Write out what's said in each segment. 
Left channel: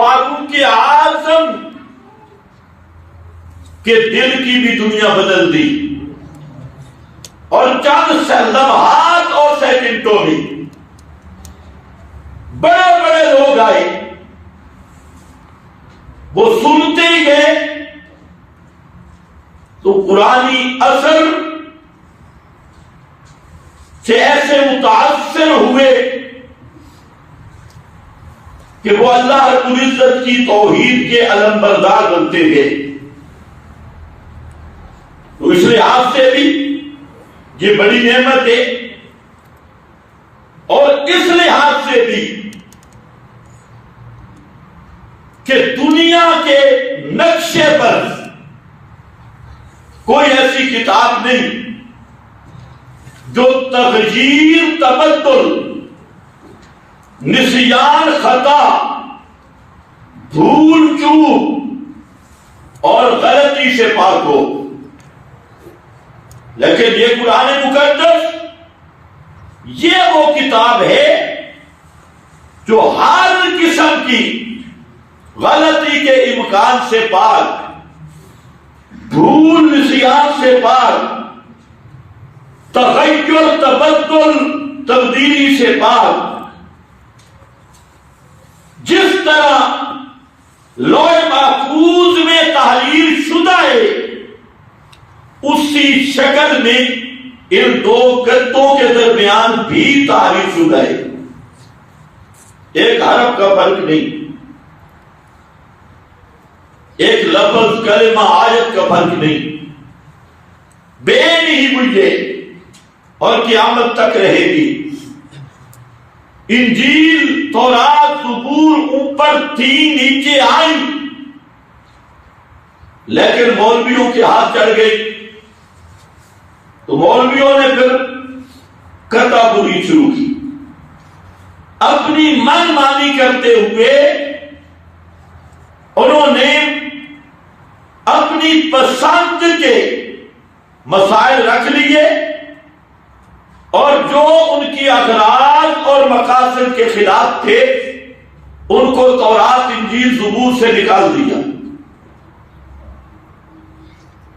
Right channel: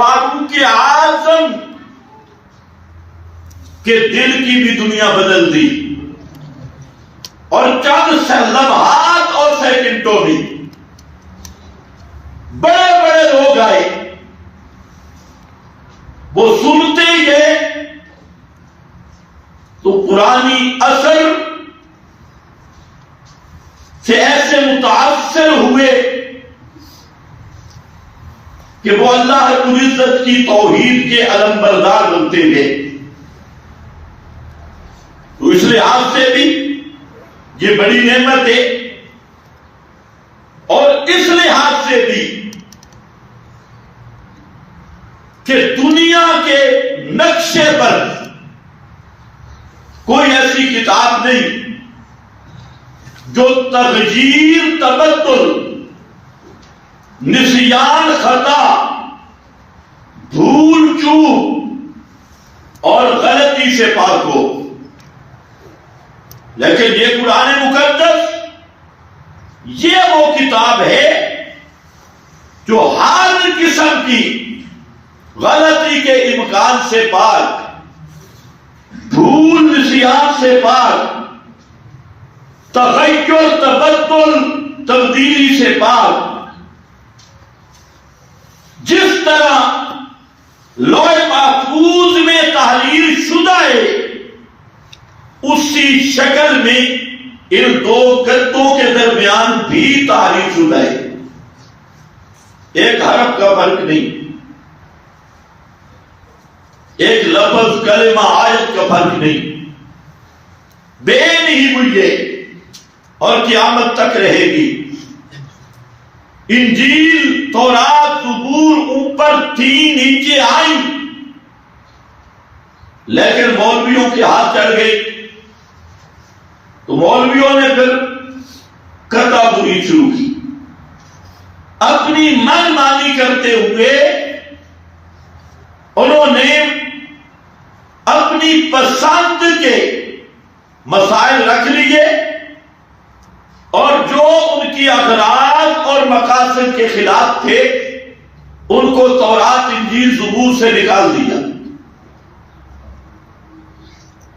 فاروق اعظم کے دل کی بھی دنیا بدل دی، اور چند لمحات اور سیکنڈوں میں بڑے بڑے لوگ آئے، وہ سنتے ہی گئے تو پرانی اثر سے ایسے متاثر ہوئے کہ وہ اللہ رب العزت کی توحید کے علم بردار بنتے گئے۔ تو اس لحاظ سے بھی یہ بڑی نعمت ہے، اور اس لحاظ سے بھی کہ دنیا کے نقشے پر کوئی ایسی کتاب نہیں جو تغییر، تبدل، نسیان، خطا، بھول چوک اور غلطی سے پاک ہو، لیکن یہ قرآن مقدس یہ وہ کتاب ہے جو ہر قسم کی غلطی کے امکان سے پاک، بھول نسیان سے پاک، تغیر، تبدل، تبدیلی سے پاک۔ جس طرح لوح محفوظ میں تحریر شدہ ہے، اسی شکل میں ان دو گدوں کے درمیان بھی تحریر شدہ ہے، ایک حرف کا فرق نہیں، ایک لفظ، کلمہ، آیت کا فرق نہیں، بے نہیں ہوئی ہے اور قیامت تک رہے گی۔ انجیل، تورات، زبور اوپر تھی، نیچے آئی، لیکن مولویوں کے ہاتھ چڑھ گئی تو مولویوں نے پھر کتا بری شروع کی، اپنی من مانی کرتے ہوئے انہوں نے اپنی پسند کے مسائل رکھ لیے، اور جو ان کی اغراض اور مقاصد کے خلاف تھے ان کو تورات، انجیل، زبور سے نکال دیا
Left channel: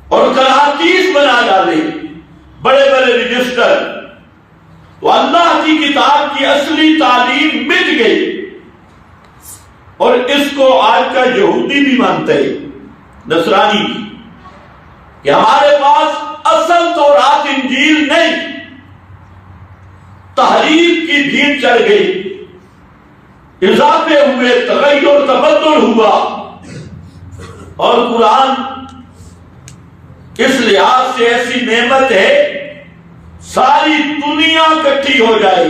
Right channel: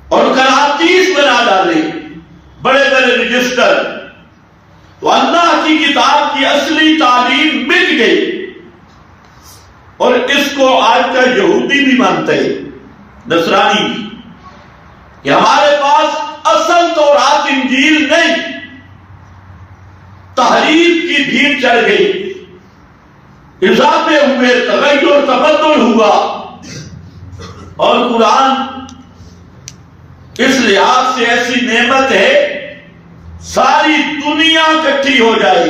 اور قراطیس بنا ڈالے، بڑے بڑے رجسٹر۔ تو اللہ کی کتاب کی اصلی تعلیم مٹ گئی، اور اس کو آج کا یہودی بھی مانتا ہے، نصرانی بھی، کہ ہمارے پاس اصل تورات، انجیل نہیں، تحریف کی بھیڑ چڑھ گئی، اضافے ہوئے، تغیر، تبدل ہوا، اور قرآن اس لحاظ سے ایسی نعمت ہے ساری دنیا اکٹھی ہو جائے،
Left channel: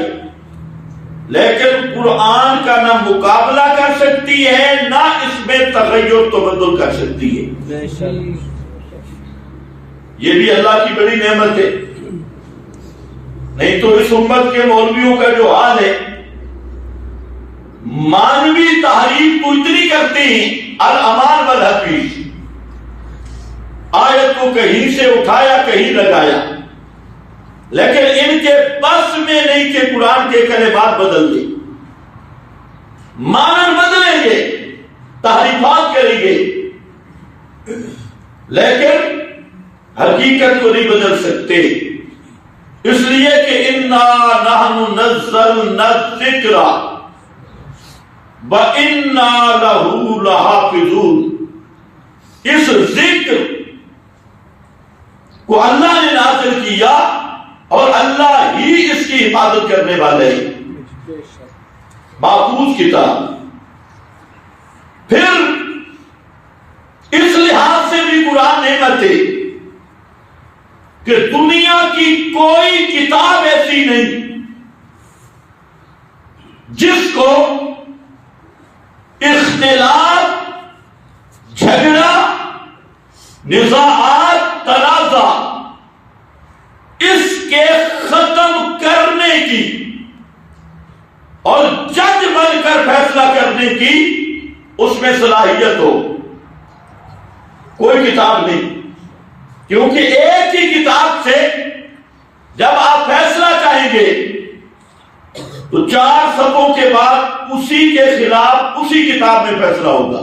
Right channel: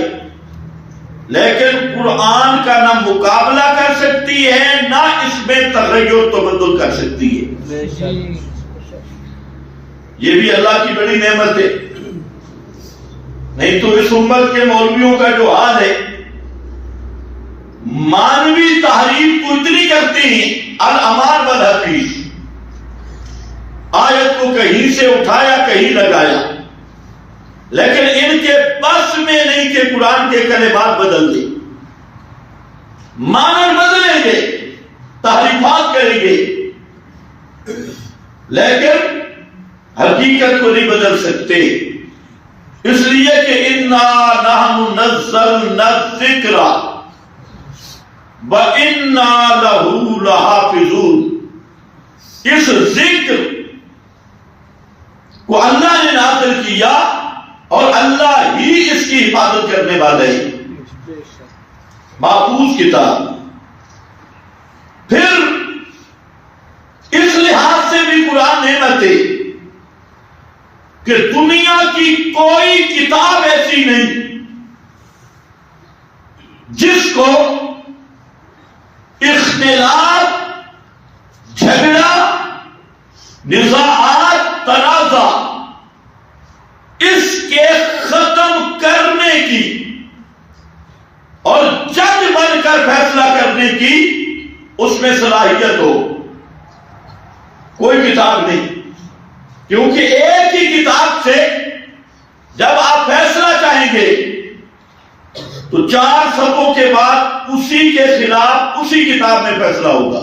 لیکن قرآن کا نہ مقابلہ کر سکتی ہے، نہ اس میں تغیر و تبدل کر سکتی ہے۔ یہ بھی اللہ کی بڑی نعمت ہے، نہیں تو اس امت کے مولویوں کا جو حال ہے، مانوی تحریف کو اتنی کرتے ہیں، الامان والحدیث، آیت کو کہیں سے اٹھایا کہیں لگایا، لیکن ان کے بس میں نہیں کہ قرآن کے کلمات بدل دیں، معنی بدلیں گے، تحریفات کریں گے، لیکن حقیقت کو نہیں بدل سکتے، اس لیے کہ انا نحن نزلنا الذکر وانا لہ لحافظون، اس ذکر کو اللہ نے نازل کیا اور اللہ ہی اس کی حفاظت کرنے والے ہیں، محفوظ کتاب۔ پھر اس لحاظ سے بھی قرآن نعمت ہے کہ دنیا کی کوئی کتاب ایسی نہیں جس کو اختلاف، جھگڑا، نزاعات، تنازع اس کے ختم کرنے کی اور جج بن کر فیصلہ کرنے کی اس میں صلاحیت ہو، کوئی کتاب نہیں، کیونکہ ایک ہی کتاب سے جب آپ فیصلہ چاہیں گے تو 4 صفوں کے بعد اسی کے خلاف اسی کتاب میں فیصلہ ہوگا.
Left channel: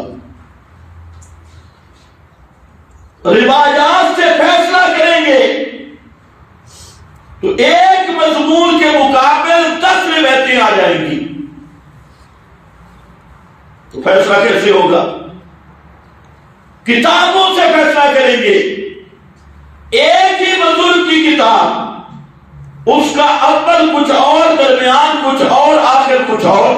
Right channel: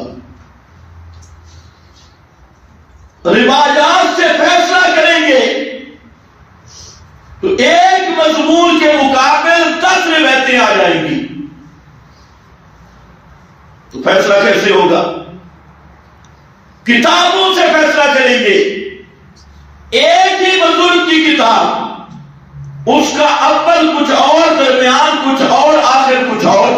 روایات سے فیصلہ کریں گے تو ایک مضمون کے مقابل 10 روایتیں آ جائیں گی. تو فیصلہ کیسے ہوگا؟ کتابوں سے فیصلہ کریں گے. ایک ہی بزرگ کی کتاب، اس کا اول کچھ اور، درمیان کچھ اور، آخر کچھ اور.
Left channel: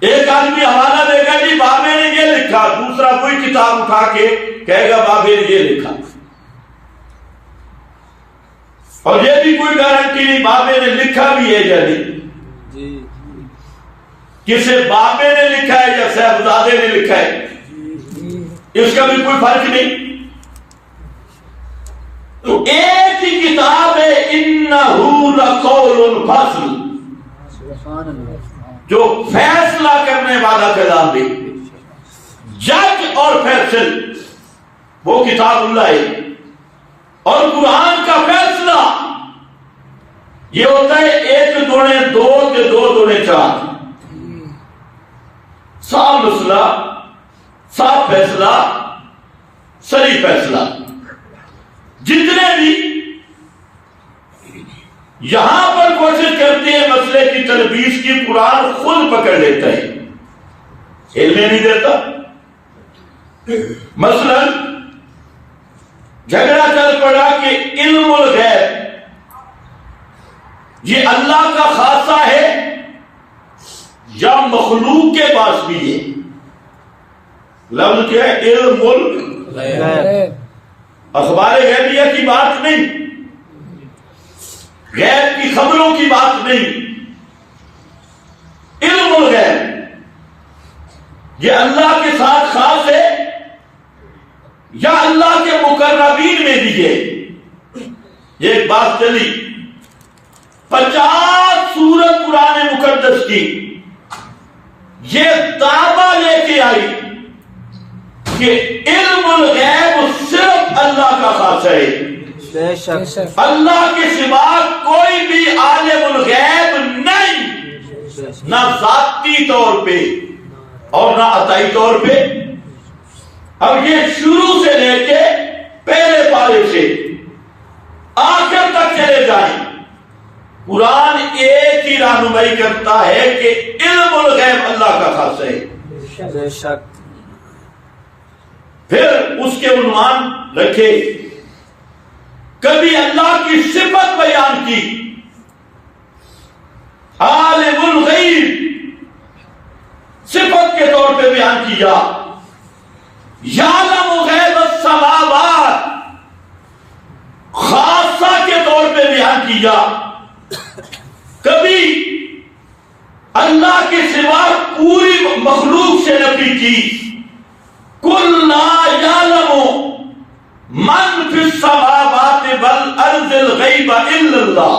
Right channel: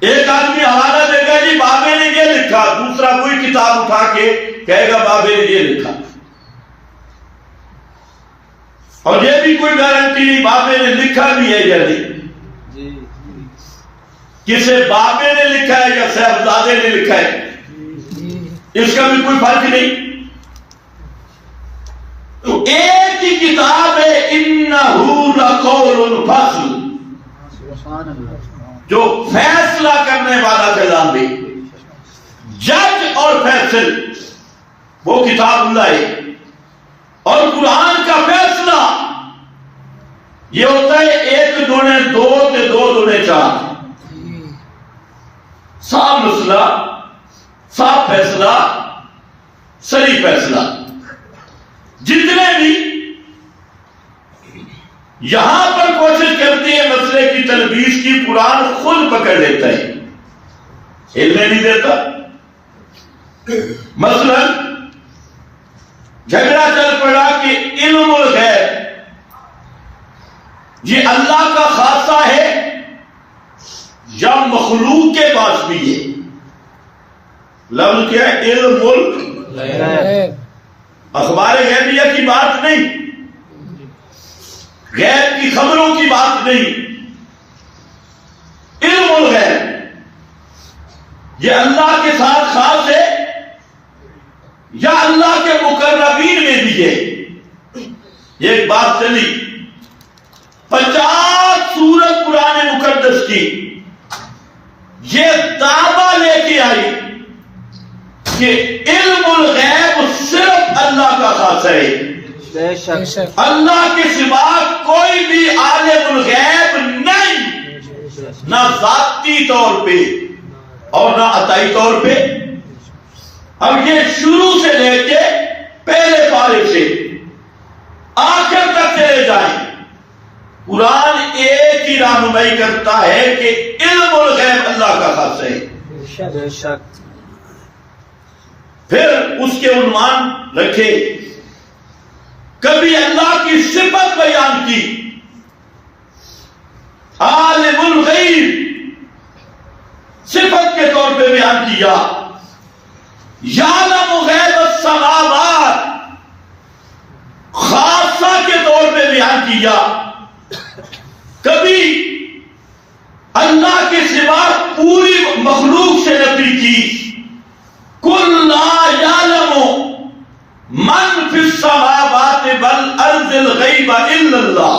ایک آدمی حوالہ دے گا جی بابے نے یہ لکھا، دوسرا کوئی کتاب اٹھا کے کہے گا بابے نے یہ لکھا، اور یہ بھی کوئی گارنٹی نہیں بابے نے لکھا بھی ہے یا نہیں. کسے بابے نے لکھا ہے یا صاحبزادے نے لکھا ہے، اس کا بھی کوئی فرق نہیں. تو ایک ہی کتاب ہے، انہ لقول الفصل، جو فیصلہ کرنے والا کلام ہے، جج اور فیصل، وہ کتاب اللہ ہے. اور قرآن کا فیصلہ یہ ہوتا ہے 1 دونے 2 کے 2 دونے 4. صاف مسئلہ، صاف فیصلہ، صحیح فیصلہ. جتنے بھی یہاں پر کوشش کرتے ہیں مسئلے کی تلبیس کی، قرآن خود پکڑ لیتا ہے، علم نہیں دیتا. مثلا جھگڑا چل پڑا کہ علم الغیب یہ اللہ کا خاصہ ہے یا مخلوق کے پاس بھی ہے. لفظ کیا ہے؟ علم الغیب. اخبار غیبیہ کی بات نہیں، غیب کی خبروں کی بات نہیں. علم الغیب یہ اللہ کے ساتھ خاص ہے یا اللہ کے مقربین میں بھی ہے. یہ ایک بات چلی. 50 سورت قرآن مقدس کی یہ دعویٰ لے کے آئی کہ علم الغیب صرف اللہ کا خاص ہے، اللہ کے سوا کوئی بھی عالم الغیب نہیں، نہ ذاتی طور پہ اور نہ عطائی طور پہ. اب یہ شروع سے لے کے پہلے پارے سے آخر تک چلے جائیں، قرآن ایک ہی رہنمائی کرتا ہے کہ علم الغیب اللہ کا خاص ہے. بے شک. پھر اس کے عنوان رکھے، کبھی اللہ کی صفت بیان کی، عالم الغیب صفت کے طور پہ بیان کیا، یعلم غیب السماوات خاصہ کے طور پہ بیان کیا. کبھی اللہ کے سوا پوری مخلوق سے نفی کی، قل لا یعلم من فی السماوات والارض الغیب الا اللہ.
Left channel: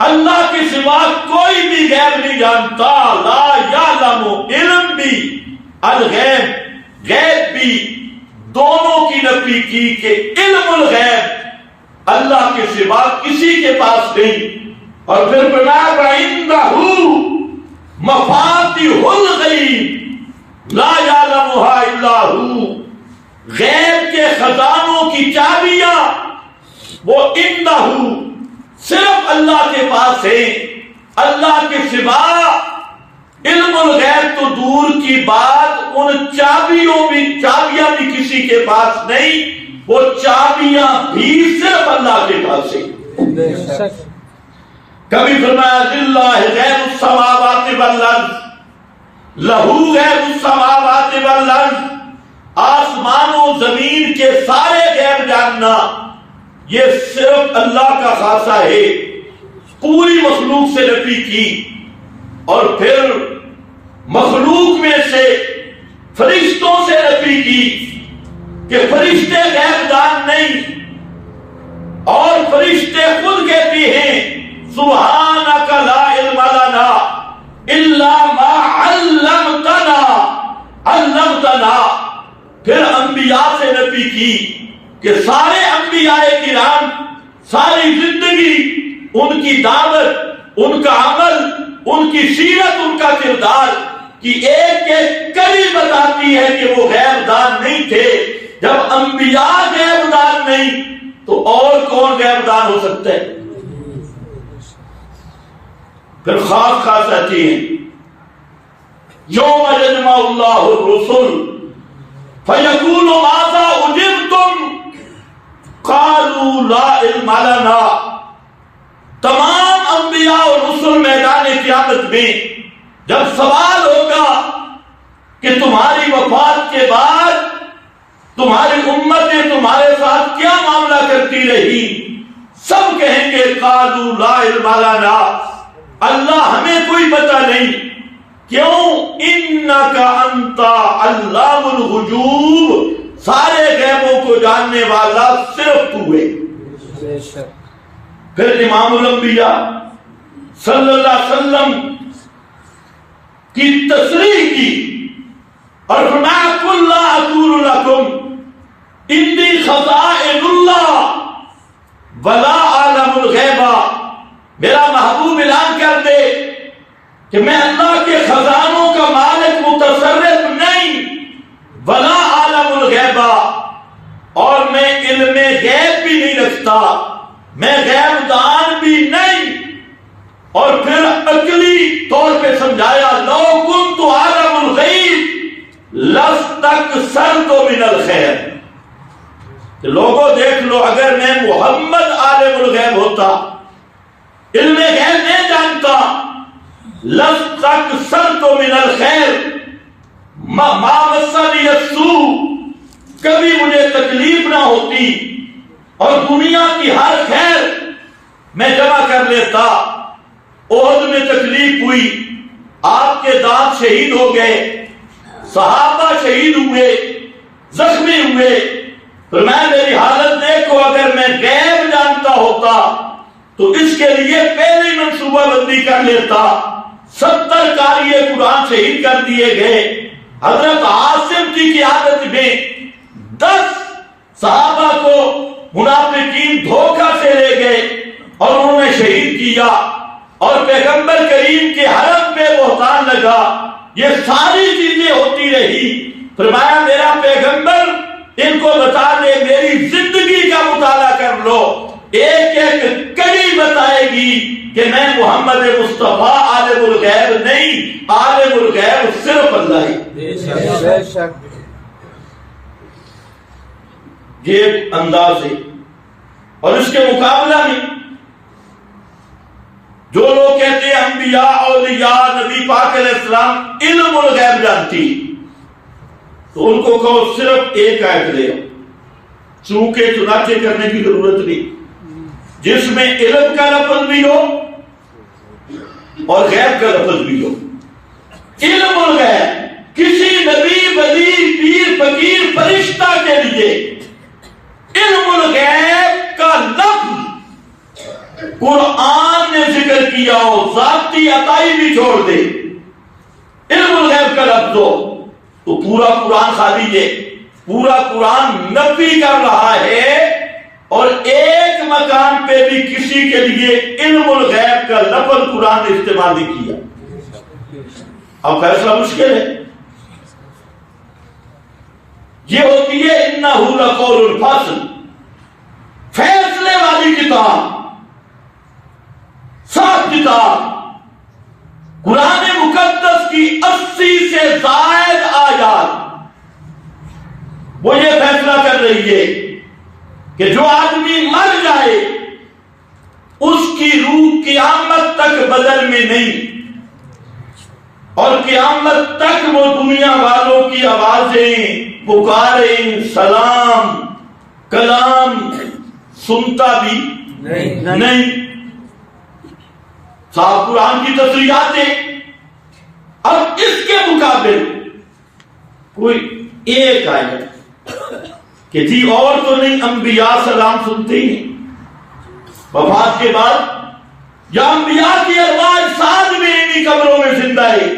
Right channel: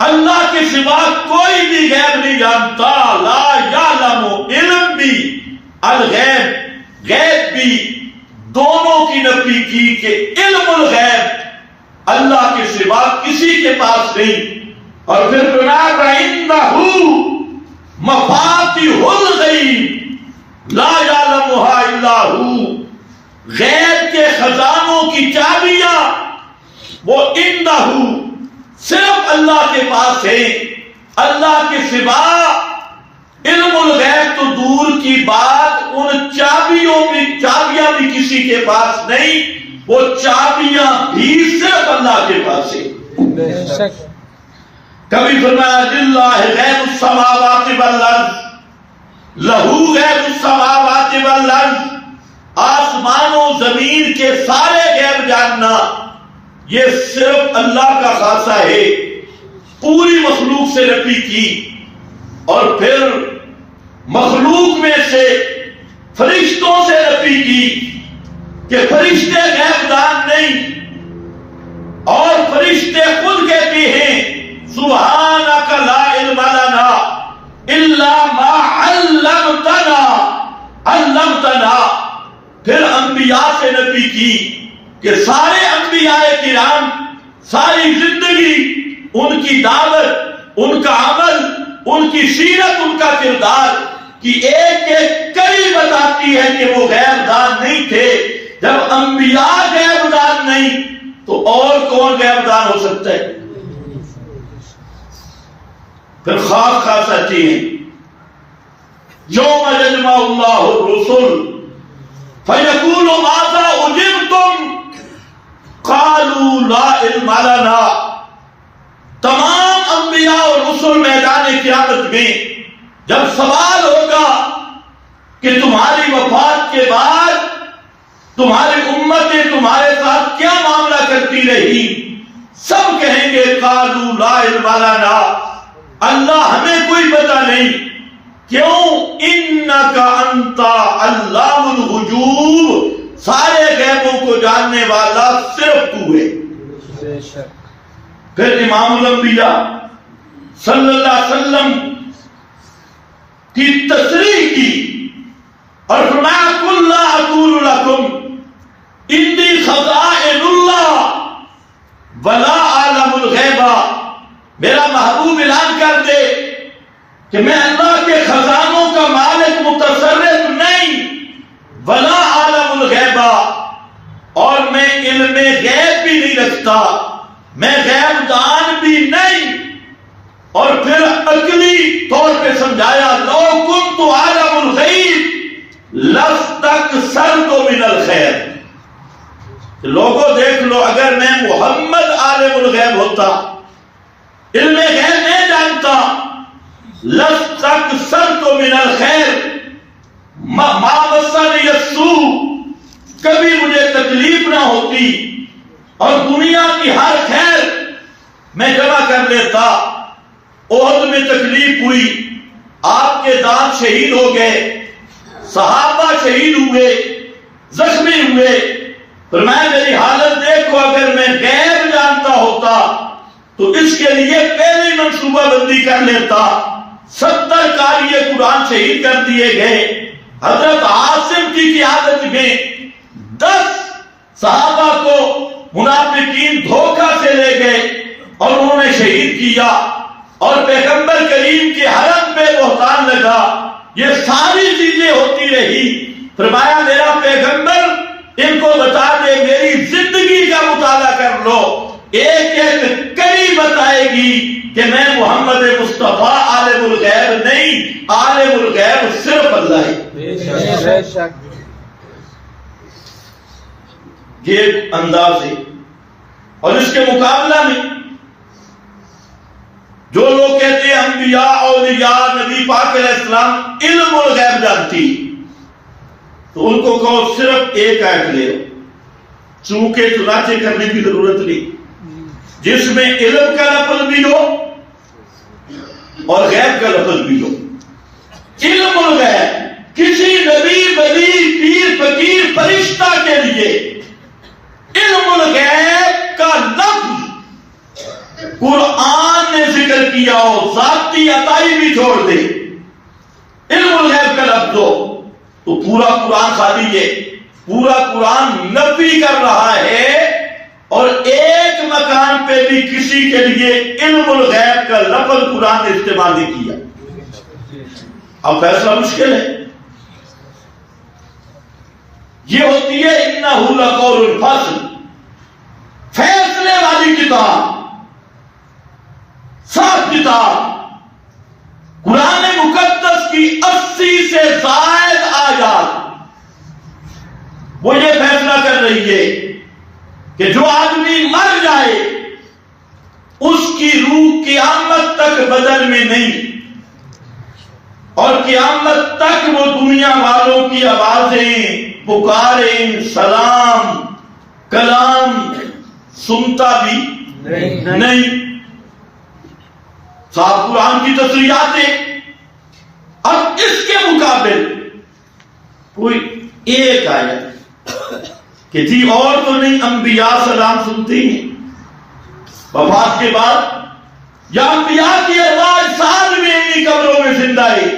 اللہ کے سوا کوئی بھی غیب نہیں جانتا. لا یعلم علم بھی، الغیب غیب بھی، دونوں کی نفی کی کہ علم الغیب اللہ کے سوا کسی کے پاس نہیں. اور پھر فرمایا وَعِندَهُ مَفَاتِحُ الْغَیْبِ لا یعلمها الا هو. غیب کے خزانوں کی چابیاں وہ عندہ صرف اللہ کے پاس ہے. اللہ کے سوا علم الغیب تو دور کی بات، ان چابیاں بھی کسی کے پاس نہیں. وہ چابیاں بھی صرف اللہ کے پاس ہے. کبھی فرمایا للہ غیب السماوات والارض، لہو غیب السماوات والارض. آسمان و زمین کے سارے غیب جاننا یہ صرف اللہ کا خاصہ ہے. پوری مخلوق سے نفی کی. اور پھر مخلوق میں سے فرشتوں سے نفی کی کہ فرشتے غیب دان نہیں. اور فرشتے خود کہتے ہیں سبحانک لا علم لنا الا ما علمتنا. پھر انبیاء سے نفی کی کہ سارے انبیاء کرام ساری زندگی ان کی دعوت ان کا عمل، ان کی سیرت، ان کا کردار کی ایک ایک کڑی بتاتی ہے کہ وہ غیب دان نہیں تھے۔ جب انبیاء غیب دان نہیں تو اور کون غیب دان ہو سکتا ہے؟ پھر خاص خاص آتی ہیں یوم یجمع اللہ الرسل فیقول ماذا اجبتم قالوا لا علم لنا۔ تمام انبیاء اور رسل میدان قیامت میں جب سوال ہوگا کہ تمہاری وفات کے بعد تمہاری امتیں تمہارے ساتھ کیا معاملہ کرتی رہی، سب کہیں گے قالوا لا علم لنا، اللہ ہمیں کوئی پتہ نہیں۔ کیوں؟ انک انت علام الغیوب، سارے غیبوں کو جاننے والا صرف تو ہے۔ پھر امام الانبیاء صلی اللہ علیہ وسلم کی تصریح کی اور فرمایا قل لا اقول لکم انی خزائن اللہ ولا اعلم الغیب، میرا محبوب اعلان کر دے کہ میں اللہ کے خزانوں کا مالک متصرف نہیں، ولا عالم الغیب، اور میں علم غیب بھی نہیں رکھتا، میں غیب دان بھی نہیں۔ اور پھر عقلی طور پہ سمجھایا لو کنت عالم الغیب لاستکثرت من الخیر، کہ لوگوں دیکھ لو اگر میں محمد عالم الغیب ہوتا، علم غیب نہیں جانتا، لستکثرت من الخیر ما مسنی السوء، کبھی مجھے تکلیف نہ ہوتی اور دنیا کی ہر خیر میں جمع کر لیتا۔ احد میں تکلیف ہوئی، آپ کے دانت شہید ہو گئے، صحابہ شہید ہوئے، زخمی ہوئے، فرمایا میری حالت دیکھو، اگر میں غیب جانتا ہوتا تو اس کے لیے پہلی منصوبہ بندی کر لیتا۔ 70 قاری قرآن شہید کر دیے گئے، حضرت عاصم کی قیادت میں 10 صحابہ کو منافقین دھوکہ سے لے گئے اور انہوں نے شہید کیا، اور پیغمبر کریم کے حرم پہ بہتان لگا۔ یہ ساری چیزیں ہوتی رہی، فرمایا میرا پیغمبر ان کو بتا دے، میری زندگی کا مطالعہ کر لو، ایک ایک کڑی بتائے گی کہ میں محمد مصطفیٰ عالم الغیب نہیں، عالم الغیب صرف اللہ ہے۔ یہ انداز ہے۔ اور اس کے مقابلہ میں جو لوگ کہتے ہیں انبیاء اولیاء نبی پاک علیہ السلام علم الغیب جانتی، تو ان کو کہو صرف ایک آیت لے، چونکہ چنانچہ کرنے کی ضرورت نہیں، جس میں علم کا لفظ بھی ہو اور غیب کا لفظ بھی ہو۔ علم الغیب کسی نبی ولی پیر فقیر فرشتہ کے لیے علم الغیب کا لفظ قرآن نے ذکر کیا ہو، ذاتی عطائی بھی چھوڑ دے، علم الغیب کا لفظ ہو تو پورا قرآن خالی ہے، پورا قرآن نفی کر رہا ہے، اور ایک مکان پہ بھی کسی کے لیے علم الغیب کا لفظ قرآن نے استعمال نہیں کیا۔ اب فیصلہ مشکل ہے، یہ ہوتی ہے انہ لقول الفصل، فیصلے والی کتاب، صاف کتاب۔ قرآن مقدس کی 80 سے زائد آیات وہ یہ فیصلہ کر رہی ہے کہ جو آدمی مر جائے اس کی روح قیامت تک بدن میں نہیں، اور قیامت تک وہ دنیا والوں کی آوازیں، پکاریں، سلام، کلام سنتا بھی نہیں۔ صاحب قرآن کی تصریحات ہیں۔ اب اس کے مقابل کوئی ایک آیت کہ جی اور تو نہیں، انبیاء سلام سنتے ہیں وفات کے بعد، یا انبیاء کی ارواح ساتھ میں انہی قبروں میں زندہ ہے،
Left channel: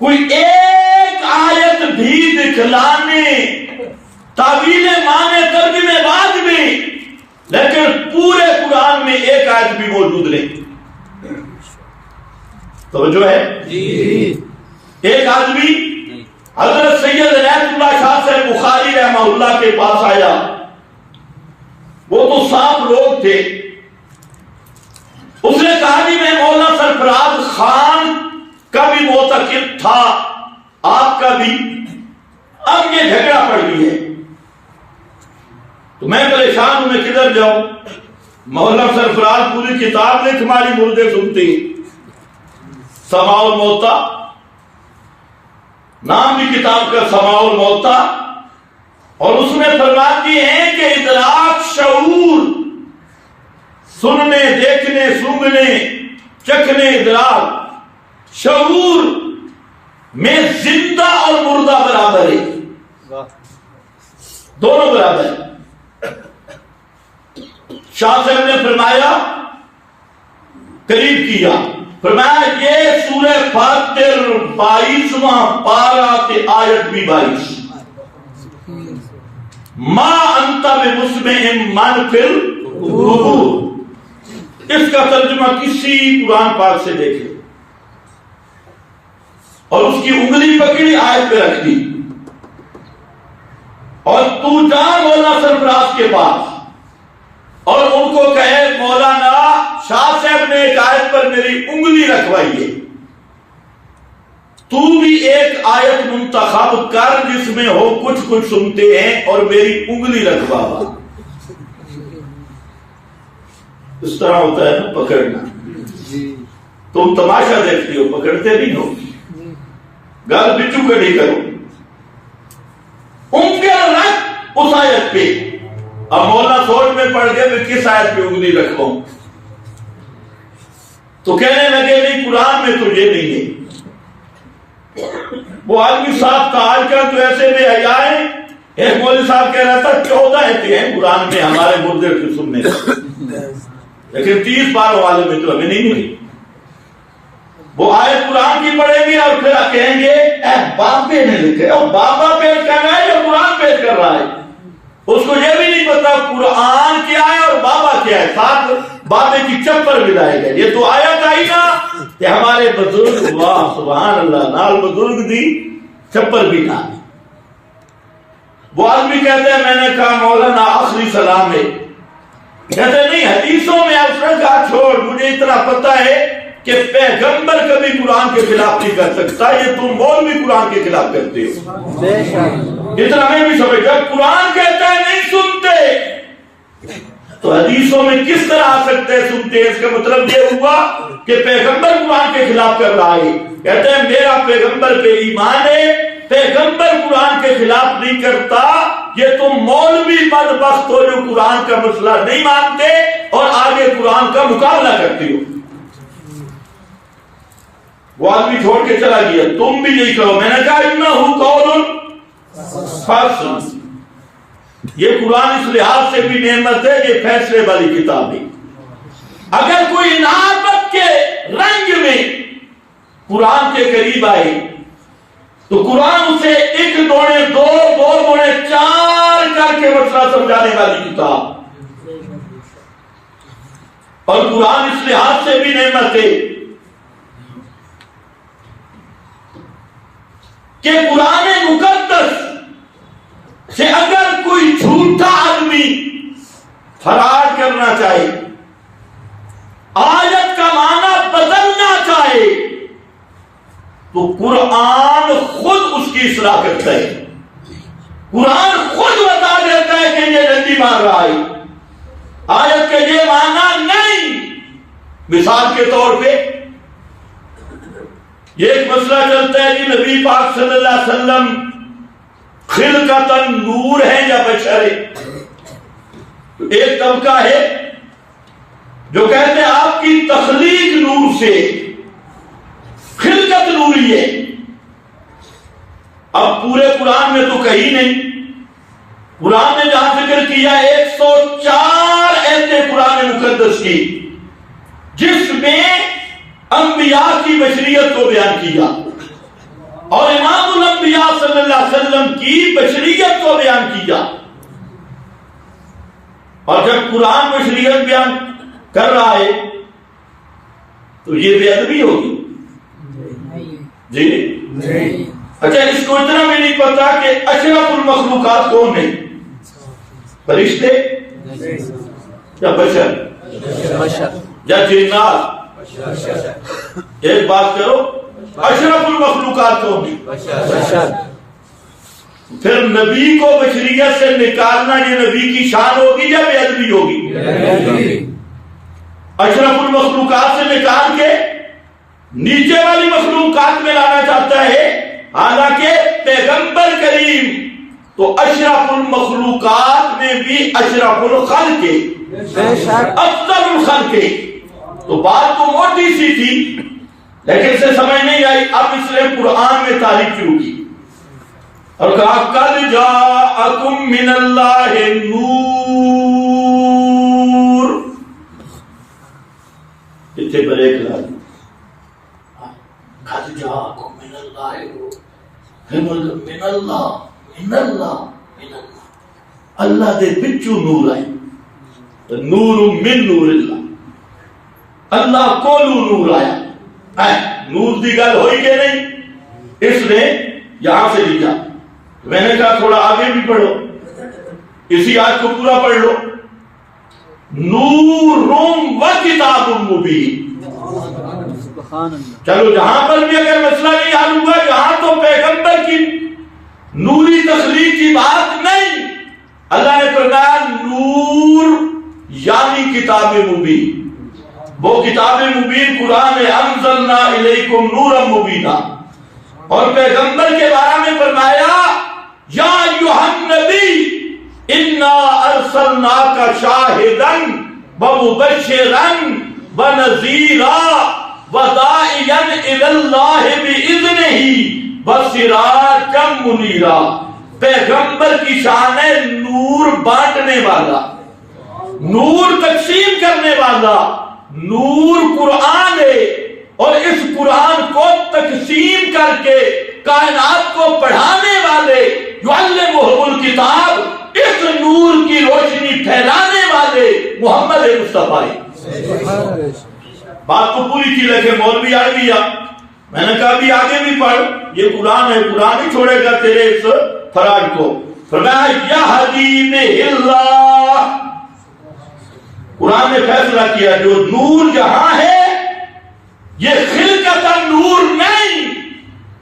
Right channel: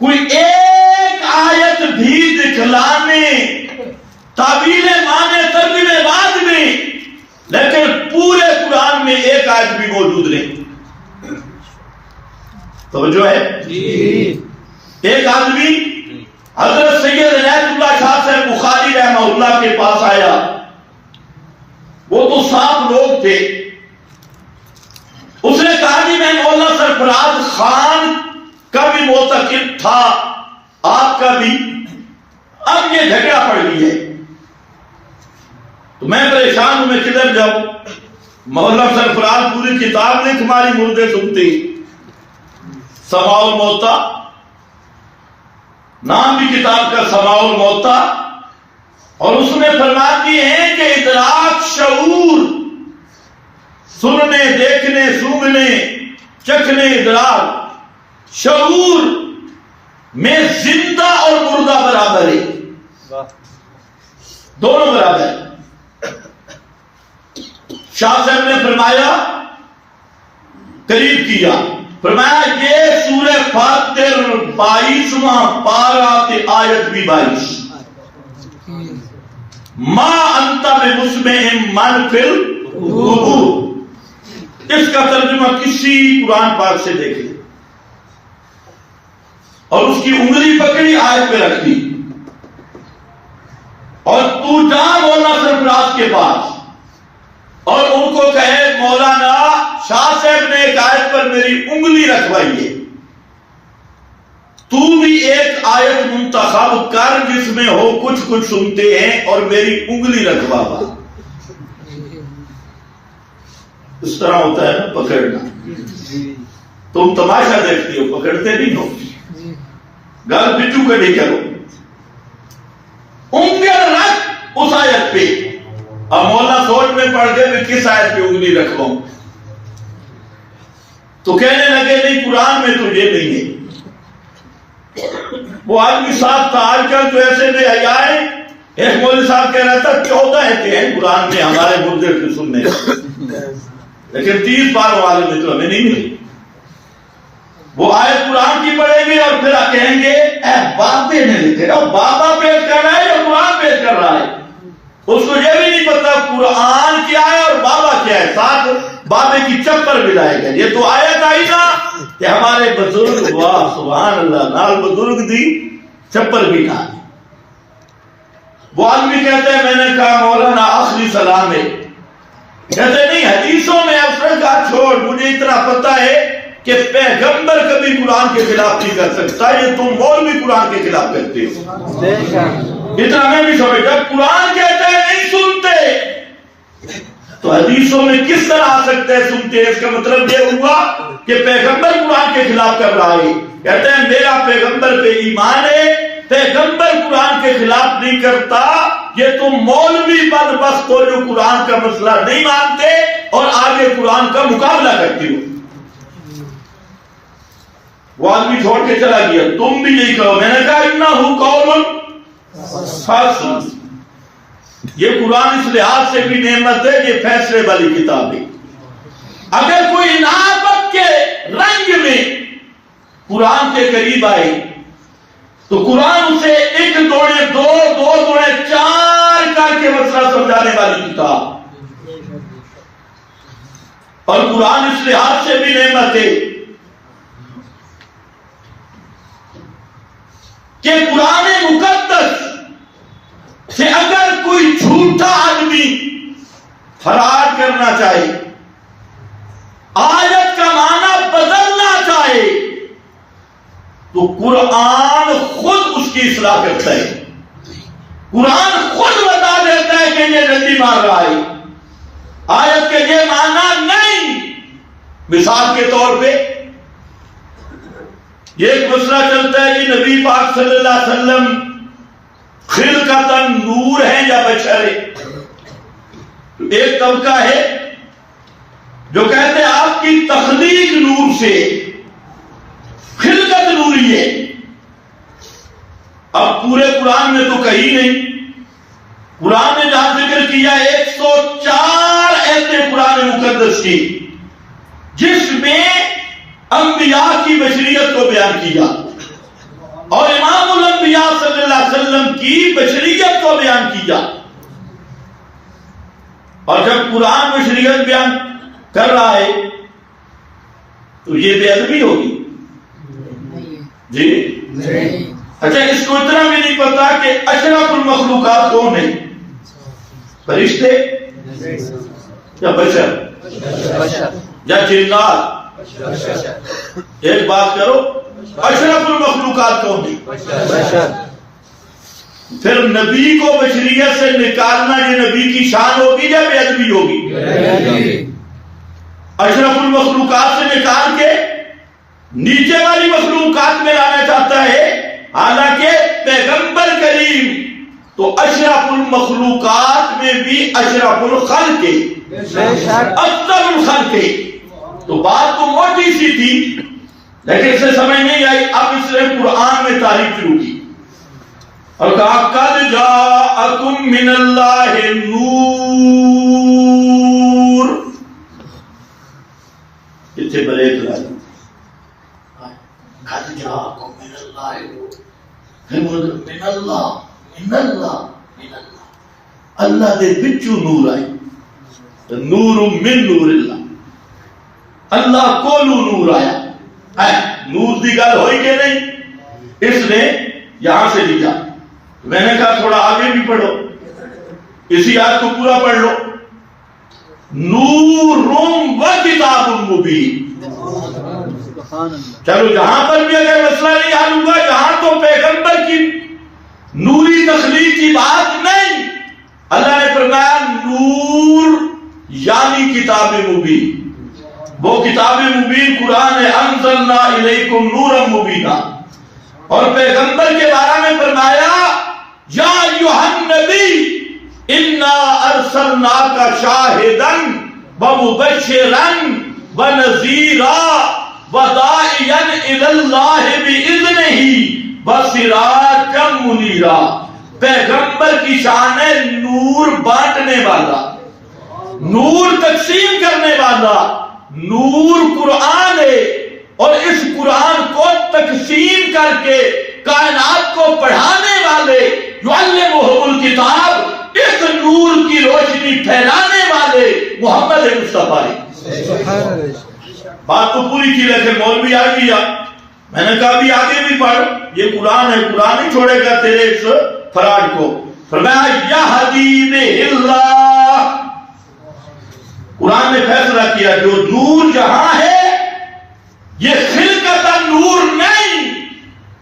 کوئی ایک آیت بھی دکھلانے، تعویل معنی ترجمے بعد میں، لیکن پورے قرآن میں ایک آیت بھی موجود نہیں۔ توجہ ہے؟ ایک آدمی حضرت سید عنایت اللہ شاہ صاحب بخاری رحمہ اللہ کے پاس آیا. وہ تو صاف لوگ تھے. اس نے کہا کہ میں مولانا سرفراز خان کا بھی معتقد تھا, آپ کا بھی, اب یہ جھگڑا پڑ گئی ہے تو میں پریشان ہوں, میں کدھر جاؤں؟ مولانا سرفراز پوری کتاب لکھ ہماری مردے سنتے, سماع الموتا نام بھی کتاب کا, سماع الموتا, اور اس میں فرمایا کہ ہیں کہ ادراک شعور, سننے, دیکھنے, سونگنے, چکھنے, ادراک شعور میں زندہ اور مردہ برابر ہے, دونوں برابر ہیں. شاہ صاحب نے فرمایا, قریب کیا, فرمایا یہ سورہ فاتر 22واں پارہ تے آیت بھی 22, ما انت بمسمع من فی القبور. اس کا ترجمہ کسی قرآن پاک سے دیکھ لے, اور اس کی انگلی پکڑی, آیت پہ رکھ دی, اور تو جا مولانا سرفراز کے پاس اور ان کو کہے مولانا شاہ صاحب نے ایک آیت پر میری انگلی رکھوائی ہے, تو بھی ایک آیت منتخب کر جس میں ہو کچھ کچھ سنتے ہیں اور میری انگلی رکھوا. اس طرح ہوتا ہے نا پکڑنا, تم تماشا دیکھتی ہو, پکڑتے نہیں ہو. گل بچو کے نہیں کرو, انگلی رکھ اس آیت پہ. اب مولانا سوچ میں پڑ گئے میں کس آیت پہ انگلی رکھواؤں, تو کہنے لگے نہیں قرآن میں تو یہ نہیں ہے. وہ آدمی صاحب تھا, آج کل تو ایسے میں آئے, ایک مولوی صاحب کہہ رہا تھا 14 ایتے ہیں قرآن میں ہمارے مردے کے سننے, لیکن 30 پاروں والے میں تو ہمیں نہیں ملی. وہ آیت قرآن کی پڑھیں گے اور پھر کہیں گے اے بابے نے لکھے, اور بابا پیش کر رہا ہے یا قرآن پیش کر رہا ہے, اس کو یہ بھی نہیں پتا قرآن کیا ہے اور بابا کیا ہے, ساتھ بابے کی چپر بھی لائے گئے. یہ تو آیت آئی نا کہ ہمارے بزرگ, واہ سبحان اللہ, نال بزرگ دی چپر بھی نہ. وہ آدمی کہتے ہیں, میں نے کہا مولانا آخری سلام ہے, کہتے نہیں حدیثوں میں اس نے کہا چھوڑ, مجھے اتنا پتا ہے کہ پیغمبر کبھی قرآن کے خلاف نہیں کر سکتا, یہ تم مولوی قرآن کے خلاف کرتے ہو. اتنا میں بھی سمجھ گا, قرآن کہتا ہے نہیں سنتے, تو حدیثوں میں کس طرح آ سکتے ہیں سنتے؟ اس کا مطلب یہ ہوا کہ پیغمبر قرآن کے خلاف کر رہا ہے. کہتے ہیں میرا پیغمبر پہ ایمان ہے, پیغمبر قرآن کے خلاف نہیں کرتا, یہ تم مولوی بدبخت ہو جو قرآن کا مسئلہ نہیں مانتے اور آگے قرآن کا مقابلہ کرتے ہو. وہ آدمی چھوڑ کے چلا گیا, تم بھی یہی کہو. میں نے کہا انہو قول فصل, یہ قرآن اس لحاظ سے بھی نعمت ہے, یہ فیصلے والی کتاب ہے. اگر کوئی انابت کے رنگ میں قرآن کے قریب آئے تو قرآن اسے 1 دونے 2 2 دونے 4 کر کے مسئلہ سمجھانے والی کتاب, اور قرآن اس لحاظ سے بھی نعمت ہے کہ قرآن مقدس سے اگر کوئی جھوٹا آدمی فراڈ کرنا چاہے, آیت کا معنی بدلنا چاہے, تو قرآن خود اس کی اصلاح کرتا ہے. قرآن خود بتا دیتا ہے کہ یہ رندی مار رہا ہے, آیت کے یہ معنی نہیں. مثال کے طور پہ یہ ایک مسئلہ چلتا ہے کہ نبی پاک صلی اللہ علیہ وسلم خلقتاً نور ہے یا بشر ہے. ایک طبقہ ہے جو کہتے ہیں آپ کی تخلیق نور سے, خلقت نوری ہے. اب پورے قرآن میں تو کہیں نہیں, قرآن نے جہاں ذکر کیا 104 ایسے قرآن مقدس کی جس میں انبیاء کی بشریت کو بیان کیا اور امام الانبیاء صلی اللہ علیہ وسلم کی بشریت کو بیان کیا. اور جب قرآن بشریت بیان کر رہا ہے تو یہ بے ادبی ہوگی. جی اچھا، اس کو اتنا بھی نہیں پتا کہ اشرف المخلوقات کون ہیں؟ فرشتے یا بشر یا جنات؟ ایک بات کرو، اشرف المخلوقات کون ہیں؟ پھر نبی کو بشریت سے نکالنا یہ نبی کی شان ہوگی یا بے ادبی ہوگی؟ اشرف المخلوقات سے نکال کے نیچے والی مخلوقات میں لانا چاہتا ہے، حالانکہ پیغمبر کریم تو اشرف المخلوقات میں بھی اشرف الخلق افضل الخلق۔ تو بات تو موٹی سی تھی لیکن اسے سمجھ نہیں آئی، اب اس نے قرآن میں تعریف شروع کی اور کہا قد جاءکم من اللہ نور۔ اتنے پر ایک لائی قد جاءکم من اللہ نور، من اللہ من اللہ من اللہ، اللہ دے بچو نور آئے، نور من نور اللہ، اللہ کو نور آیا۔ نور دی گل ہوئی کہ نہیں؟ اس نے یہاں سے لکھا، میں نے کہا تھوڑا آگے بھی پڑھو، اسی آیت کو پورا پڑھ لو، نور و کتاب مبین۔ چلو یہاں پر بھی اگر مسئلہ نہیں حل ہوا، یہاں تو پیغمبر کی نوری تخلیق کی بات نہیں، اللہ نے فرمایا نور یعنی کتاب مبین، وہ کتاب مبین قرآن ہے، انزلنا الیکم نورا مبینا۔ اور پیغمبر کے بارے میں فرمایا یا ایھا النبی انا ارسلناک شاہدا ومبشرا ونذیرا وداعیا الی اللہ باذنہ وسراجا منیرا۔ پیغمبر کی شان ہے نور بانٹنے والا، نور تقسیم کرنے والا، نور قرآن ہے، اور اس قرآن کو تقسیم کر کے کائنات کو پڑھانے والے، یعلمہم الکتاب، اس نور کی روشنی پھیلانے والے محمد مصطفیٰ ہے۔ بات تو پوری تھی لیکن مولوی آ گیا، میں نے کہا بھی آگے بھی پڑھ، یہ قرآن ہے، قرآن نہیں چھوڑے گا تیرے اس فراڈ کو۔ فرمایا یہدی بہ اللہ، قرآن نے فیصلہ کیا جو نور یہاں ہے یہ خلقت نور نہیں،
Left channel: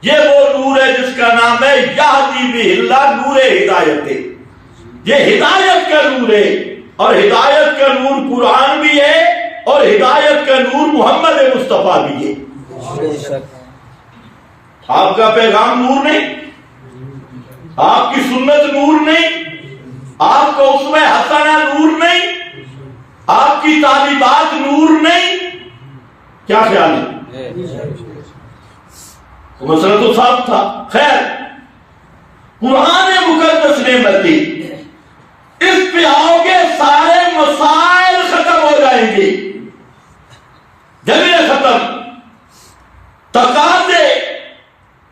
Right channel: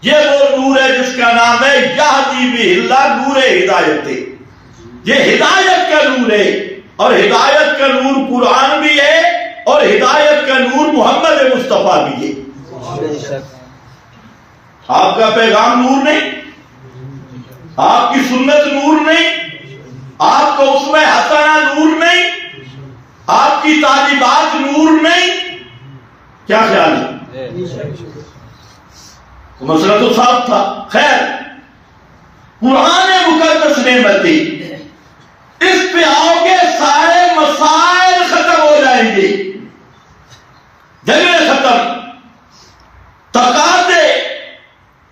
یہ وہ نور ہے جس کا نام ہے یہدی بہ اللہ، نور ہدایت ہے، یہ ہدایت کا نور ہے، اور ہدایت کا نور قرآن بھی ہے اور ہدایت کا نور محمد مصطفیٰ بھی ہے۔ آپ کا پیغام نور نہیں، آپ کی سنت نور نہیں، آپ کا اسوہ حسنہ نور نہیں، آپ کی تعلیمات نور نہیں، کیا خیال ہے؟ مسئلہ تو صاف تھا۔ خیر، قرآن مقدس نعمتی، اس پہ آؤ گے سارے مسائل ختم ہو جائیں گے، جگہ ختم۔ تقاضے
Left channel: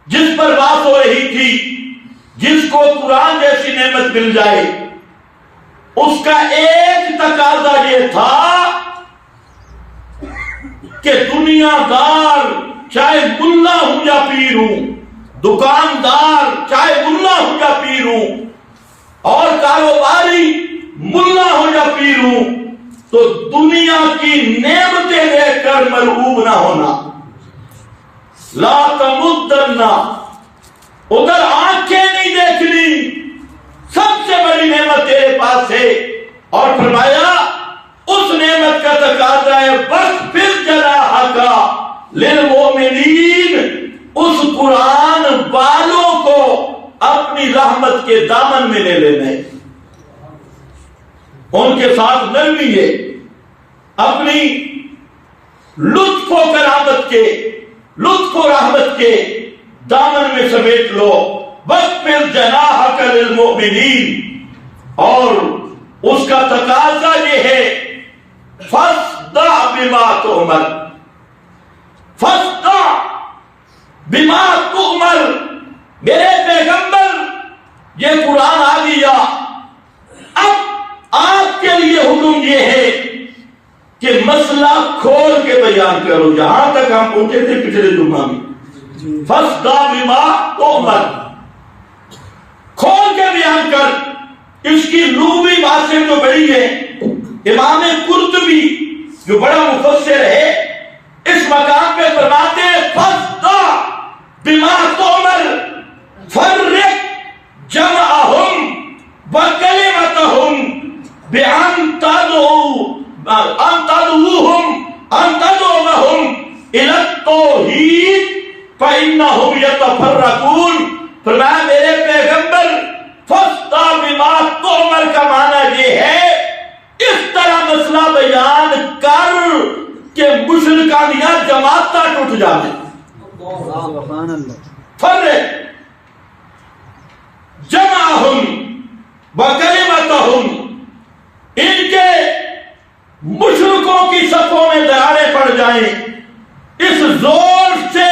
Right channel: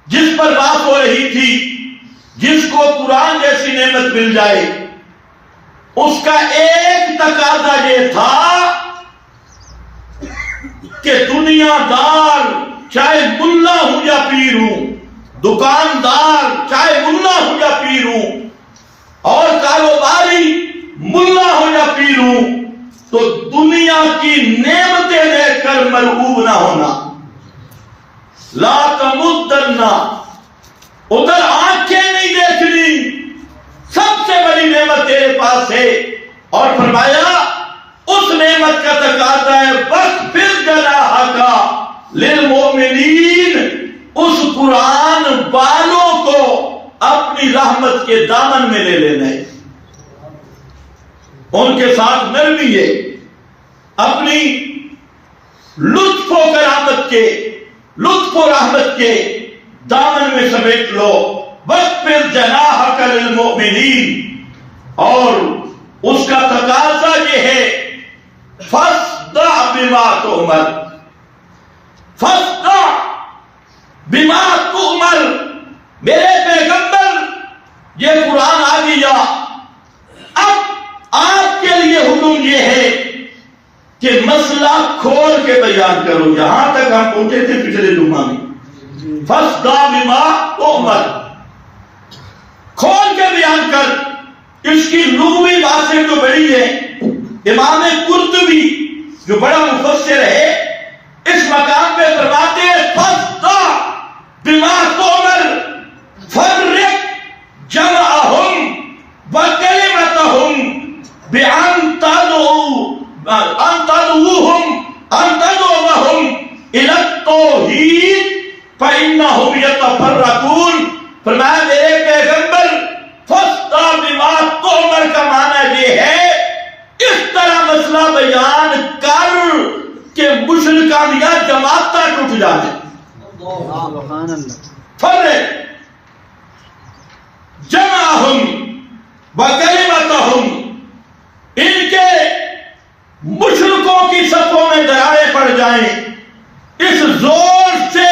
جس پر بات ہو رہی تھی، جس کو قرآن جیسی نعمت مل جائے، اس کا ایک تقاضا یہ تھا کہ دنیا دار چاہے ملا ہوں یا پیر ہوں، دکاندار چاہے ملا ہوں یا پیر ہوں، اور کاروباری ملا ہوں یا پیر ہوں، تو دنیا کی نعمتیں دیکھ کر مرعوب نہ ہونا۔ لا تمدنا، ادھر آنکھیں نہیں دیکھنی، سب سے بڑی نعمت تیرے پاس ہے۔ اور فرمایا اس نعمت کا تقاضا ہے وَاخْفِضْ جَنَاحَكَ لِلْمُؤْمِنِينَ، اس قرآن والوں کو اپنی رحمت کے دامن میں لے لینا ہے، ان کے ساتھ نرمی ہے، اپنی لطف و کرامت کے، لطف و رحمت کے دامن میں سمیٹ لو۔ وَاخْفِضْ جَنَاحَكَ لِلْمُؤْمِنِينَ، اور اس کا تقاضا یہ ہے فَاصْدَعْ بِمَا تُؤْمَرُ، فَاصْدَعْ بِمَا تُؤْمَرُ۔ میرے پیغمبر یہ قرآن آ گیا، اب آپ کے لیے حکم یہ ہے کہ مسئلہ کھول کے بیان کرو۔ یہاں تک ہم پہنچے تھے پچھلے جمعہ میں، فَاصْدَعْ بِمَا تُؤْمَرُ، کھول کے بیان کر۔ اس کی لغوی باتیں تو بڑی ہے۔ امام قرطبی جو بڑا مفسر ہے اس مقام پہ فرماتے ہیں فَاصْدَعْ بِمَا تُؤْمَرُ فَرِّقْ جَمْعَهُمْ وَكَلِمَتَهُمْ بِأَنْ تَدْعُوهُمْ إِلَى التَّوْحِيدِ فَإِنَّهُمْ يَتَفَرَّقُونَ۔ فرمایا میرے پیغمبر فَاصْدَعْ بِمَا تُؤْمَرُ کا معنی یہ ہے اس طرح مسئلہ بیان کر کہ مشرکان یا جماعتاں ٹوٹ جائیں۔ فرق جمعہم وکلمتہم، ان کے مشرکوں کی صفوں میں دراڑیں پڑ جائیں۔ اس زور سے،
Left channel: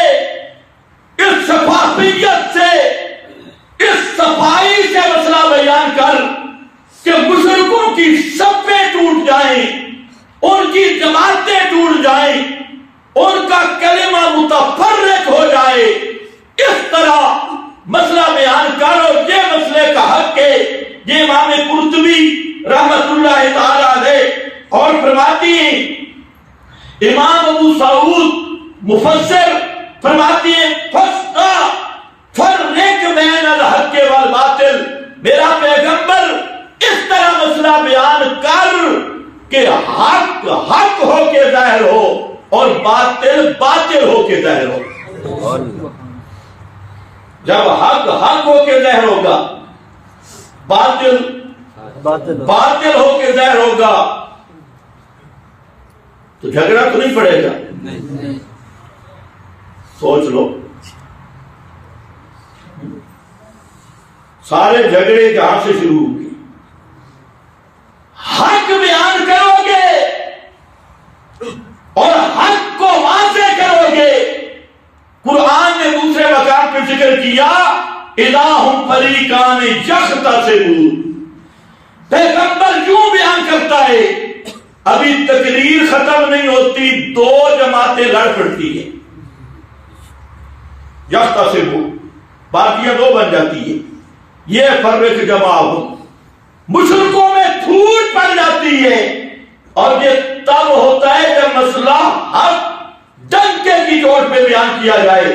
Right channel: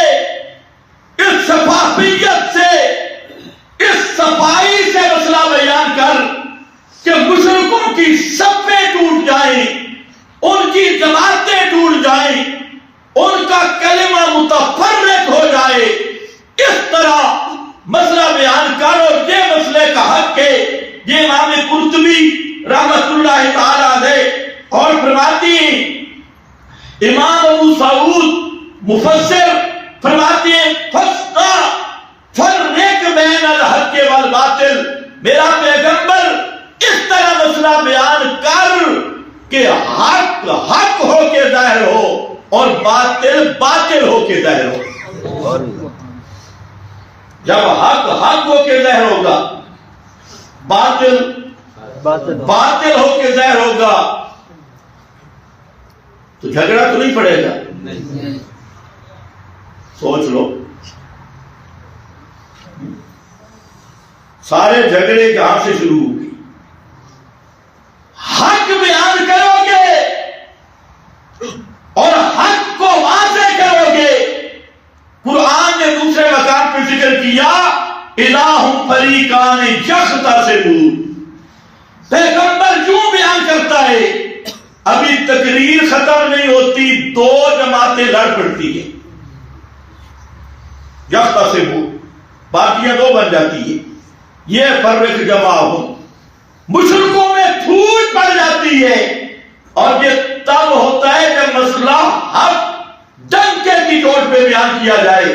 اس شفافیت سے، اس صفائی سے مسئلہ بیان کر کہ مشرکوں کی صفیں ٹوٹ جائیں، ان کی جماعتیں ٹوٹ جائیں، ان کا کلمہ متفرق ہو جائے۔ اس طرح مسئلہ بیان کرو، یہ مسئلے کا حق ہے۔ یہ امام قرطبی رحمت اللہ تعالی علیہ اور فرماتی ہیں، امام ابو سعود مفسر فرماتی ہیں فَاصْدَعْ فَرِّقْ بَيْنَ الْحَقِّ وَالْبَاطِلِ، میرا پیغمبر اس طرح مسئلہ بیان کر کہ حق حق ہو کے ظاہر ہو اور باطل باطل ہو کے ظاہر ہو۔ جب حق حق ہو کے ظاہر ہوگا، باطل باطل ہو کے ظاہر ہوگا، تو جھگڑا تو نہیں پڑے گا۔ سوچ لو، سارے جھگڑے جہاں سے شروع ہوگی، حق بیان کرو گے اور حق کو واضح کرو گے۔ قرآن نے دوسرے مقام پہ ذکر کیا الہ فریقان یختصمون، پیغمبر یوں بیان کرتا ہے ابھی تقریر ختم نہیں ہوتی، دو جماعتیں لڑ پڑتی ہیں، یختصمون، باقیاں دو بن جاتی ہیں۔ یہ فرق جمعہم، مشرکوں میں پھوٹ پڑ جاتی ہے، اور یہ تب ہوتا ہے جب مسئلہ حق ڈنکے کی چوٹ پہ بیان کیا جائے،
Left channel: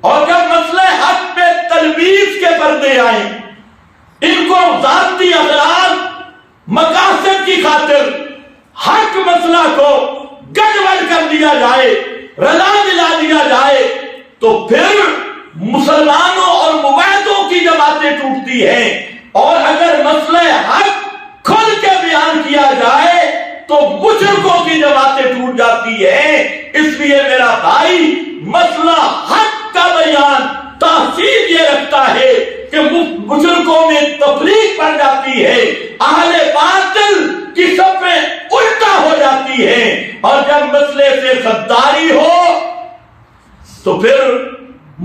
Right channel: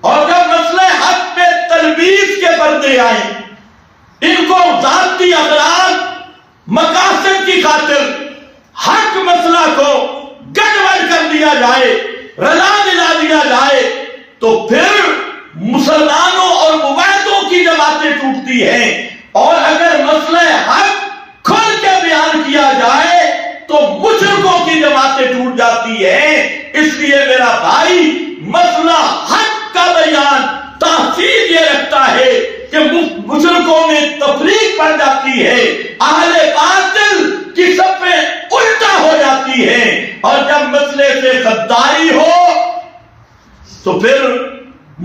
اور جب مسئلہ حق پہ تلبیس کے پردے آئیں، ان کو ذاتی اغراض مقاصد کی خاطر حق مسئلہ کو گڑبڑ کر دیا جائے، رلا ملا دیا جائے، تو پھر مسلمانوں اور موحدوں کی جماعتیں ٹوٹتی ہیں۔ اور اگر مسئلہ حق کھل کے بیان کیا جائے تو مشرکوں کی جماعتیں ٹوٹ جاتی ہیں۔ اس لیے میرا بھائی، مسئلہ حق کا بیان تاثیر یہ رکھتا ہے کہ مشرکوں میں تفریق پڑ جاتی ہے، اہل باطل کی صفیں الٹا ہو جاتی ہیں، اور جب مسئلے سے غداری ہو تو پھر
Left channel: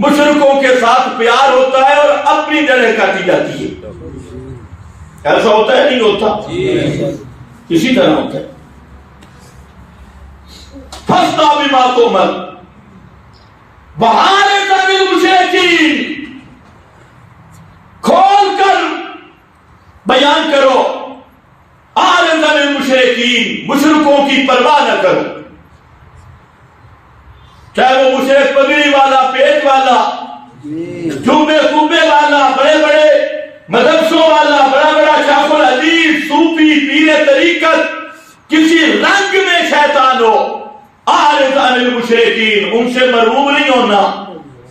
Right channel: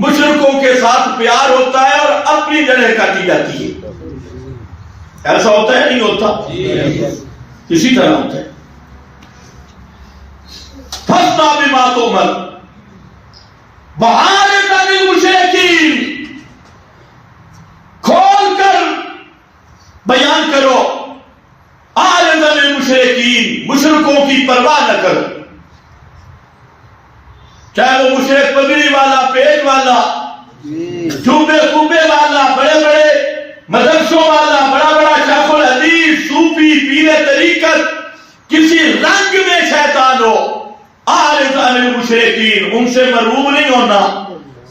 مشرکوں کے ساتھ پیار ہوتا ہے اور اپنی جڑیں کاٹی جاتی ہے۔ ایسا ہوتا ہے نہیں ہوتا؟ اسی طرح ہوتا ہے۔ فَاصْدَعْ بِمَا تُؤْمَرُ وَأَعْرِضْ عَنِ الْمُشْرِكِينَ، کھول کر بیان کرو، اعرض عن المشرکین، مشرکوں کی پرواہ نہ کرو، چاہے وہ مشرک پگڑی والا، پیٹ والا، جمبے کمبے والا، بڑے بڑے مدرسوں والا، بڑا بڑا شیخ الحدیث، صوفی، پیر طریقت، کسی رنگ میں شیطان ہو، اعرض عن المشرکین، ان سے مرعوب نہیں ہونا،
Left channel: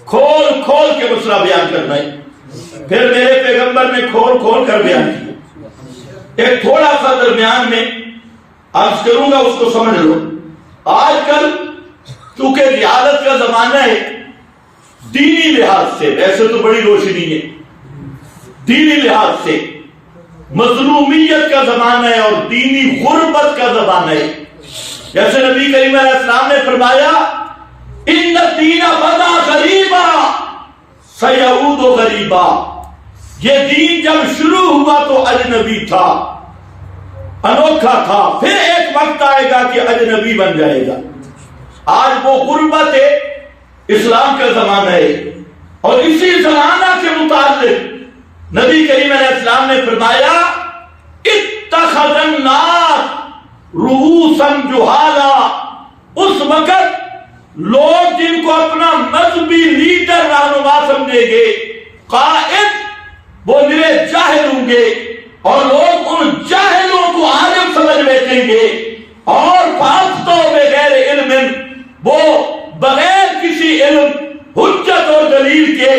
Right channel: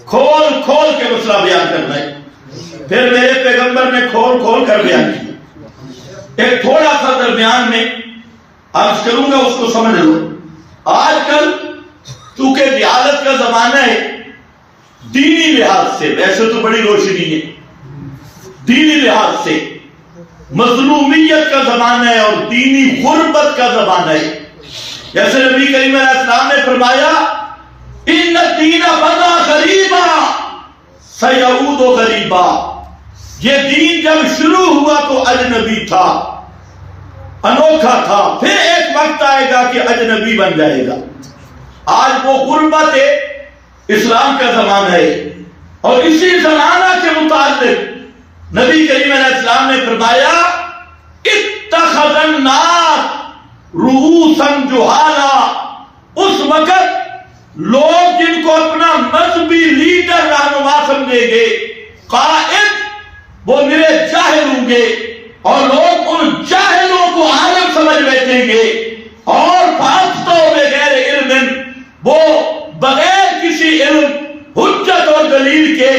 کھول کھول کے مسئلہ بیان کرنا ہے۔ پھر میرے پیغمبر نے کھول کھول کر بیان کیا۔ ایک تھوڑا سا درمیان میں عرض کروں گا، اس کو سمجھ لو۔ آج کل چونکہ جہالت کا زمانہ ہے، دینی لحاظ سے ویسے تو بڑی روشنی ہے، دینی لحاظ سے مظلومیت کا زمانہ ہے اور دینی غربت کا زمانہ ہے۔ جیسے نبی کریم علیہ السلام نے فرمایا ان الدین بدا غریبا سیعود غریبا، یہ دین جب شروع ہوا تو اجنبی تھا، انوکھا تھا، پھر ایک وقت آئے گا کہ اجنبی بن جائے گا۔ آج وہ غربت ہے اسلام کا زمانہ ہے، اور اسی زمانہ کے متعلق نبی کریم علیہ السلام نے فرمایا اتخذ الناس رؤوسا جہالا، اس وقت لوگ جن کو اپنا مذہبی لیڈر رہنما سمجھیں گے، قائد، وہ نرے جاہل ہوں گے، اور لوگ ان جاہلوں کو عالم سمجھ بیٹھیں گے، اور فافتوا بغیر علم، وہ بغیر کسی علم، حجت اور دلیل کے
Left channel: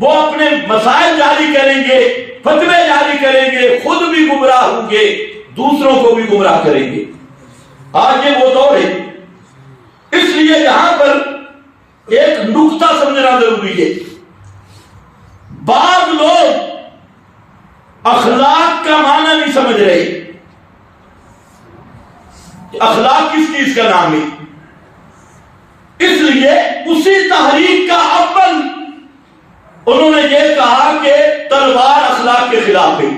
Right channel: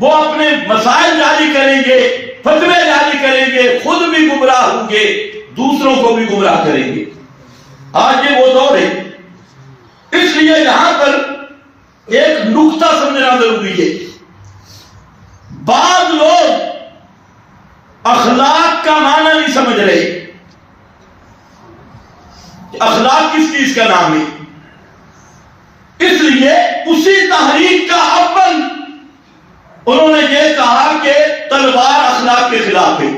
وہ اپنے مسائل جاری کریں گے، فتوے جاری کریں گے، خود بھی گمراہ ہوں گے، دوسروں کو بھی گمراہ کریں گے۔ آج یہ وہ دور ہے، اس لیے یہاں پر ایک نقطہ سمجھنا ضروری ہے۔ بعض لوگ اخلاق کا معنی نہیں سمجھ رہے۔ اخلاق کس چیز کا نام ہے؟ اس لیے اسی تحریک کا اول انہوں نے یہ کہا کہ تلوار اخلاق کے خلاف ہے۔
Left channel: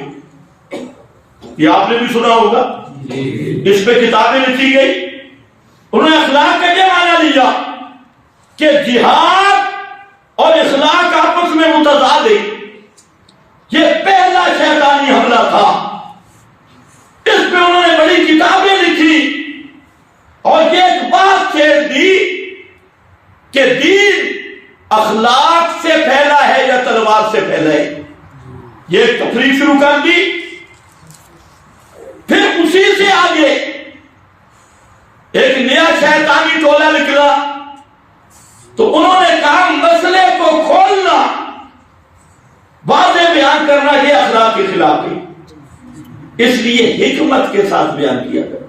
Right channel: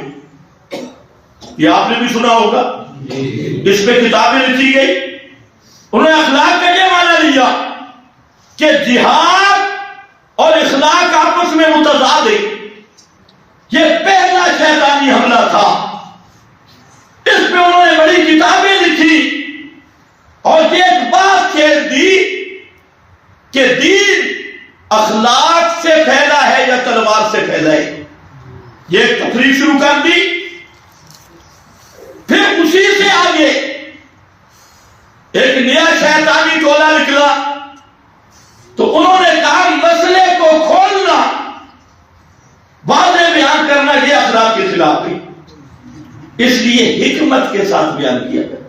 یہ آپ نے بھی سنا ہوگا، اس پہ کتابیں لکھی گئی۔ انہوں نے اخلاق کا یہ معنی لیا کہ جہاد اور اخلاق آپس میں متضاد ہے۔ یہ پہلا شیطانی حملہ تھا، اس پہ انہوں نے بڑی کتابیں لکھی اور یہ ایک بات چھیڑ دی کہ دین اخلاق سے پھیلا ہے یا تلوار سے پھیلا ہے۔ یہ ایک تفریح شروع کر دی۔ پھر اسی سے آگے ایک نیا شیطانی ٹولہ نکلا، تو انہوں نے کہا مسئلے کو کھولنا، واضح بیان کرنا، یہ اخلاق کے خلاف ہے۔ اس لیے حکمت کے ساتھ بیان کیا گیا،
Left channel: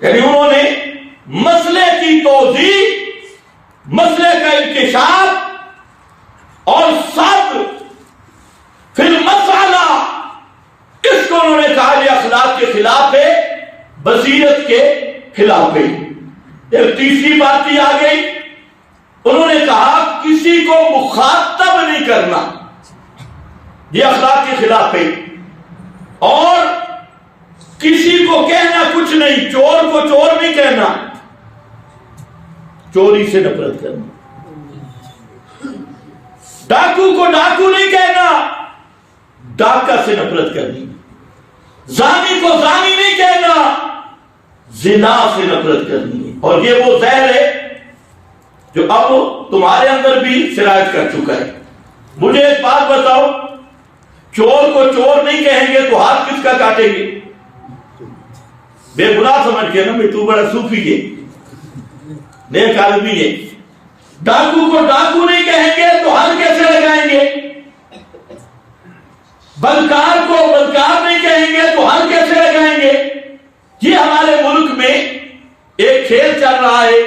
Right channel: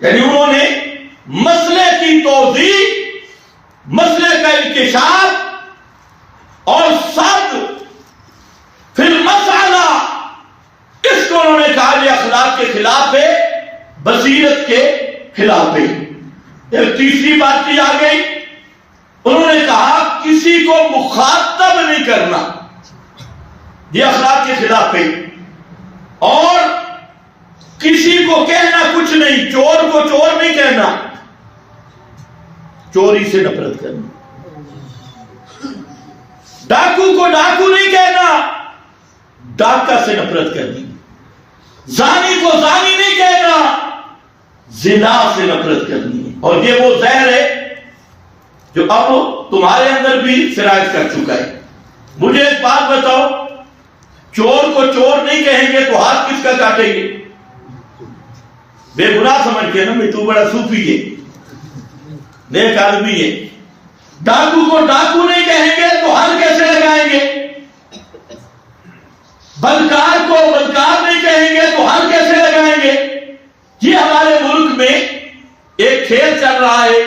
یعنی انہوں نے مسئلے کی توضیح، مسئلے کا انکشاف اور صد فی المسئلہ، اس کو انہوں نے کہا یہ اخلاق کے خلاف ہے، بصیرت کے خلاف ہے۔ ایک تیسری بات آ گئی، انہوں نے کہا کسی کو مخاطب نہیں کرنا، یہ اخلاق کے خلاف ہے، اور کسی کو کہنا کچھ نہیں، چور کو چور نہیں کہنا، چوری سے نفرت کرنا، ڈاکو کو ڈاکو نہیں کہنا، ڈاکہ سے نفرت کرنی، زانی کو زانی نہیں کہنا، زنا سے نفرت کرنی ہے۔ اور یہ وہ زہر ہے جو اب تمہارے اندر بھی سرایت کر چکا ہے۔ مجھے ایک بات بتاؤ، چور کو چور نہیں کہیں گے تو ہاتھ کس کا کاٹیں گے؟ بے گناہ سمجھ کے نا، میں تو بڑا صوفی ہے، نیک آدمی ہے۔ ڈاکو کو ڈاکو نہیں کہیں گے تو ہاتھ کیسے لگائیں گے؟ بلکار کو بلکار نہیں کہیں گے تو ہاتھ کیسے لگائیں گے؟ یہ ہمارے ملک میں ایک کھیل چل رہا ہے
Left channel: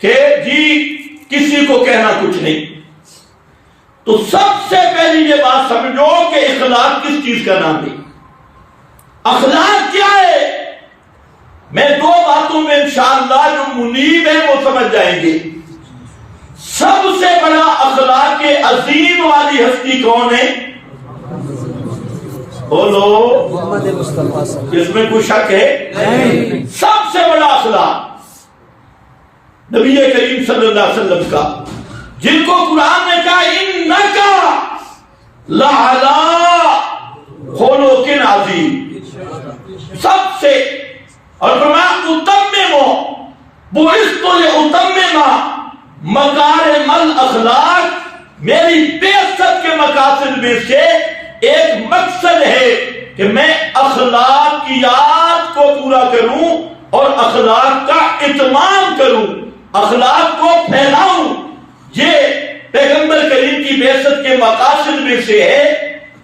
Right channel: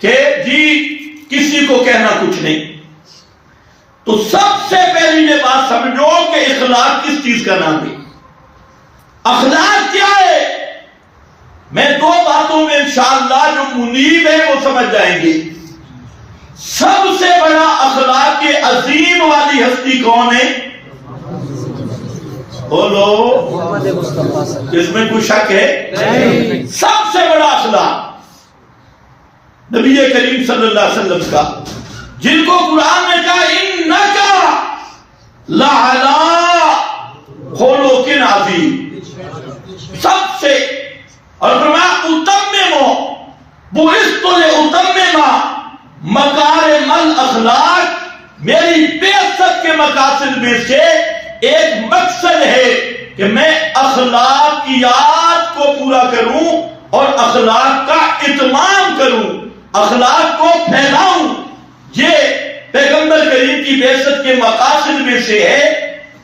کہ جی کسی کو کہنا کچھ نہیں۔ تو سب سے پہلی یہ بات سمجھو کہ اخلاق کس چیز کا نام ہے، اخلاق کیا ہے۔ میں دو باتوں میں انشاءاللہ جو منیب ہیں وہ سمجھ جائیں گے۔ سب سے بڑا اخلاق کے عظیم والی ہستی کون ہے؟ بولو، اس میں کوئی شک ہے؟ سب سے بڑا اخلاق نبی کریم صلی اللہ علیہ وسلم کا، جن کو قرآن نے کہا اِنَّكَ لَعَلَىٰ خُلُقٍ عَظِيمٍ، سب سے، اور فرمایا اُتَمِّمُ بُعِثْتُ لِأُتَمِّمَ مَكَارِمَ الْأَخْلَاقِ، میری بعثت کے مقاصد میں سے ایک مقصد ہے کہ میں اخلاقیات کو پورا کروں اور اخلاق کا اتمام کروں، اخلاق کو پھیلاؤں۔ یہ پیغمبر کریم کی بعثت کے مقاصد میں سے ہے۔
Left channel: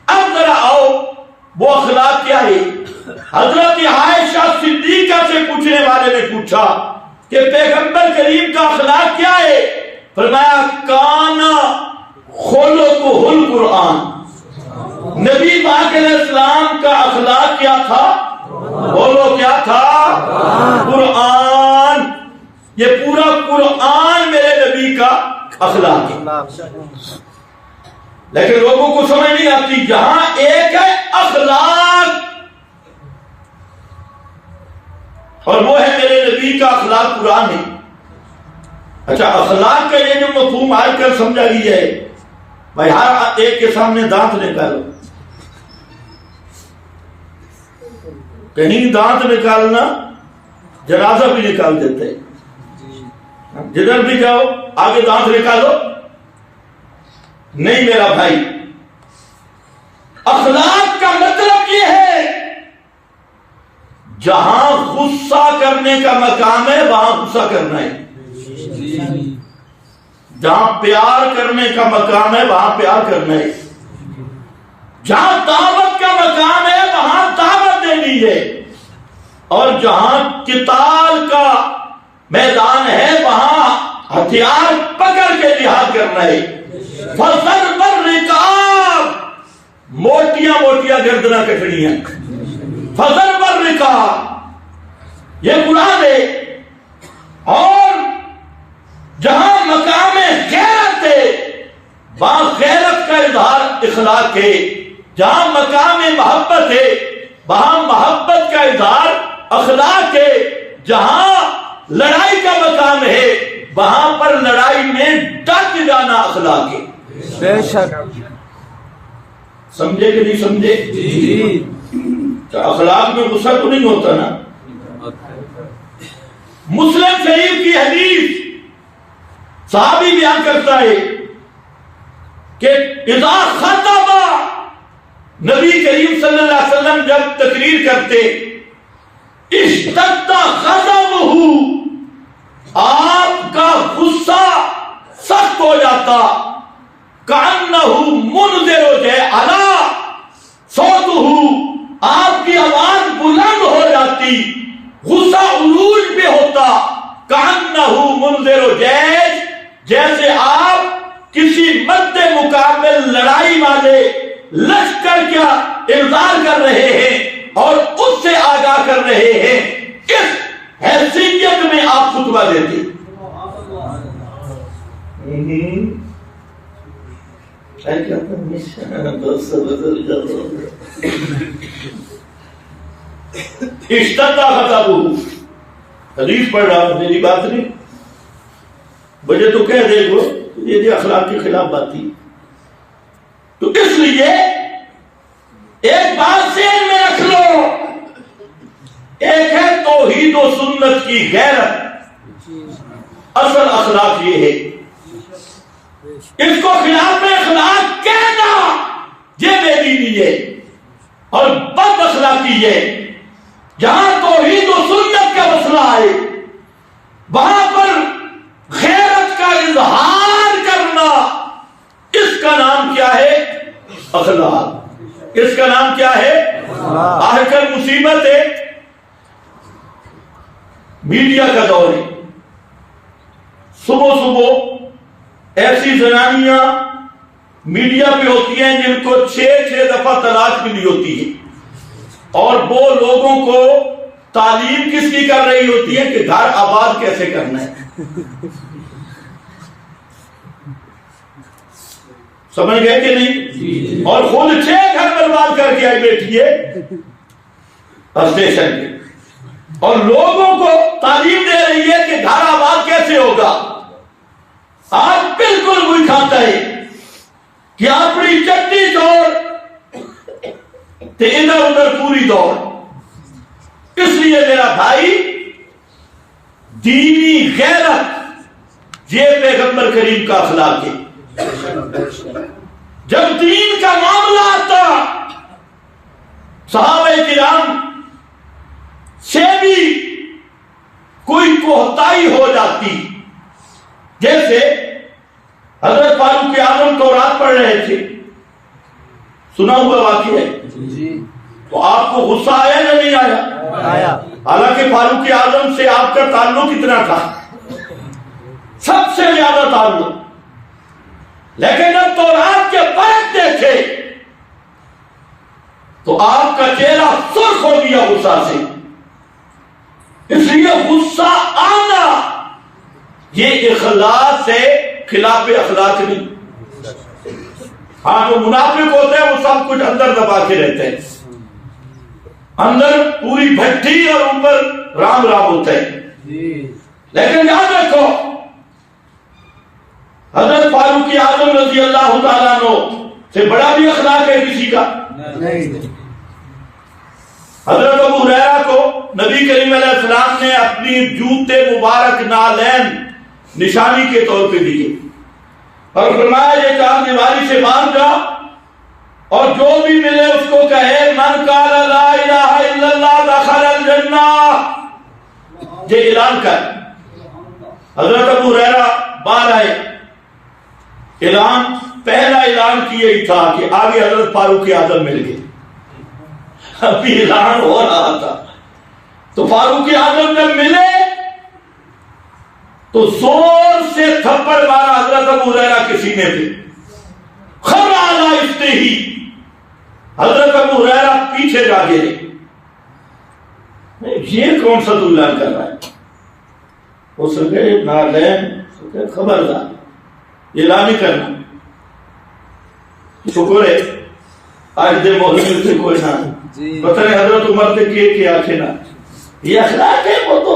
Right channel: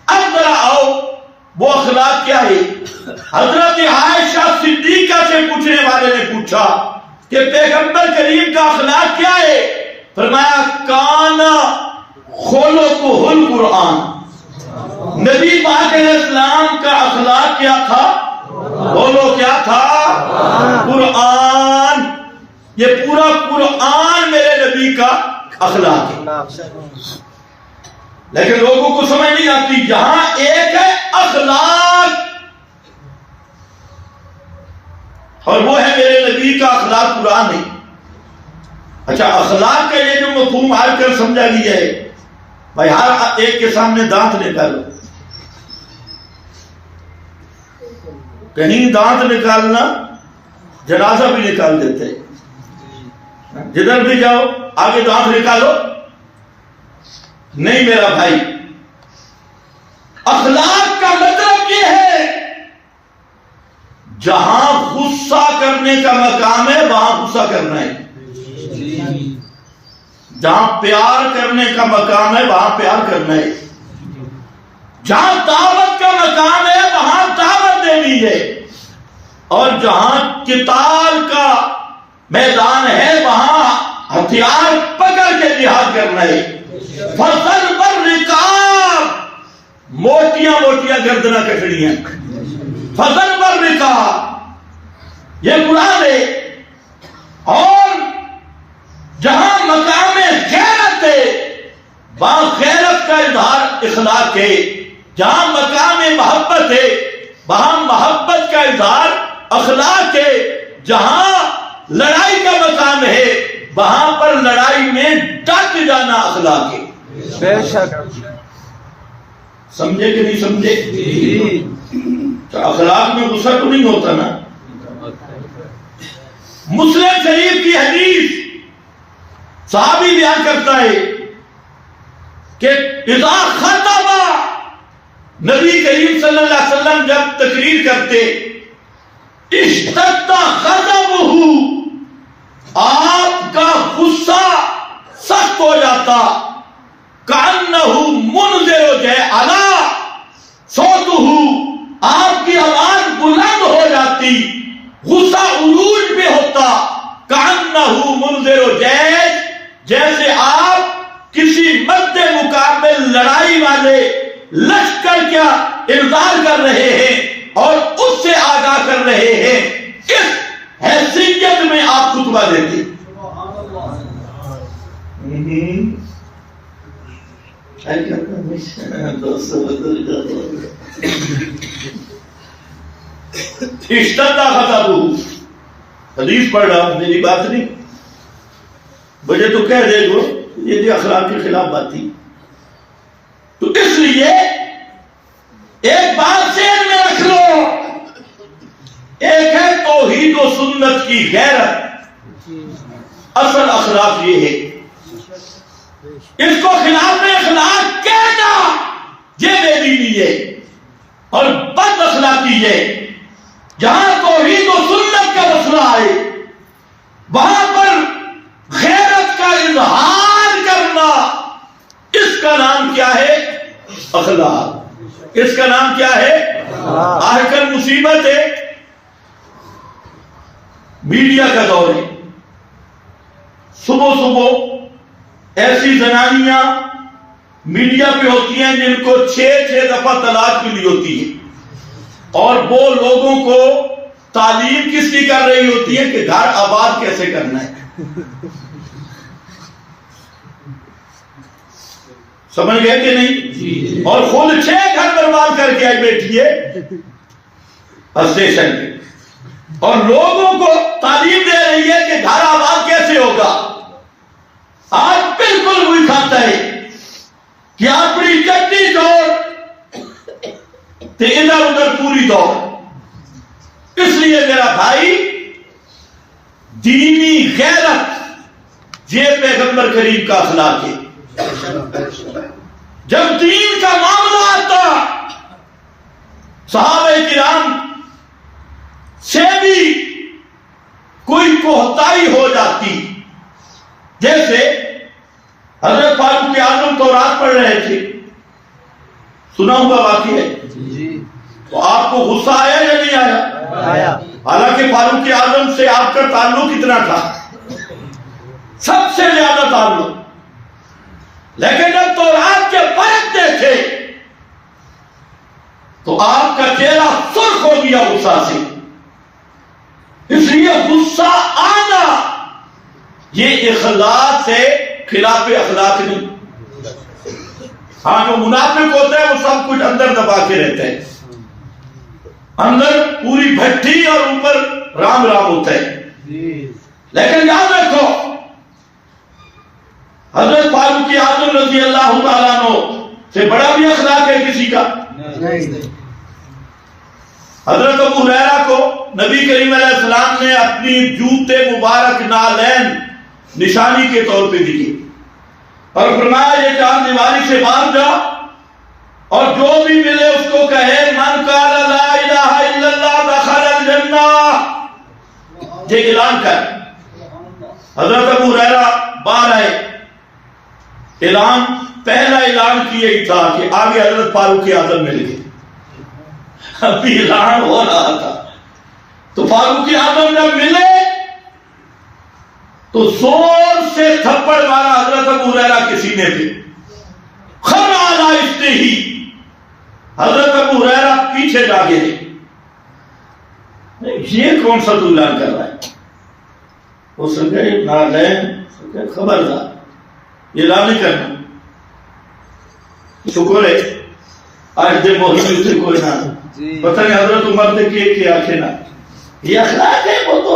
اب ذرا آؤ، وہ اخلاق کیا ہے؟ حضرت عائشہ صدیقہ سے پوچھنے والے نے پوچھا کہ پیغمبر کریم کا اخلاق کیا ہے؟ فرمایا کان خلقہ القرآن، نبی پاک علیہ السلام کا اخلاق کیا تھا؟ بولو کیا تھا؟ قرآن۔ یہ پورا قرآن میرے نبی کا اخلاق ہے۔ لیکن لوگوں کو سمجھ نہیں آتی، جہاں ایک ہے اخلاق اور وہ ہے میرے نبی کا اخلاق قرآن ہے، اچھا اخلاق کا یہ جو مفہوم آج کل سمجھا گیا ہے، بھائی ہر ایک کے سامنے دانت نکالو، کہیں دانت نکالنا جنازہ بھی نکال دیتے، جدھر بھی جاؤ آگے دانت نکالو، نہیں میرا بھائی، اخلاق کا مطلب یہ ہے جہاں غصہ کرنے کا مقام ہے وہاں غصہ کرنا ہے، جہاں پیار کرنے کا مقام ہے وہاں پیار کرنا ہے، جہاں دعوت کا مقام ہے وہاں دعوت دینی ہے، اور جہاں قتال کا میدان ہے وہاں ہتھیار پکڑ کے جہاد کرنا ہے۔ فضل بالرکاب، موٹیاں موٹیاں گردناں کٹڑیاں، فضل بالرکاب یہ قرآن ہے۔ اور جہاں مقام غیرت ہے وہاں غیرت کا اظہار اخلاق ہے، جہاں مقام محبت ہے وہاں محبت کا اظہار اخلاق ہے، جہاں لڑائی کا مقام ہے وہاں پر لڑائی میں ڈٹ جانا اخلاق ہے۔ بے شک، سمجھے کہ نہیں سمجھے؟ تو اخلاق میں غصہ تو نہیں ہوتا نا۔ مسلم شریف کی حدیث صحابی بیان کرتا ہے کہ اذا خطب نبی کریم صلی اللہ علیہ وسلم جب تقریر کرتے اشتد غضبہ، آپ کا غصہ سخت ہو جاتا، کأنہ منذر جعلا صوتہ، آپ کی آواز بلند ہو جاتی، غصہ عروج پہ ہوتا، کأنہ منذر جیش، جیسے آپ کسی مد مقابل لڑائی والے لشکر کیا انذار کر رہے ہیں اور اس سے آگاہ کر رہے ہیں، اس حیثیت میں آپ خطبہ دیتے۔ اشتد غضبہ، حدیث پڑھ رہا ہوں، میری بات نہیں، مجھے تو کہہ دے گو یہ اخلاق کے خلاف بات تھی۔ تو اس لیے ایک بات ذہن میں رکھ لو، ایک ہے توحید و سنت کی غیرت، اصل اخلاق یہ ہے، اس کو خلاف اخلاق کہنا یہ بے دینی ہے اور بد اخلاقی ہے۔ جہاں توحید و سنت کا مسئلہ ہے وہاں پر غیرت کا اظہار کرنا، اس کا نام کیا ہے؟ اخلاق۔ اس کا نام کیا ہے؟ آج کل مصیبت ہے، میڈیا کا دور ہے، صبح صبح ایسی زنانیاں میڈیا پہ ہوتی ہیں جن کو 6 دفعہ طلاق ملی ہوتی ہے، اور وہ لوگوں کو تعلیم کس کی کر رہی ہوتی ہے کہ گھر آباد کیسے کرنا ہے۔ سمجھ گئے کہ نہیں؟ اور خود 6 گھر برباد کر کے آئی بیٹھی ہے اسٹیشن پہ، اور لوگوں کو تعلیم دے رہی ہے کہ گھر آباد کیسے ہوگا۔ آج بالکل وہی کھاتا ہے کہ اپنی چٹی دوڑ تے ادھر ادھر پوری دوڑ۔ اس لیے میرا بھائی، دینی غیرت یہ پیغمبر کریم کا اخلاق ہے۔ جب دین کا معاملہ آتا صحابہ کرام سے بھی کوئی کوتاہی ہو جاتی، جیسے حضرت فاروق اعظم تورات پڑھ رہے تھے، سنا ہوا واقعہ ہے، تو آپ کو غصہ آیا یا نہیں آیا؟ حالانکہ فاروق اعظم سے آپ کا تعلق کتنا تھا؟ سب سے زیادہ تعلق، لیکن جب تورات کے برکت دیکھے تو آپ کا چہرہ سرخ ہو گیا غصہ سے۔ اس لیے غصہ آنا یہ اخلاق سے خلاف اخلاق نہیں۔ ہاں وہ منافق ہوتے ہیں، وہ سب کچھ اندر دبا کے رہتے ہیں، اندر پوری بھٹی اور اوپر رام رام ہوتا ہے۔ لیکن یاد رکھو حضرت فاروق اعظم رضی اللہ تعالیٰ عنہ سے بڑا بھی اخلاق ہے کسی کا نہیں۔ حضرت ابو ہریرہ کو نبی کریم علیہ السلام نے اپنی جوتے مبارک نالین نشانی کے طور پہ دیے اور فرمایا یہ چار دیواری سے باہر جا اور جو بھی ملے اس کو کہے من قال لا الہ الا اللہ دخل الجنہ، یہ اعلان کر۔ حضرت ابو ہریرہ باہر آئے، اعلان پہلا اعلان کیا ہی تھا کہ آگے حضرت فاروق اعظم مل گئے، ابھی اعلان ہو رہا تھا تو فاروق اعظم جب ملے تو زور سے تھپڑ مارا حضرت ابو ہریرہ کے سینے پہ، خر علی استہی، حضرت ابو ہریرہ پیچھے جا گئے، یہ کون سا تو اعلان کر رہا ہے؟ وہ سکے نالین، خبردار اعلان نہیں کرنا۔ شکر ہے آج دے محمد سے کوئی نہ پتہ نہیں حضرت عمر نے کہ آنکھیں نہ، یہ اخلاق ہے، وہ تو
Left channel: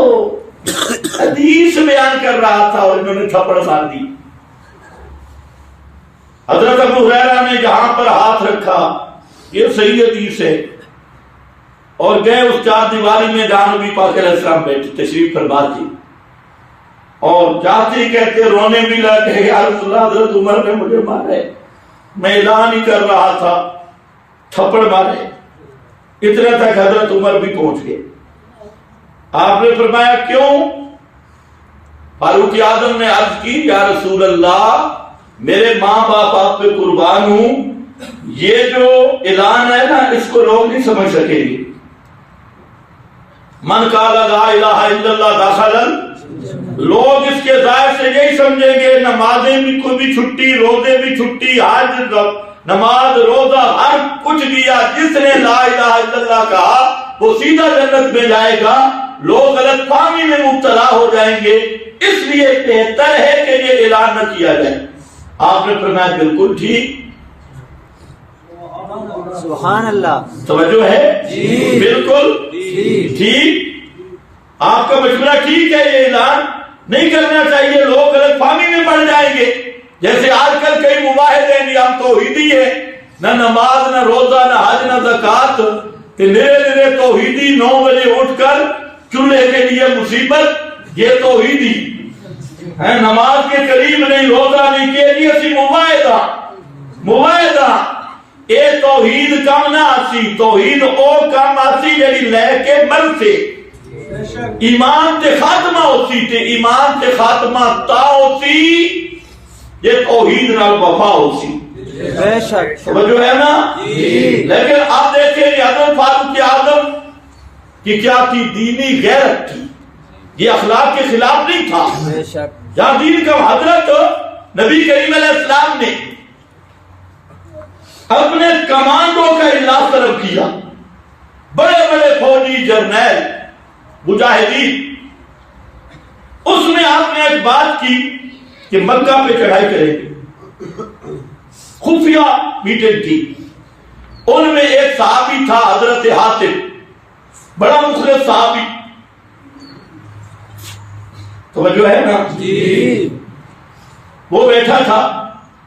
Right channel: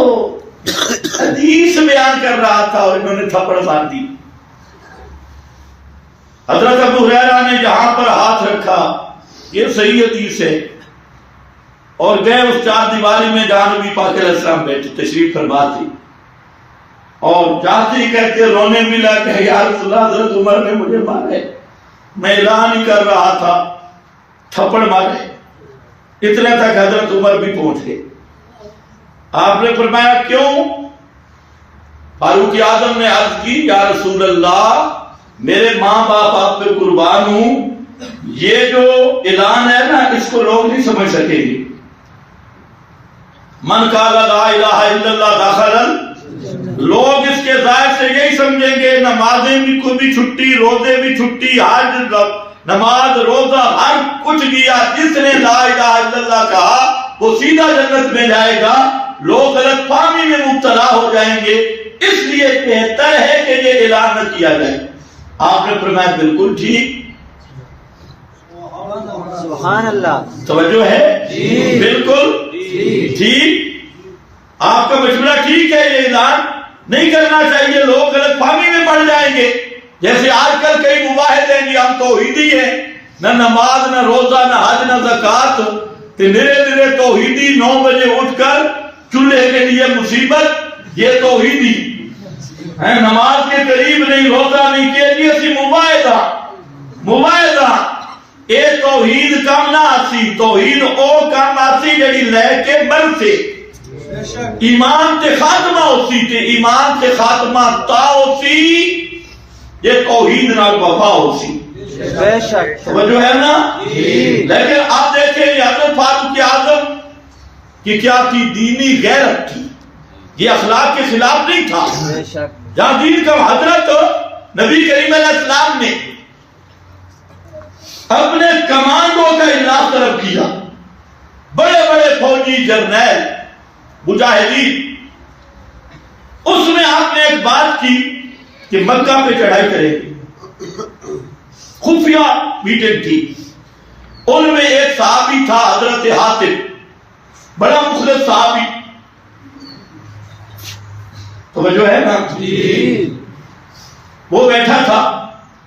حدیث بیان کر رہا تھا اور انہوں نے تھپڑ مار دی۔ حضرت ابو ہریرہ نے جہاں پر ہاتھ رکھا، یہ صحیح حدیث ہے، اور گئے اس چار دیواری میں جہاں نبی پاک علیہ السلام بیٹھے تشریف فرما تھی، اور جاتے ہی کہتے رونے بھی لگے یا رسول اللہ حضرت عمر نے مجھے مارے، میں اعلان ہی کر رہا تھا، تھپڑ مارے۔ اتنا تک حضرت عمر بھی پہنچ گئے۔ آپ نے فرمایا کیوں؟ فاروق اعظم نے عرض کی یا رسول اللہ میرے ماں باپ آپ پہ قربان ہوں، یہ جو اعلان ہے نا اس کو لوگ نہیں سمجھ سکیں گے۔ من قال لا الہ الا اللہ دخل، لوگ اس کے ظاہر سے یہی سمجھیں گے نمازیں کو بھی چھٹی، روزے بھی چھٹی، حج نماز روزہ ہر کچھ کیا، جس نے لا الہ الا اللہ کہا وہ سیدھا جنت میں جائے گا۔ لوگ غلط فہمی میں مبتلا ہو جائیں گے، اس لیے بہتر ہے کہ یہ اعلان نہ کیا جائے۔ آپ نے فرمایا بالکل ٹھیک، سبحان اللہ، توجہ ہے؟ بالکل ٹھیک، آپ کا مشورہ ٹھیک ہے، یہ اعلان نہیں کرنا چاہیے، لوگ غلط فہمی میں پڑ جائیں گے۔ جیسے آج کل کئی مباحث ہیں کہ ہم توحیدی ہیں، نہ نماز نہ روزہ نہ حج نہ زکوٰۃ، نرے توحیدی 9 بجے اٹھ کر چولہے کے لیے مصیبت، یہ توحیدی ہے، نماز کے قریب نہیں، روزہ نہیں کیا، یہ اسی مباحثہ اے توحید کم نہ آسی، توحید او کم آسی جڑی لے کے مر سے ایمان تے خاتمہ ہوسی، تے ایمان تے خاتمہ تا ہوسی، یہ توحید نال وفا ہوسی۔ بے شک سمجھو ہے نا؟ لیکن آپ دیکھیں حضرت فاروق اعظم کی کیا تھی؟ دینی غیرت تھی، یہ اخلاق کے خلاف نہیں تھا۔ بے شک جہاں دین کا حضرت نبی کریم علیہ السلام نے اپنے کمانڈو کا اجلاس طلب کیا، بڑے بڑے فوجی جرنیل مجاہدین، اس میں آپ نے ایک بات کی کہ مکہ پہ چڑھائی کریں گے، خفیہ میٹنگ تھی۔ ان میں ایک صحابی تھا حضرت حاتم، بڑا مخلص صحابی، توجہ ہے نا؟ وہ بیٹھا تھا،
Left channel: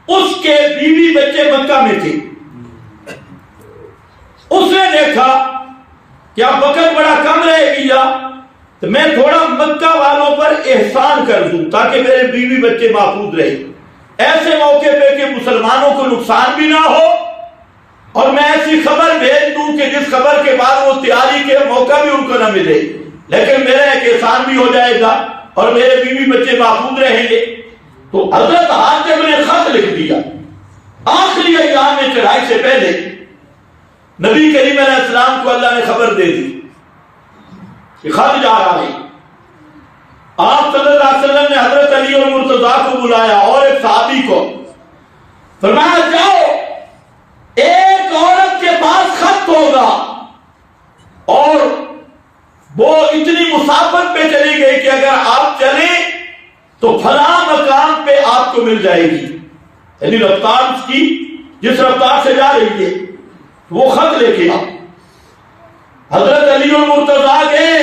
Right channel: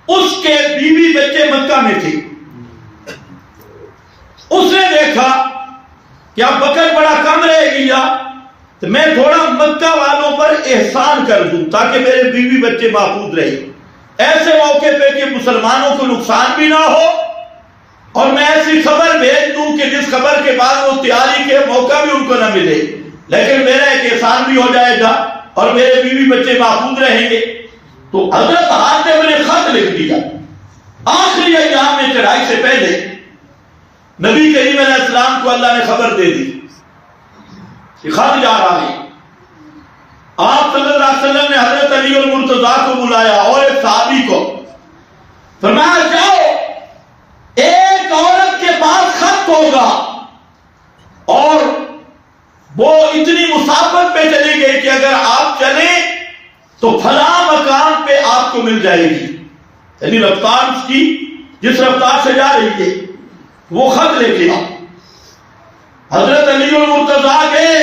اس کے بیوی بچے مکہ میں تھے۔ اس نے دیکھا کہ اب وقت بڑا کم رہ گیا تو میں تھوڑا مکہ والوں پر احسان کر دوں تاکہ میرے بیوی بچے محفوظ رہے، ایسے موقع پہ کہ مسلمانوں کو نقصان بھی نہ ہو، اور میں ایسی خبر بھیج دوں کہ جس خبر کے بعد وہ تیاری کے موقع بھی ان کو نہ ملے، لیکن میرا ایک احسان بھی ہو جائے گا اور میرے بیوی بچے محفوظ رہیں گے۔ تو حضرت حاتم نے خط لکھ دیا، آخری ایام میں چڑھائی سے پہلے نبی کریم علیہ السلام کو اللہ نے خبر دے دی کہ خط جا رہا ہے۔ آپ صلی اللہ علیہ وسلم نے حضرت علی اور مرتضیٰ کو بلایا اور ایک صحابی کو، فرمایا جاؤ ایک عورت کے پاس خط ہوگا اور وہ اتنی مسافت پہ چلی گئی کہ اگر آپ چلیں تو فلاں مقام پہ آپ کو مل جائے گی، یعنی رفتار اس کی جس رفتار سے جا رہی ہے، وہ خط لے کے حضرت علی اور مرتضیٰ گئے،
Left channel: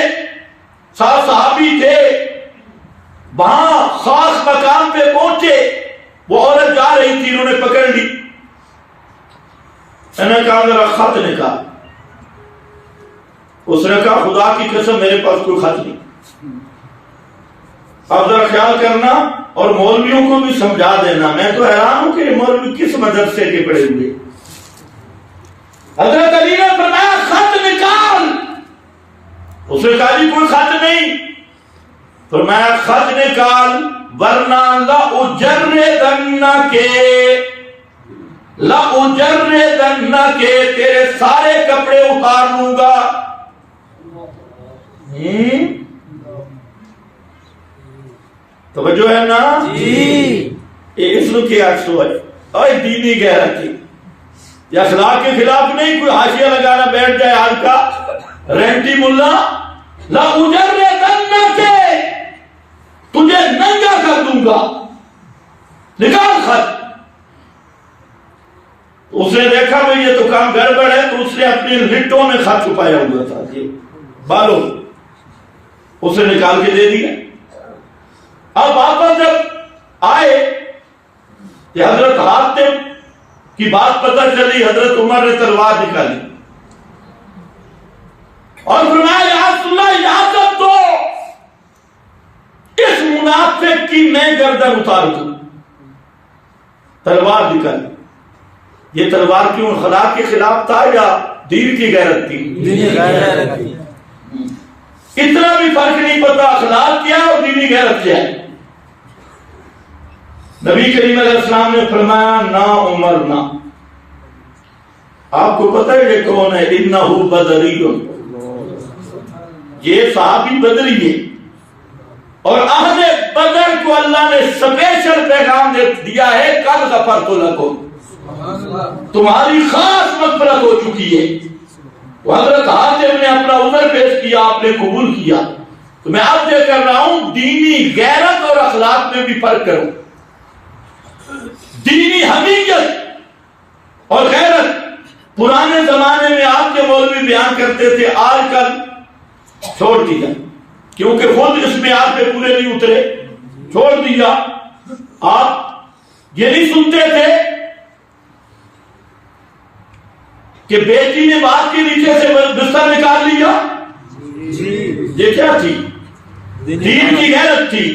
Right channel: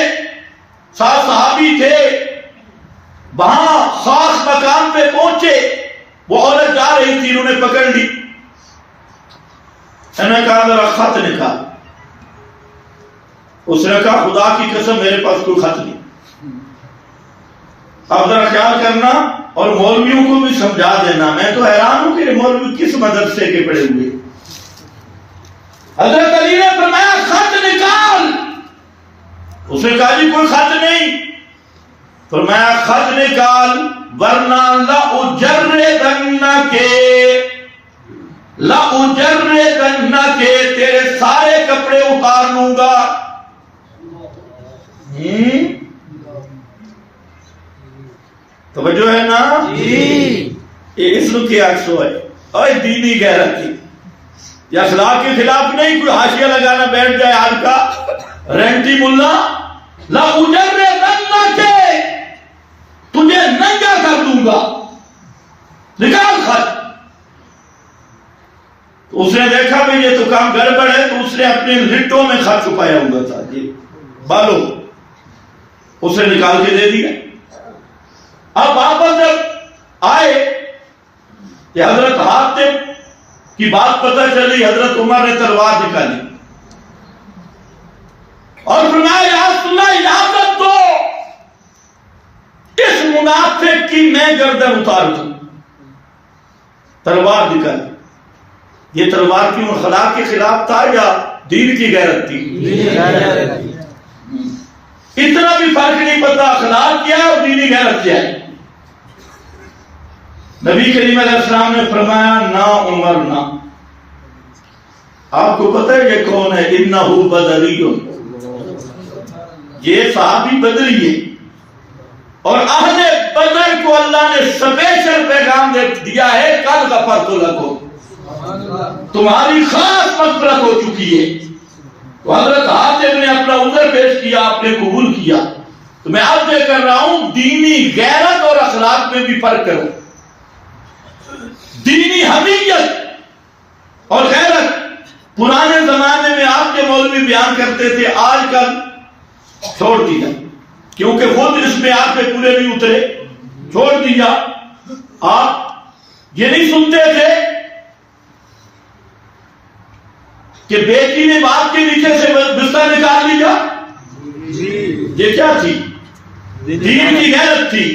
ساتھ صحابی تھے، وہاں خاص مقام پہ پہنچے، وہ عورت جا رہی تھی، انہوں نے پکڑ لی، انہوں نے کہا ذرا خط نکال. اس نے کہا خدا کی قسم میرے پاس کوئی خط نہیں. اب ذرا خیال کرنا اور مولویوں کو بھی سمجھا دینا. میں تو حیران ہوں کہ یہ مولوی کس مدرسے کے پڑے ہوئے. حضرت علی نے فرمایا خط نکال. اس نے کہا جی کوئی خط نہیں. فرمایا خط نکال ورنہ لأجردنک تیرے سارے کپڑے اتار لوں گا. توجہ ہے نا یہ اس نو کی عکس ہے. اور دینی غیرت کی یہ اخلاق کے خلاف نہیں. کوئی حاشیہ لگانا بیٹھ جائے آج کا رینٹی ملا. لأجردنک تجھے ننگا کر دوں گا. نکال خط. اس نے دیکھا بھئی یہ تو کام گڑبڑ ہے، تو اس نے اپنی لٹوں میں خط چھپایا ہوا تھا جی بالوں، اسے نکال کے دے دیا. اب واپس جب آئے کہ حضرت حاتم کی بات پتہ چلی، حضرت عمر نے تلوار نکالی اور فرمایا یا رسول اللہ اجازت دو اس منافق کی میں گردن اتار دوں. تلوار نکالی. یہ تلوار کیوں اخلاق کے خلاف تھا یا دین کی غیرت تھی؟ اتنا بھی فرق نہیں پتا اخلاق کیا اور دینی غیرت کیا ہے. نبی کریم علیہ السلام نے فرمایا نا عمر نا. آپ کو پتہ ہے یہ کون ہے؟ انہو بدری. یہ صحابی بدری ہے اور اہل بدر کو اللہ نے سپیشل پیغام دیا ہے قد غفرت لکم، تمہاری خاص مغفرت ہو چکی ہے. تو حضرت حاتم نے اپنا عذر پیش کیا، آپ نے قبول کیا. تو میں آپ سے کر رہا ہوں دینی غیرت اور اخلاق میں بھی فرق کرو. دینی حمیت اور غیرت پرانے زمانے میں آپ کے مولوی بیان کرتے تھے، آج کل چھوڑ دیا کیونکہ خود اس میں آپ پہ پورے نہیں اترے. چھوڑ دیا. آپ یہ نہیں سنتے تھے کہ بیٹی نے باپ کے نیچے سے بستر نکال لیا؟ یہ کیا تھی؟ دین کی غیرت تھی.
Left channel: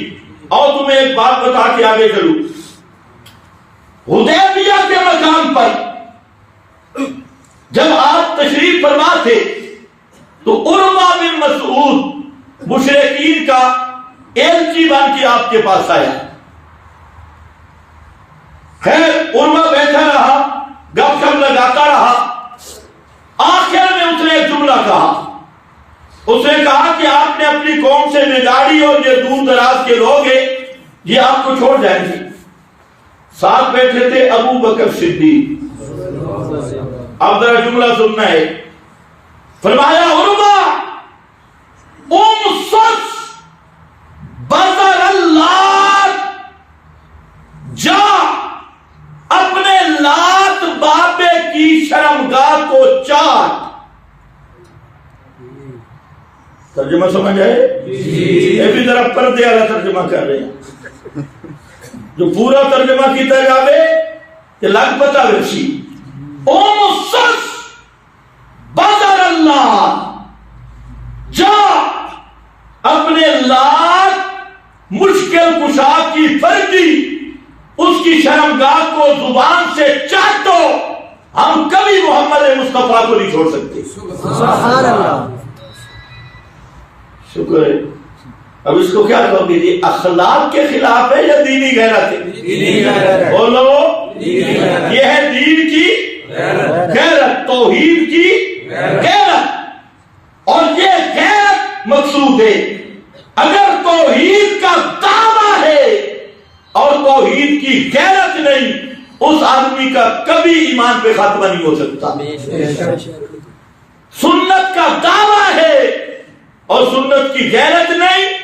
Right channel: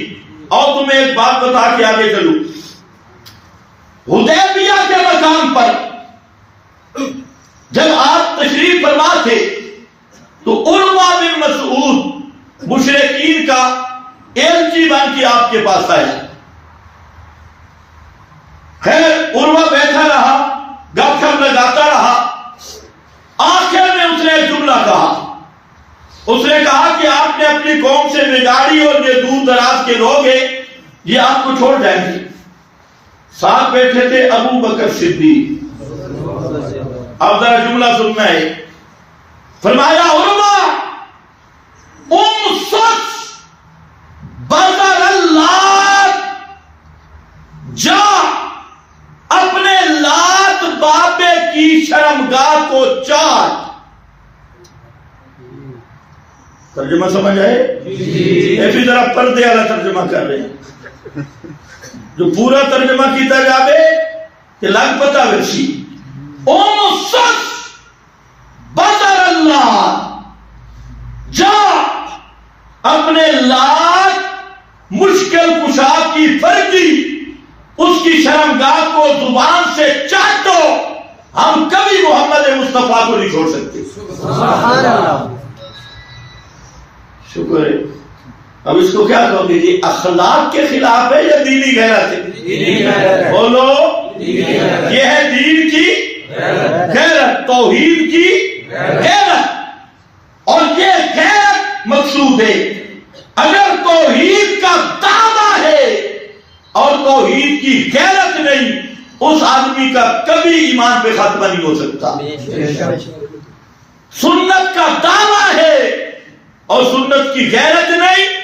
اور تمہیں ایک بات بتا کے آگے چلوں. حدیبیہ کے مقام پر جب آپ تشریف فرما تھے تو عروہ بن مسعود مشرکین کا ایلچی بن کے آپ کے پاس آیا. خیر عروہ بیٹھا رہا، گپ شپ لگاتا رہا. آخر میں اس نے ایک جملہ کہا. اس نے کہا کہ آپ نے اپنی قوم سے بگاڑی اور یہ دور دراز کے لوگ ہیں، یہ آپ کو چھوڑ جائیں گے. ساتھ بیٹھے تھے ابو بکر صدیق. اب ذرا جملہ سننا ہے. فرمایا عروہ امسس بزر اللہ، جا اپنے لات بابے کی شرمگاہ کو چاٹ. ترجمہ سمجھ آئے؟ یہ بھی ذرا پردے والا ترجمہ کر رہے ہیں. جو پورا ترجمہ کیتا جاوے کہ لگ پتا ورشی. امسس بزر اللہ، جا اپنے لات مشکل کشا کی فرجی اس کی شرمگاہ کو زبان سے چاٹو. ہم کبھی محمد مصطفیٰ کو نہیں چھوڑ سکتے. سبحان اللہ. شکر ہے. اب اس کو کیا کہو گے جی؟ اخلاق کے خلاف ہے یا دینی غیرت ہے؟ بولو. یہ ہے دین کی غیرت، توحید کی غیرت. اور یہ غیرت مقصود ہے. اگر توحید کا دعویٰ ہے اور توحید کی غیرت نہیں، اس آدمی کا کبھی ایمان پہ خاتمہ نہیں ہو سکتا. سنت کا دعویٰ ہے اور سنت کی غیرت نہیں،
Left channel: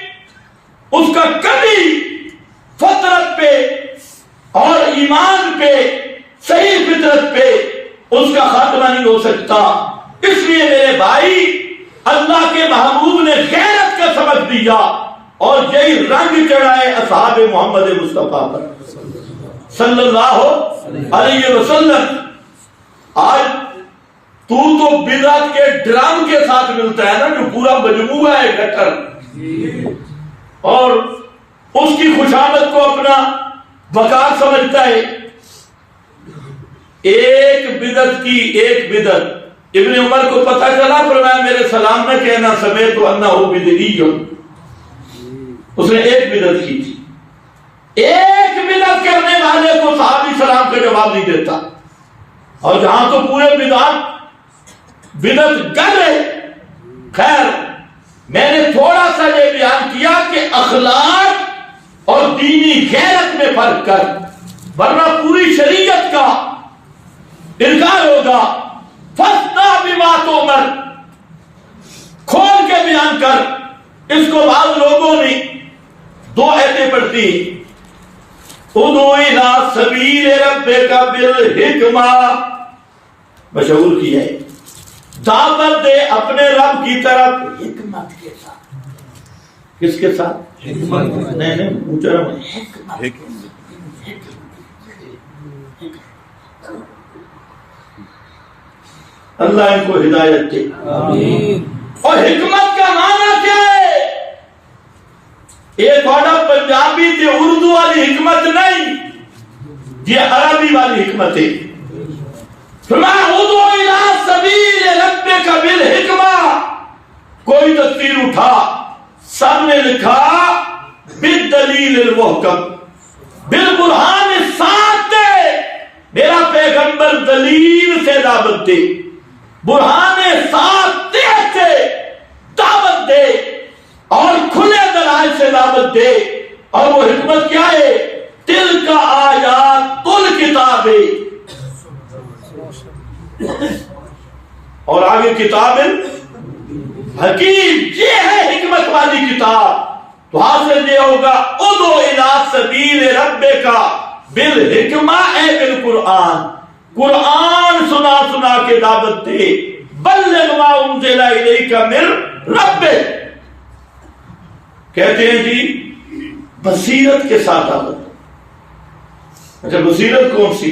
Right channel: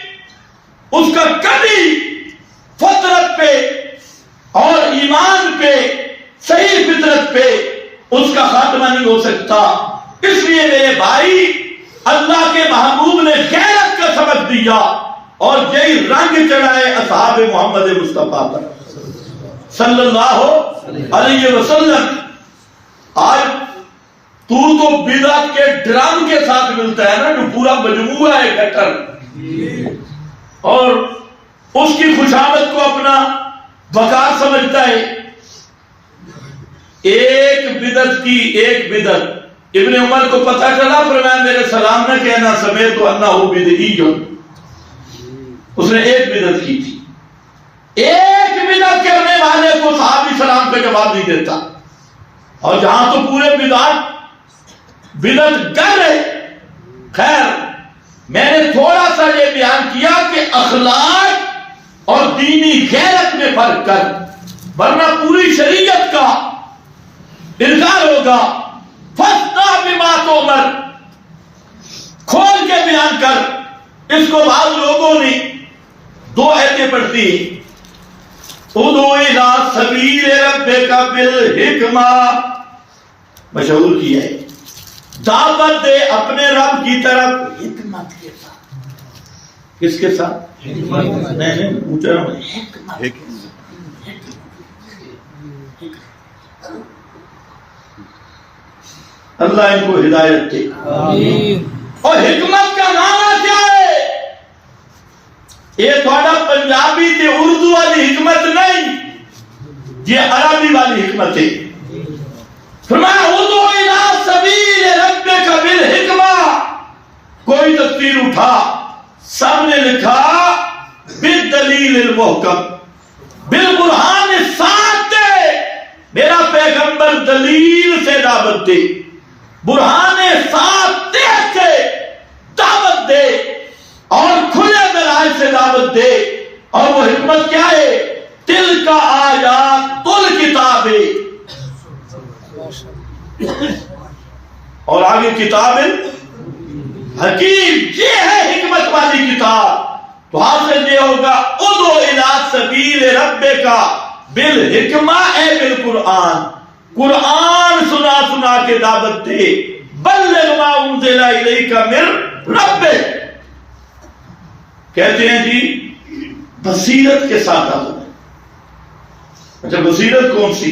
اس کا کبھی فطرت پہ اور ایمان پہ، صحیح فطرت پہ اس کا خاتمہ نہیں ہو سکتا. اس لیے میرے بھائی اللہ کے محبوب نے غیرت کا سبق دیا اور یہی رنگ چڑھائے اصحاب محمد مصطفیٰ پر. صلی اللہ علیہ وسلم. آج تو بدعت کے ڈرام کے ساتھ ملتا ہے نا، جو پورا مجموعہ ہے گٹر، اور اس کی خوشامد کو اپنا وقار سمجھتا ہے. ایک بدعت ابن عمر کو پتہ چلا، فرمایا میرے سلام نہ کہنا سمیت انہ بدعی. اس نے ایک بدعت کی تھی. ایک بدعت کرنے والے کو صحابی سلام کا جواب نہیں دیتا. اور جہاں تو پورے بدعت کر رہے. خیر، میں نے تھوڑا سا یہ بیان کیا کہ اخلاق اور دینی غیرت میں فرق کر، ورنہ پوری شریعت کا انکار ہوگا. فَاسْتَعْ بِمَا تُؤْمَرُ، کھول کے بیان کر. اس کو بعض لوگوں نے دو ایتیں پڑھتی، اُدْعُ إِلَىٰ سَبِيلِ رَبِّكَ بِالْحِکْمَةِ، مشہور کی ہے، دعوت دے اپنے رب کی طرف حکمت کے ساتھ. کس کے ساتھ؟ حکمت. نہیں محترم، حکمت. اللہ ان کو ہدایت دے. اور حکمت کا معنی کیا ہے؟ یہ تھوڑا پنجابی تے اردو والی حکمت نہیں، یہ عربی والی حکمت ہے. فرمایا اُدْعُ إِلَىٰ سَبِيلِ رَبِّكَ بِالْحِکْمَةِ. کوئی تفسیر اٹھا، سب نے لکھا بِالدَّلِيلِ الْمُحْکَمِ، بالبرہان الصادق. میرا پیغمبر دلیل سے دعوت دے، برہان صادق سے دعوت دے، اور کھلے دلائل سے دعوت دے. اور وہ حکمت کیا ہے؟ تِلْکَ آیاتُ الْکِتَابِ، اور آگے کتاب حکیم. یہ ہے حکمت والی کتاب. تو حاصل یہ ہوگا اُدْعُ إِلَىٰ سَبِيلِ رَبِّكَ بِالْحِکْمَةِ، اے بالقرآن. قرآن سنا سنا کے دعوت دے. بلغ ما انزل الیک من ربک. کہتے ہیں جی بصیرت کے ساتھ دعوت. اچھا بصیرت کون سی؟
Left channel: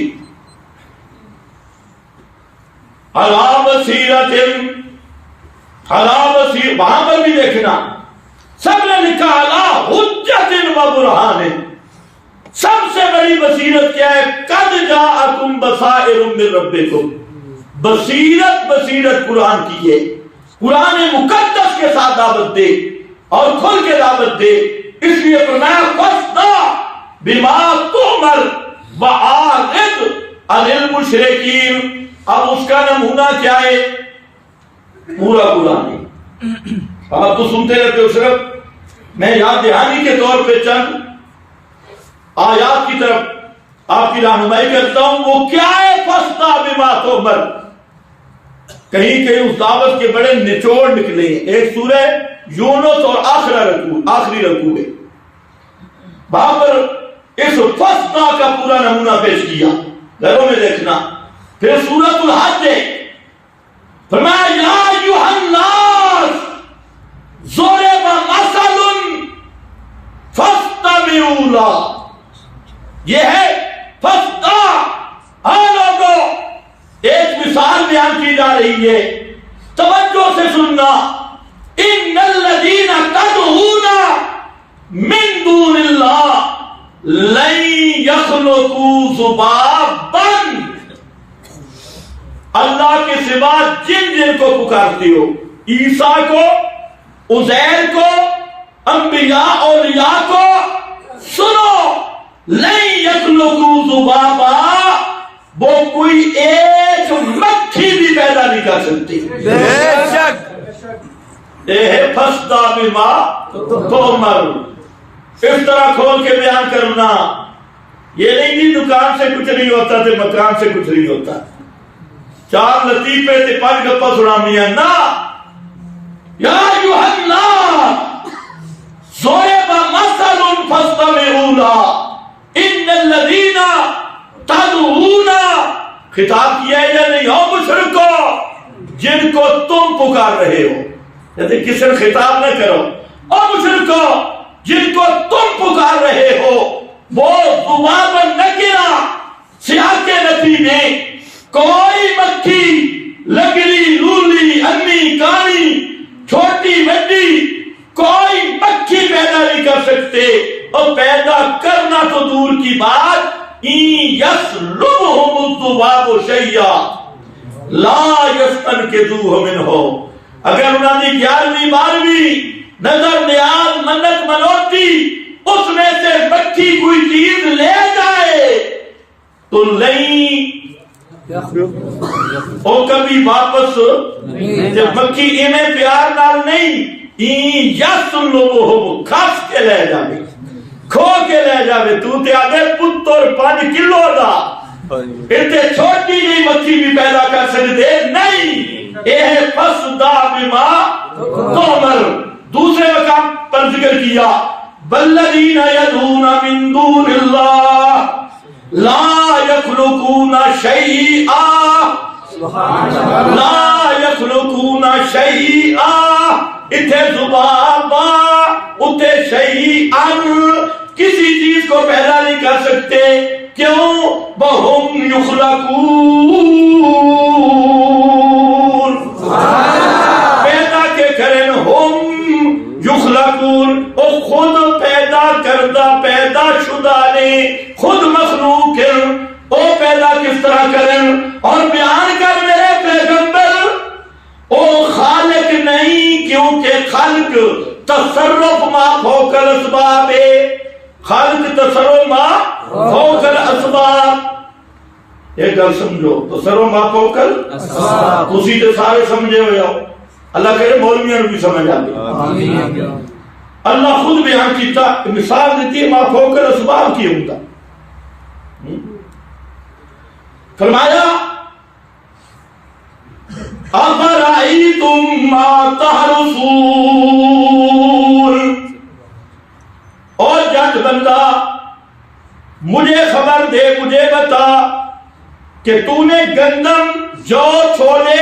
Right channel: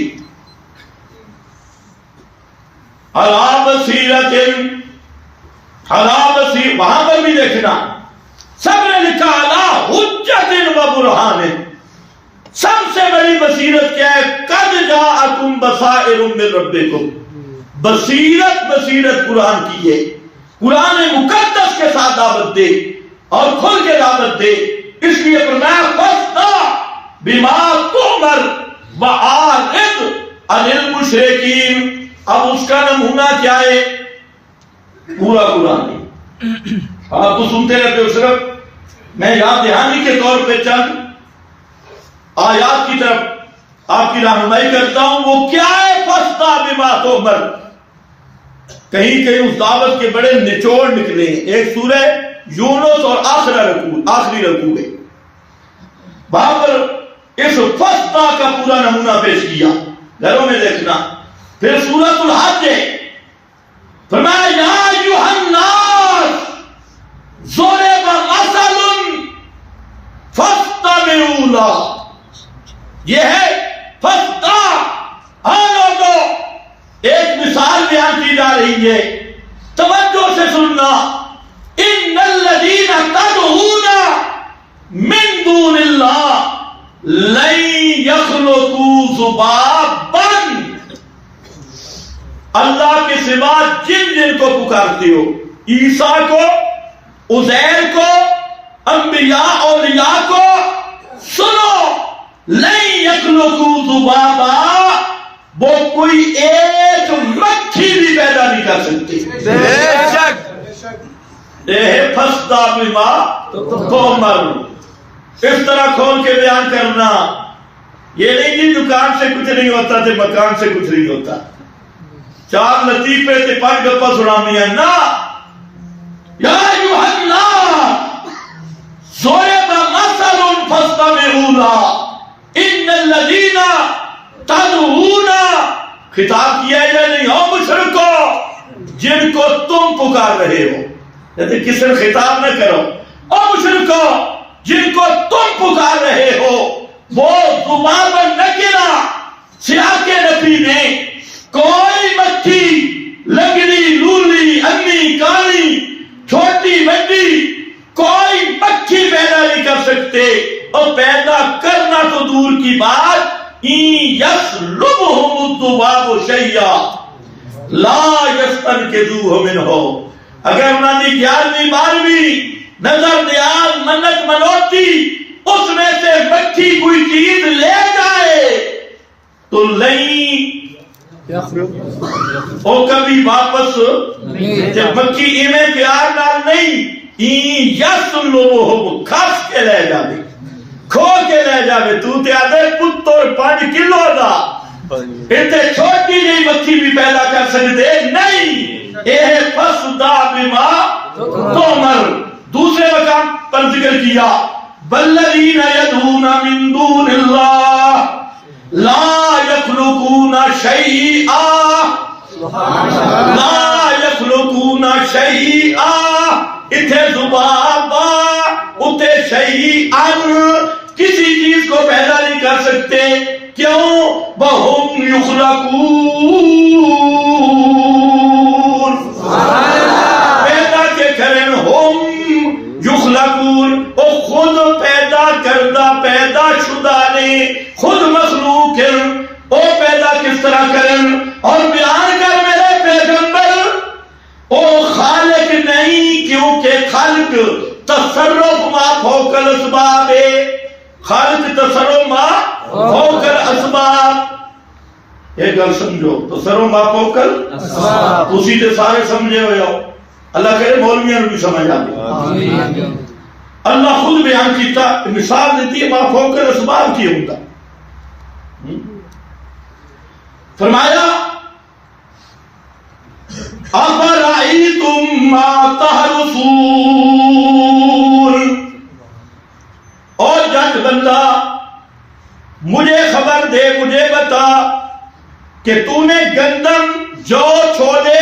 علی بصیرت، وہاں پر بھی دیکھنا سب نے لکھا علی حجت و برہان. سب سے بڑی بصیرت کیا ہے؟ قد جاءکم بصائر من ربکم. بصیرت قرآن کی ہے. قرآن مقدس کے ساتھ دعوت دے اور کھل کے دعوت دے. اس لیے فرمایا فَاسْتَعْ بِمَا تُؤْمَرُ وَأَعْرِضْ عَنِ الْمُشْرِكِينَ. اب اس کا نمونہ کیا ہے؟ پورا قرآن ہے. آپ تو سنتے رہتے ہو، صرف میں یاد دہانی کے طور پہ چند آیات کی طرف آپ کی رہنمائی کرتا ہوں. وہ کیا ہے؟ فَاسْتَعْ بِمَا تُؤْمَرُ. کہیں اس دعوت کے بڑے نچوڑ نکلے ہیں. ایک سورہ یونس اور آخری رکوع ہے، وہاں پر اس فَاسْتَعْ کا پورا نمونہ پیش کیا. گھروں میں دیکھنا. پھر سورۃ الحج ہے، فرمایا یا ایھا الناس ضرب مثل فاستمعوا لہ. یہ ہے فاستمع. لوگوں، ایک مثال بیان کی جا رہی ہے، توجہ سے سننا. ان الذین تدعون من دون اللہ لن یخلقوا ذبابا. اللہ کے سوا جن کو پکارتے ہو، عیسیٰ کو، عزیر کو، انبیاء اولیاء کو، سنو، لن یخلقوا ذبابا، وہ کوئی ایک مکھی بھی پیدا نہیں کر سکتی. بے شک فَاسْتَعْ بِمَا تُؤْمَرُ. اس طرح کھول کے بیان کرنا. یہ نہیں کہ دکان سے کچھ نہیں ہوتا تھے، مکان سے کچھ نہیں ہوتا. چار لطیفے تے پانچ گپا سنانی ہے نا. یا ایھا الناس ضرب مثل فاستمعوا لہ ان الذین تدعون. خطاب کیا ہے یا نہیں؟ ہو مشرکو جن کو تم پکار رہے ہو. کہتے کسی نے خطاب نہ کرو. او مشرکو جن کو تم پکار رہے ہو، وہ ذباب نکرہ سیاق نفی میں کوئی مکھی لگڑی لولی امی کالی چھوٹی بڑی کوئی مکھی پیدا نہیں کر سکتے، اور پیدا کرنا تو دور کی بات، یسلبہم الذباب شیئا لا یستنقذوہ منہ، اگر انہوں نے 11ویں 12ویں نظر نیاز منت منوتی اس میں سے مکھی کوئی چیز لے جائے تو نہیں او کبھی واپس جب مکھی ایمیں پیار نال نہیں یسلبہم کھس کے لے جاوے کھو کے لے جاوے، تو تے آدھے پتر 5 کلو دا اتنے چھوٹی جی مکھی بھی پیدا کر سکتے نہیں، اے فسدا بما تؤمر۔ دوسرے مقام پر ذکر کیا والذین یدعون من دون اللہ لا یخلقون شیئا لا یخلقون شیئا، اتھے زبان اتھے شیئن، کسی چیز کو پیدا نہیں کر سکتے، کیوں؟ وَهُمْ يُخْلَقُونَ، پیدا کے کرن ہم یخلقون، او خود پیدا کردہ پیدا شدہ نے خود مخلوق ہیں، او پیدا کس طرح کرن؟ اور بیان کر میرے پیغمبر، او خالق نہیں، کیونکہ خلق تصرف ما فوق الاسباب ہے، خالق تصرف ما فوق الاسباب، ایک گل سمجھو، تصرف ما فوق الاسباب اسی تے سارے سمجھے ہوئے ہو، اللہ کہے مولویاں بھی سمجھ آگے، اللہ خود بیان کیتا مثال دیتی ہے ما فوق الاسباب کی ہوتا، فرمایا افرأیتم ما تحرثون، اور جٹ بندہ مجھے خبر دے، مجھے بتا کہ تو نے گندم جو چھولے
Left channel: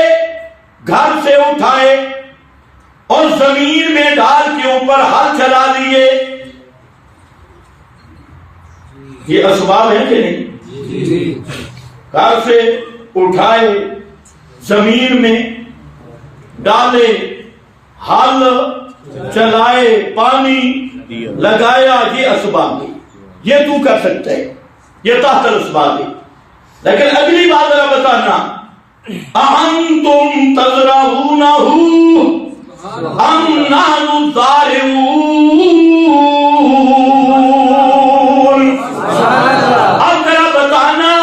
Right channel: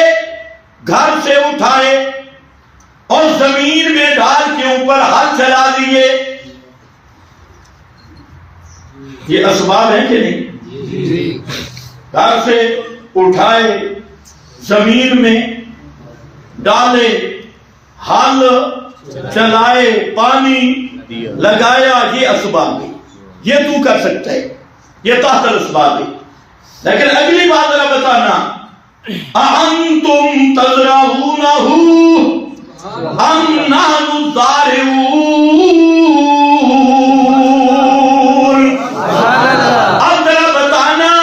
گھر سے اٹھائے اور زمین میں ڈال کے اوپر ہل چلا دیے، یہ اسباب ہیں کہ نہیں؟ گھر سے اٹھائے، زمین میں ڈالے، ہل چلائے، پانی لگایا، یہ اسباب ہے، یہ تو کر سکتا ہے، یہ تحت الاسباب ہے۔ لیکن اگلی بات ذرا بتانا، اَأَنْتُمْ تَزْرَعُونَهُ أَمْ نَحْنُ الزَّارِعُونَ، اب ذرا بتانا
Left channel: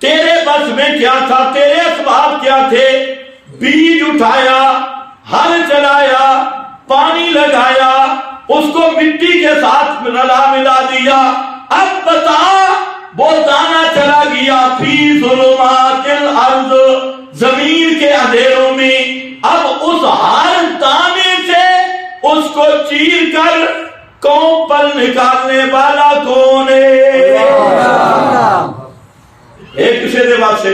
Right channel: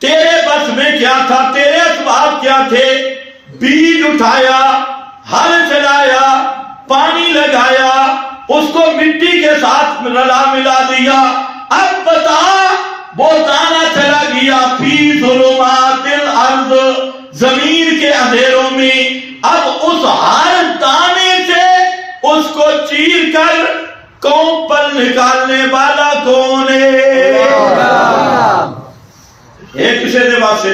تیرے بس میں کیا تھا، تیرے اسباب کیا تھے؟ بیج اٹھایا، ہل چلایا، پانی لگایا، اس کو مٹی کے ساتھ رلا ملا دیا، اب بتا وہ دانہ چلا گیا فی ظلمات الارض، زمین کے اندھیروں میں، اب اس ہر دانے سے اس کو چیر کر کوپل نکالنے والا کون ہے؟ ایک کسے دے واسے،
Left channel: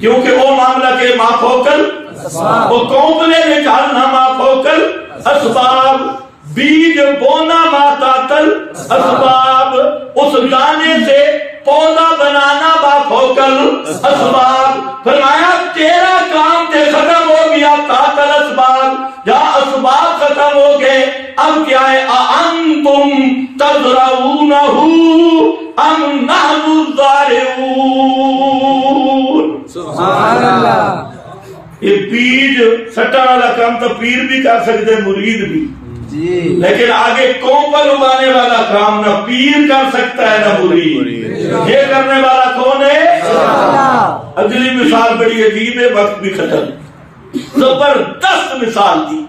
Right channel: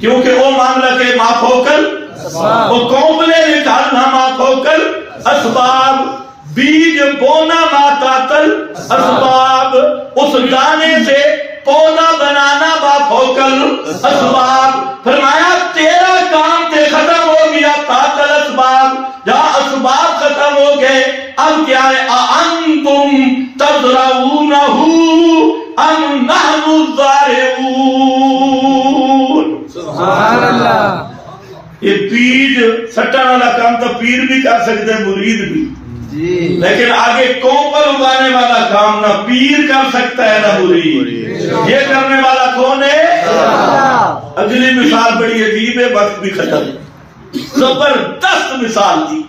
کیونکہ وہ معاملہ کے ما فوقل، وہ کوپلے نکالنا ما فوقل اسباب، بیج بونا ما تاتل اسباب، اس دانے سے پودا بنانا ما فوقل اسباب، فرمایا تیرا کام تے ختم ہو گیا تاتل اسباب، جہاں اسباب ختم ہو گئے، اب کیا ہے؟ اَأَنْتُمْ تَزْرَعُونَهُ أَمْ نَحْنُ الزَّارِعُونَ، سبحان اللہ۔ یہ بیج سٹن والا کام تو پیر بھی کر سکتے، مرید بھی، لیکن آگے کوپل اگانے والا کام نہ پیر کر سکتا ہے نہ مرید، یہ کرنے والا کون ہے؟ اگلی مثال بڑی عجیب ہے، وقت بھی ختم، زبردست مثال دی،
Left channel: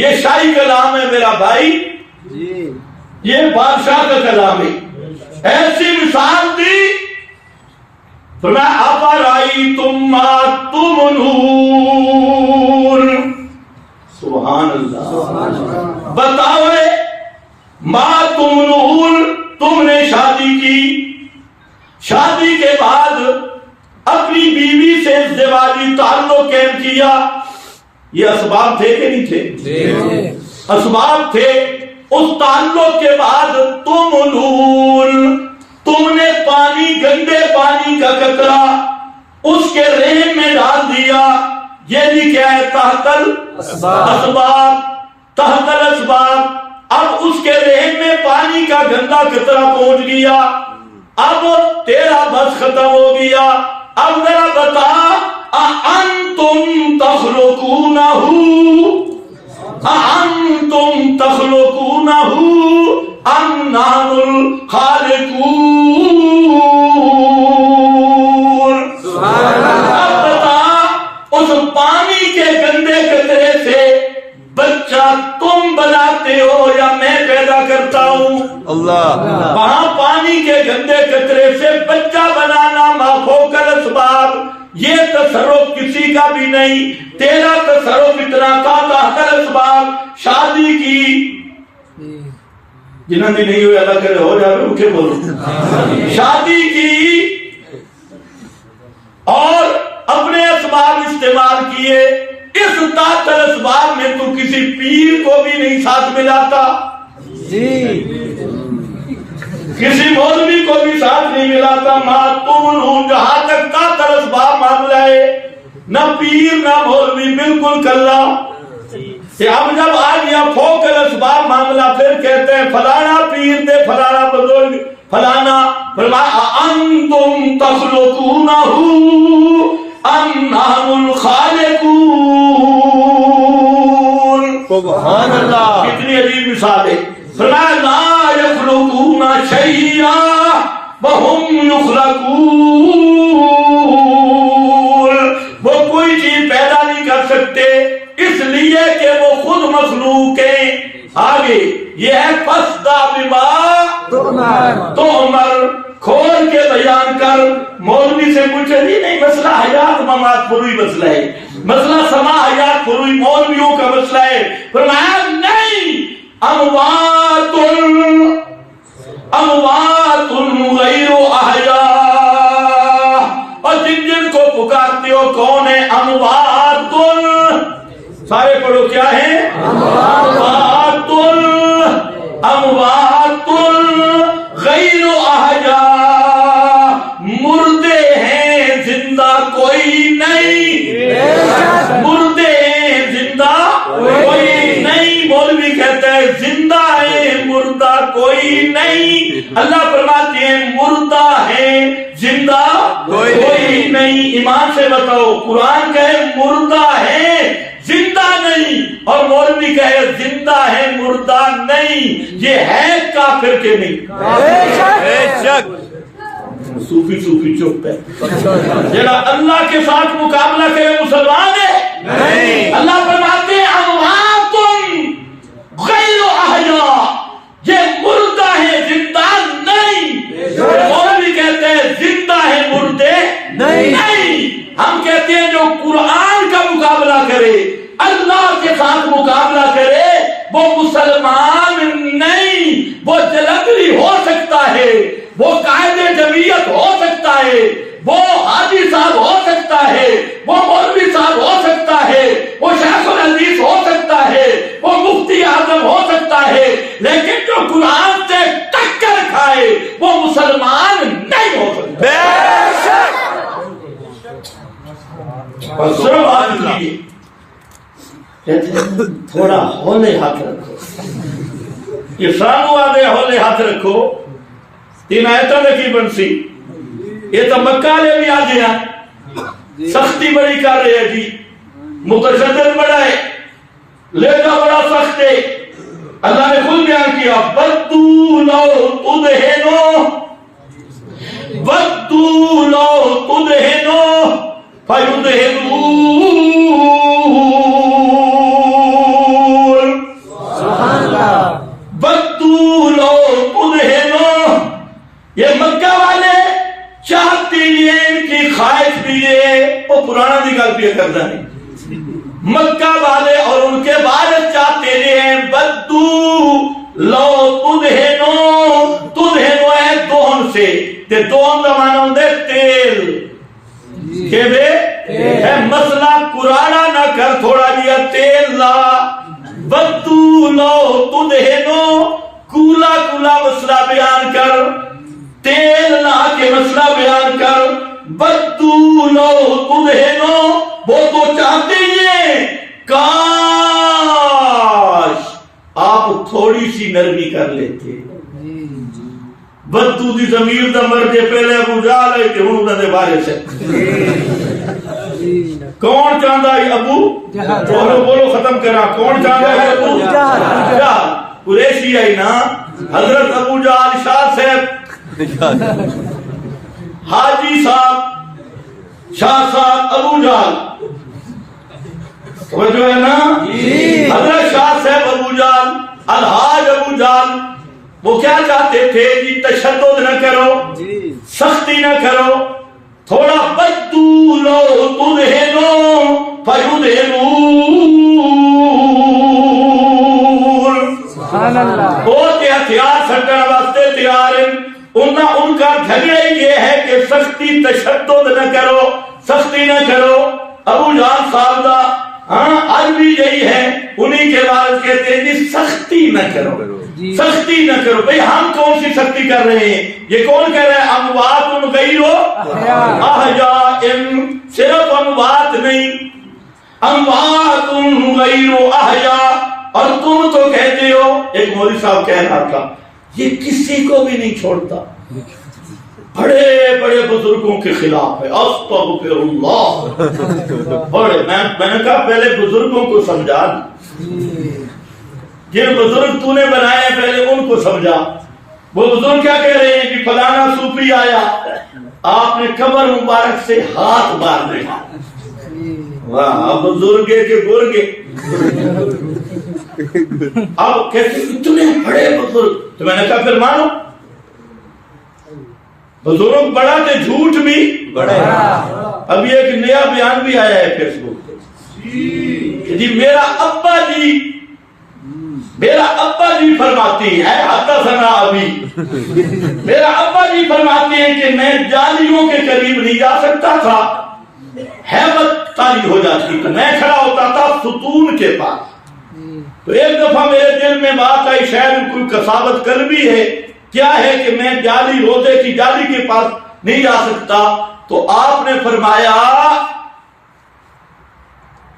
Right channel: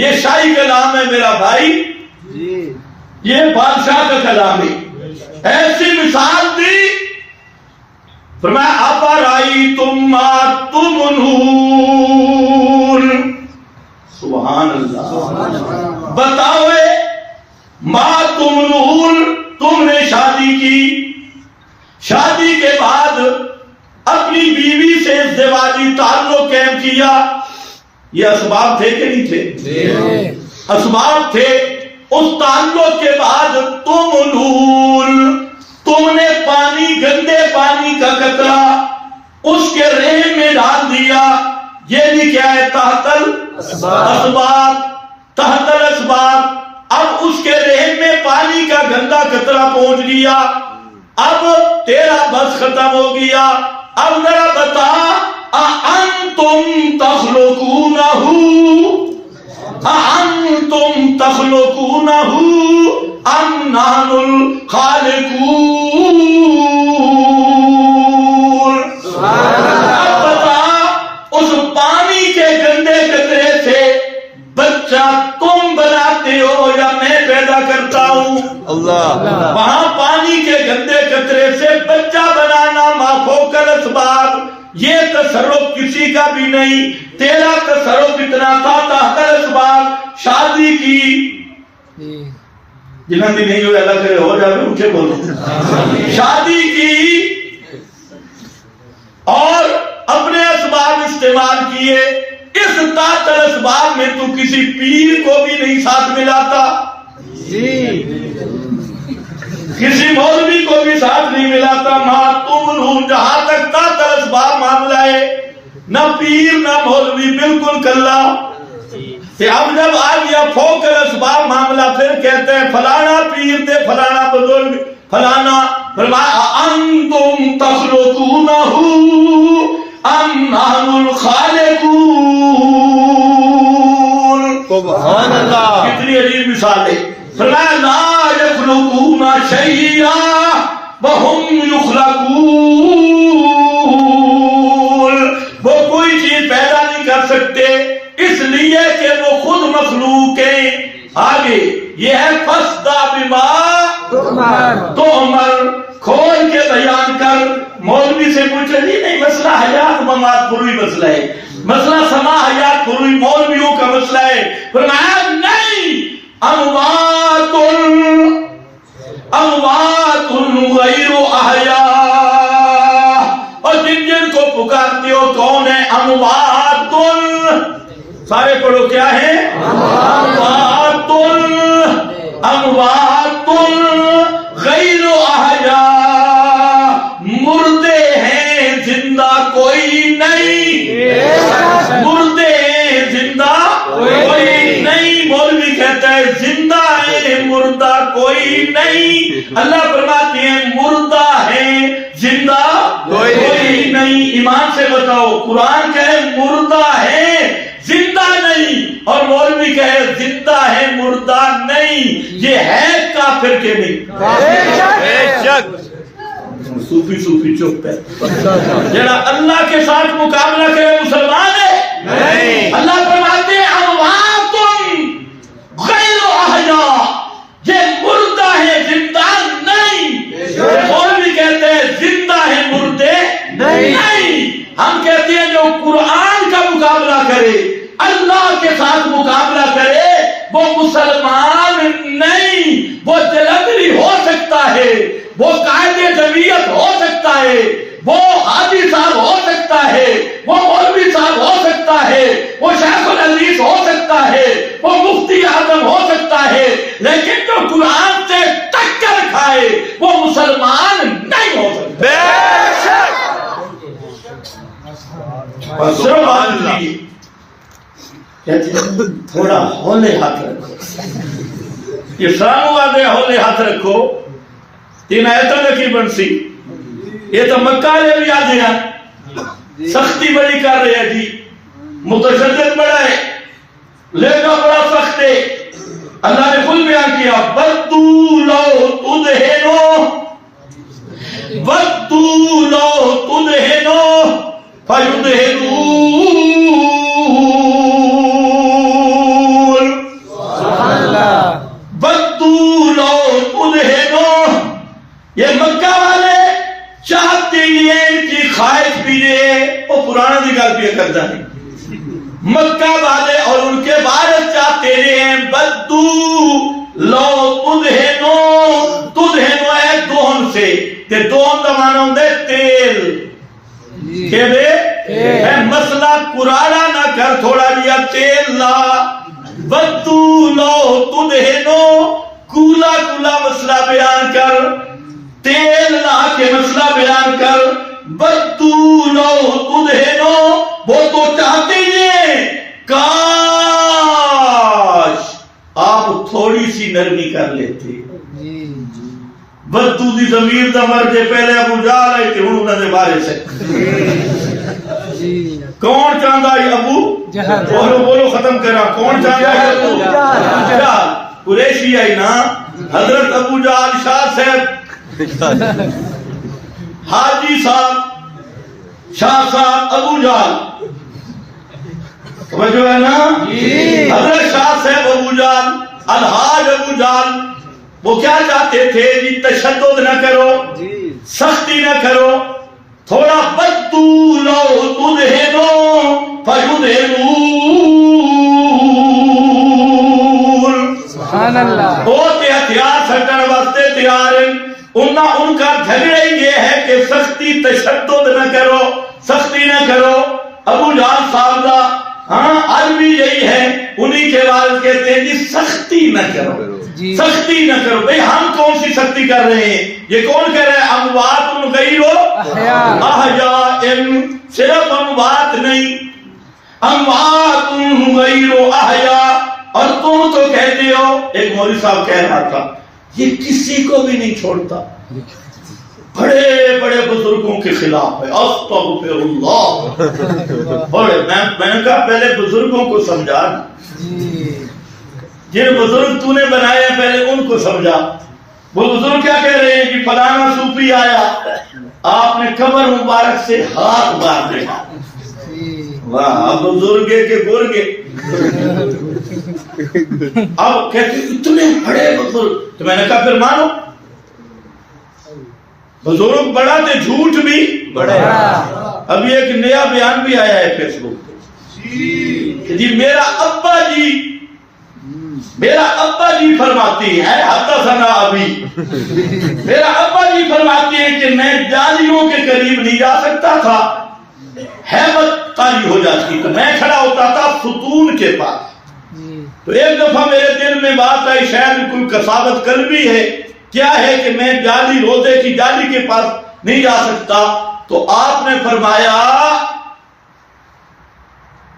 یہ شاہی کلام ہے میرا بھائی، یہ بادشاہ کا کلام ہے، ایسی مثال دی، فرمایا افرأیتم ما تمنون، سبحان اللہ، بتاؤے ما تمنون، تم نے شادی کی، شادی کے بعد اپنی بیوی سے ازدواجی تعلق قائم کیا، یہ اسباب تھے کہ نہیں تھے؟ اسباب تھے، اس تعلق کے بعد تم نے پانی، گندے پانی کا قطرہ اس کے رحم میں ڈال دیا. یہ بھی کیا ہے؟ تحت الاسباب. تحت الاسباب. اب اس کے رحم میں پانی کا گندا قطرہ پہنچ گیا. اب تیرا بس ختم ہو گیا. اب ذرا بتا، اَأَنْتُمْ تَخْلُقُونَهُ اَأَنْتُمْ تَخْلُقُونَهُ أَمْ نَحْنُ الْخَالِقُونَ. اب بتا، اس پانی کے گندے قطرے سے بچہ تم بناتے ہو یا میں پیدا کرتا ہوں؟ اللہ. وہاں پانی کے گندے قطرے سے بچہ بنانا ما فوق الاسباب، یہ تصرف کسی کا بھی نہیں. تیرا تصرف اتنا تھا تحت الاسباب. شادی کی، جنہوں نے نہیں ہوئے اللہ کرے ہو جائے اٹھے بولو. شادی کی اور اپنے اسباب استعمال کیے. اس تحت الاسباب میں تو کسی پیر کو بھی نہیں ساتھ ملاتا، کسی مولوی کو بھی ساتھ نہیں ملاتا. جہاں تک تحت الاسباب معاملہ ہے، نہ پیر نہ مولوی، بالکل کلا. اب جب آ گیا فوق الاسباب معاملہ، پھر کہتے ہیں فلانا پیر دے، فلانا بزرگ، فلانا. انتم تخلقونہ ام نحن الخالقون. سبحان اللہ. کتنی عجیب مثال ہے. فرمایا لا یخلقون شیئا وہم یخلقون. وہ کوئی چیز پیدا نہیں کر سکتے اس لیے کہ وہ خود مخلوق ہیں. آگے یہ ہے فَاسْدَعْ بِمَا تُؤْمَرُ. کھول کے بیان کر. مولوی سے پوچھے نہیں مسئلہ حیات ممات پروی مسئلہ ہے، مسئلہ سما حیات پروی مولویوں کا مسئلہ ہے. فرمایا نہیں، اموات غیر احیاء. اور جن کو پکارتے ہو کون ہے؟ اموات. سارے پڑھو کیا ہے؟ اموات غیر احیاء. مردے ہیں، زندہ کوئی نہیں. مردے ہیں، زندہ کوئی نہیں. مولوی کہتا ہے زندہ ہے، مردہ کوئی نہیں. اللہ فرماتے ہیں مردہ ہے، زندہ کوئی نہیں. ایمان سے بتاؤ، قرآن کہے مردہ ہے زندہ نہیں، اور مولوی کہے زندہ ہے مردہ نہیں. یہ ہے کافر کے نہیں؟ بے شک. صوفی چپ ہے. جڑا اللہ کے ساتھ مقابلہ کرے مسلمان ہے. اللہ فرماتے ہیں اموات غیر احیاء. یہ مردہ ہے، زندہ نہیں. مولوی کہتے ہیں زندہ ہے، مردے نہیں. ہم کہتے ہیں جو قرآن کا مقابلہ کرے، اللہ کے ساتھ مقابلہ کرے، وہ مسلمان نہیں. وہ جلندری ہو سکتا ہے، وہ قائد جمعیت ہو سکتا ہے، وہ حاجی صاحب ہو سکتا ہے، وہ مولوی صاحب ہو سکتا ہے، وہ شیخ الحدیث ہو سکتا ہے، وہ مفتی اعظم ہو سکتا ہے، لیکن جو قرآن سے ٹکر کھائے وہ مسلمان نہیں ہو سکتا. بے شک. تھوڑا ہولے ہاتھ رکھو. یہ سانو آدھے ہولے ہاتھ رکھو. تین ایتا دکی بنسی. یہ تو مکہ لے بھی آدھے ہیں، سختی بڑی کر رہے ہیں جی، متشدد بڑا ہے، لیکن بڑا سخت ہے. اللہ نے خود بیان کیا وَدُّوا لَوْ تُدْهِنُوا وَدُّوا لَوْ تُدْهِنُوا فَيُدْهِنُونَ. یہ مکہ والے چاہتے ہیں ان کی خواہش بھی ہے. وہ پرانا بھی گل پہ کرتا ہے. مکہ والے اور ان کے وارث چاہتے ہیں بدو لو تدہنو ہے دہن سے. تے دہن دا معنی ہوندا ہے تیل. کہ اے مسئلہ قرآن نہ کر، تھوڑا جیا تیل لا. بدو لو تدہنو، کولا کولا مسئلہ بیان کر، تیل لا کے مسئلہ بیان کر. بدو لو تدہنو، وہ تو چاہتے ہیں کاش آپ تھوڑی سی نرمی کر لیتے. بدو دی ضمیر دا مرجے پہلے ابو جہل آئی تے ہن انہاں دے بارے سے کون چاہندا ہے؟ ابو بولو بولو ختم کرا. کون چاہندا ہے؟ ابو جہل. قریشی آئی نا، حضرت ابو جہل شاہ صاحب، حاجی صاحب، شاہ صاحب، ابو جہل. توجہ ہے نا؟ حضرت شاہ صاحب ابو جہل، الحاج ابو جہل، وہ کیا چاہتے تھے جی؟ تشدد نہ کرو، سختی نہ کرو، تھوڑا بدو لو تدہنو فیدہنون. سبحان اللہ. وہ تے ہتھیار سٹن واسطے تیار ہیں. ان کا جھگڑا یہ ہے کہ سختی، تشدد نہ کرو، سختی نہ کرو. ابو جہل صاحب دا آج بھی یہی ہے، انہی کے والد کہتے ہیں جی سختی نہ کرو، سختی نہ کرو. بھئی ہم کون سی سختی کر رہے ہیں؟ یہ کون کہہ رہا ہے؟ اموات غیر احیاء. صرف اموات نہیں، اموات غیر احیاء. اور تم تو کہتے ہو، ایک مولوی صاحب کہہ رہا تھا، یہ کسی کو بھی نہیں چھوڑتا، بڑے بڑے بزرگوں کے خلاف ہے. استغفر اللہ. بڑے میں نے کہا پہلے بزرگوں کو سمجھا، جن بزرگ تو نے بنائے ہیں پہلے ان کو سمجھا. وہ بزرگ کیا کہہ رہے ہیں کہ فلانا صوفی آیا، آپ نے کمر مبارک سے ہاتھ مار دیا. واہ بزرگے کے گرگے. اب کہتے اتنے بڑے بزرگ، تو میں نے کہا پھر مانو بزرگ بڑا تے جھوٹ بھی بڑا. ابھی ایک نیا بیان بھی آیا ہے فیس بک پہ جی، میرا ابا جی فرماتی ہیں، حدثنا ابھی، میرا ابا جی فرماتی ہیں کہ میں جالیوں کے قریب نہیں جا سکتا تھا، ہیبت طاری ہو جاتی، تو میں کھڑا ہوتا تھا ستون کے پاس. تو ایک دفعہ میرے دل میں بات آئی، شاید کوئی کساوت قلبی ہے، کیا ہے کہ میں جالی روزے کی جالی کے پاس نہیں جا سکتا. تو آپ نے فرمایا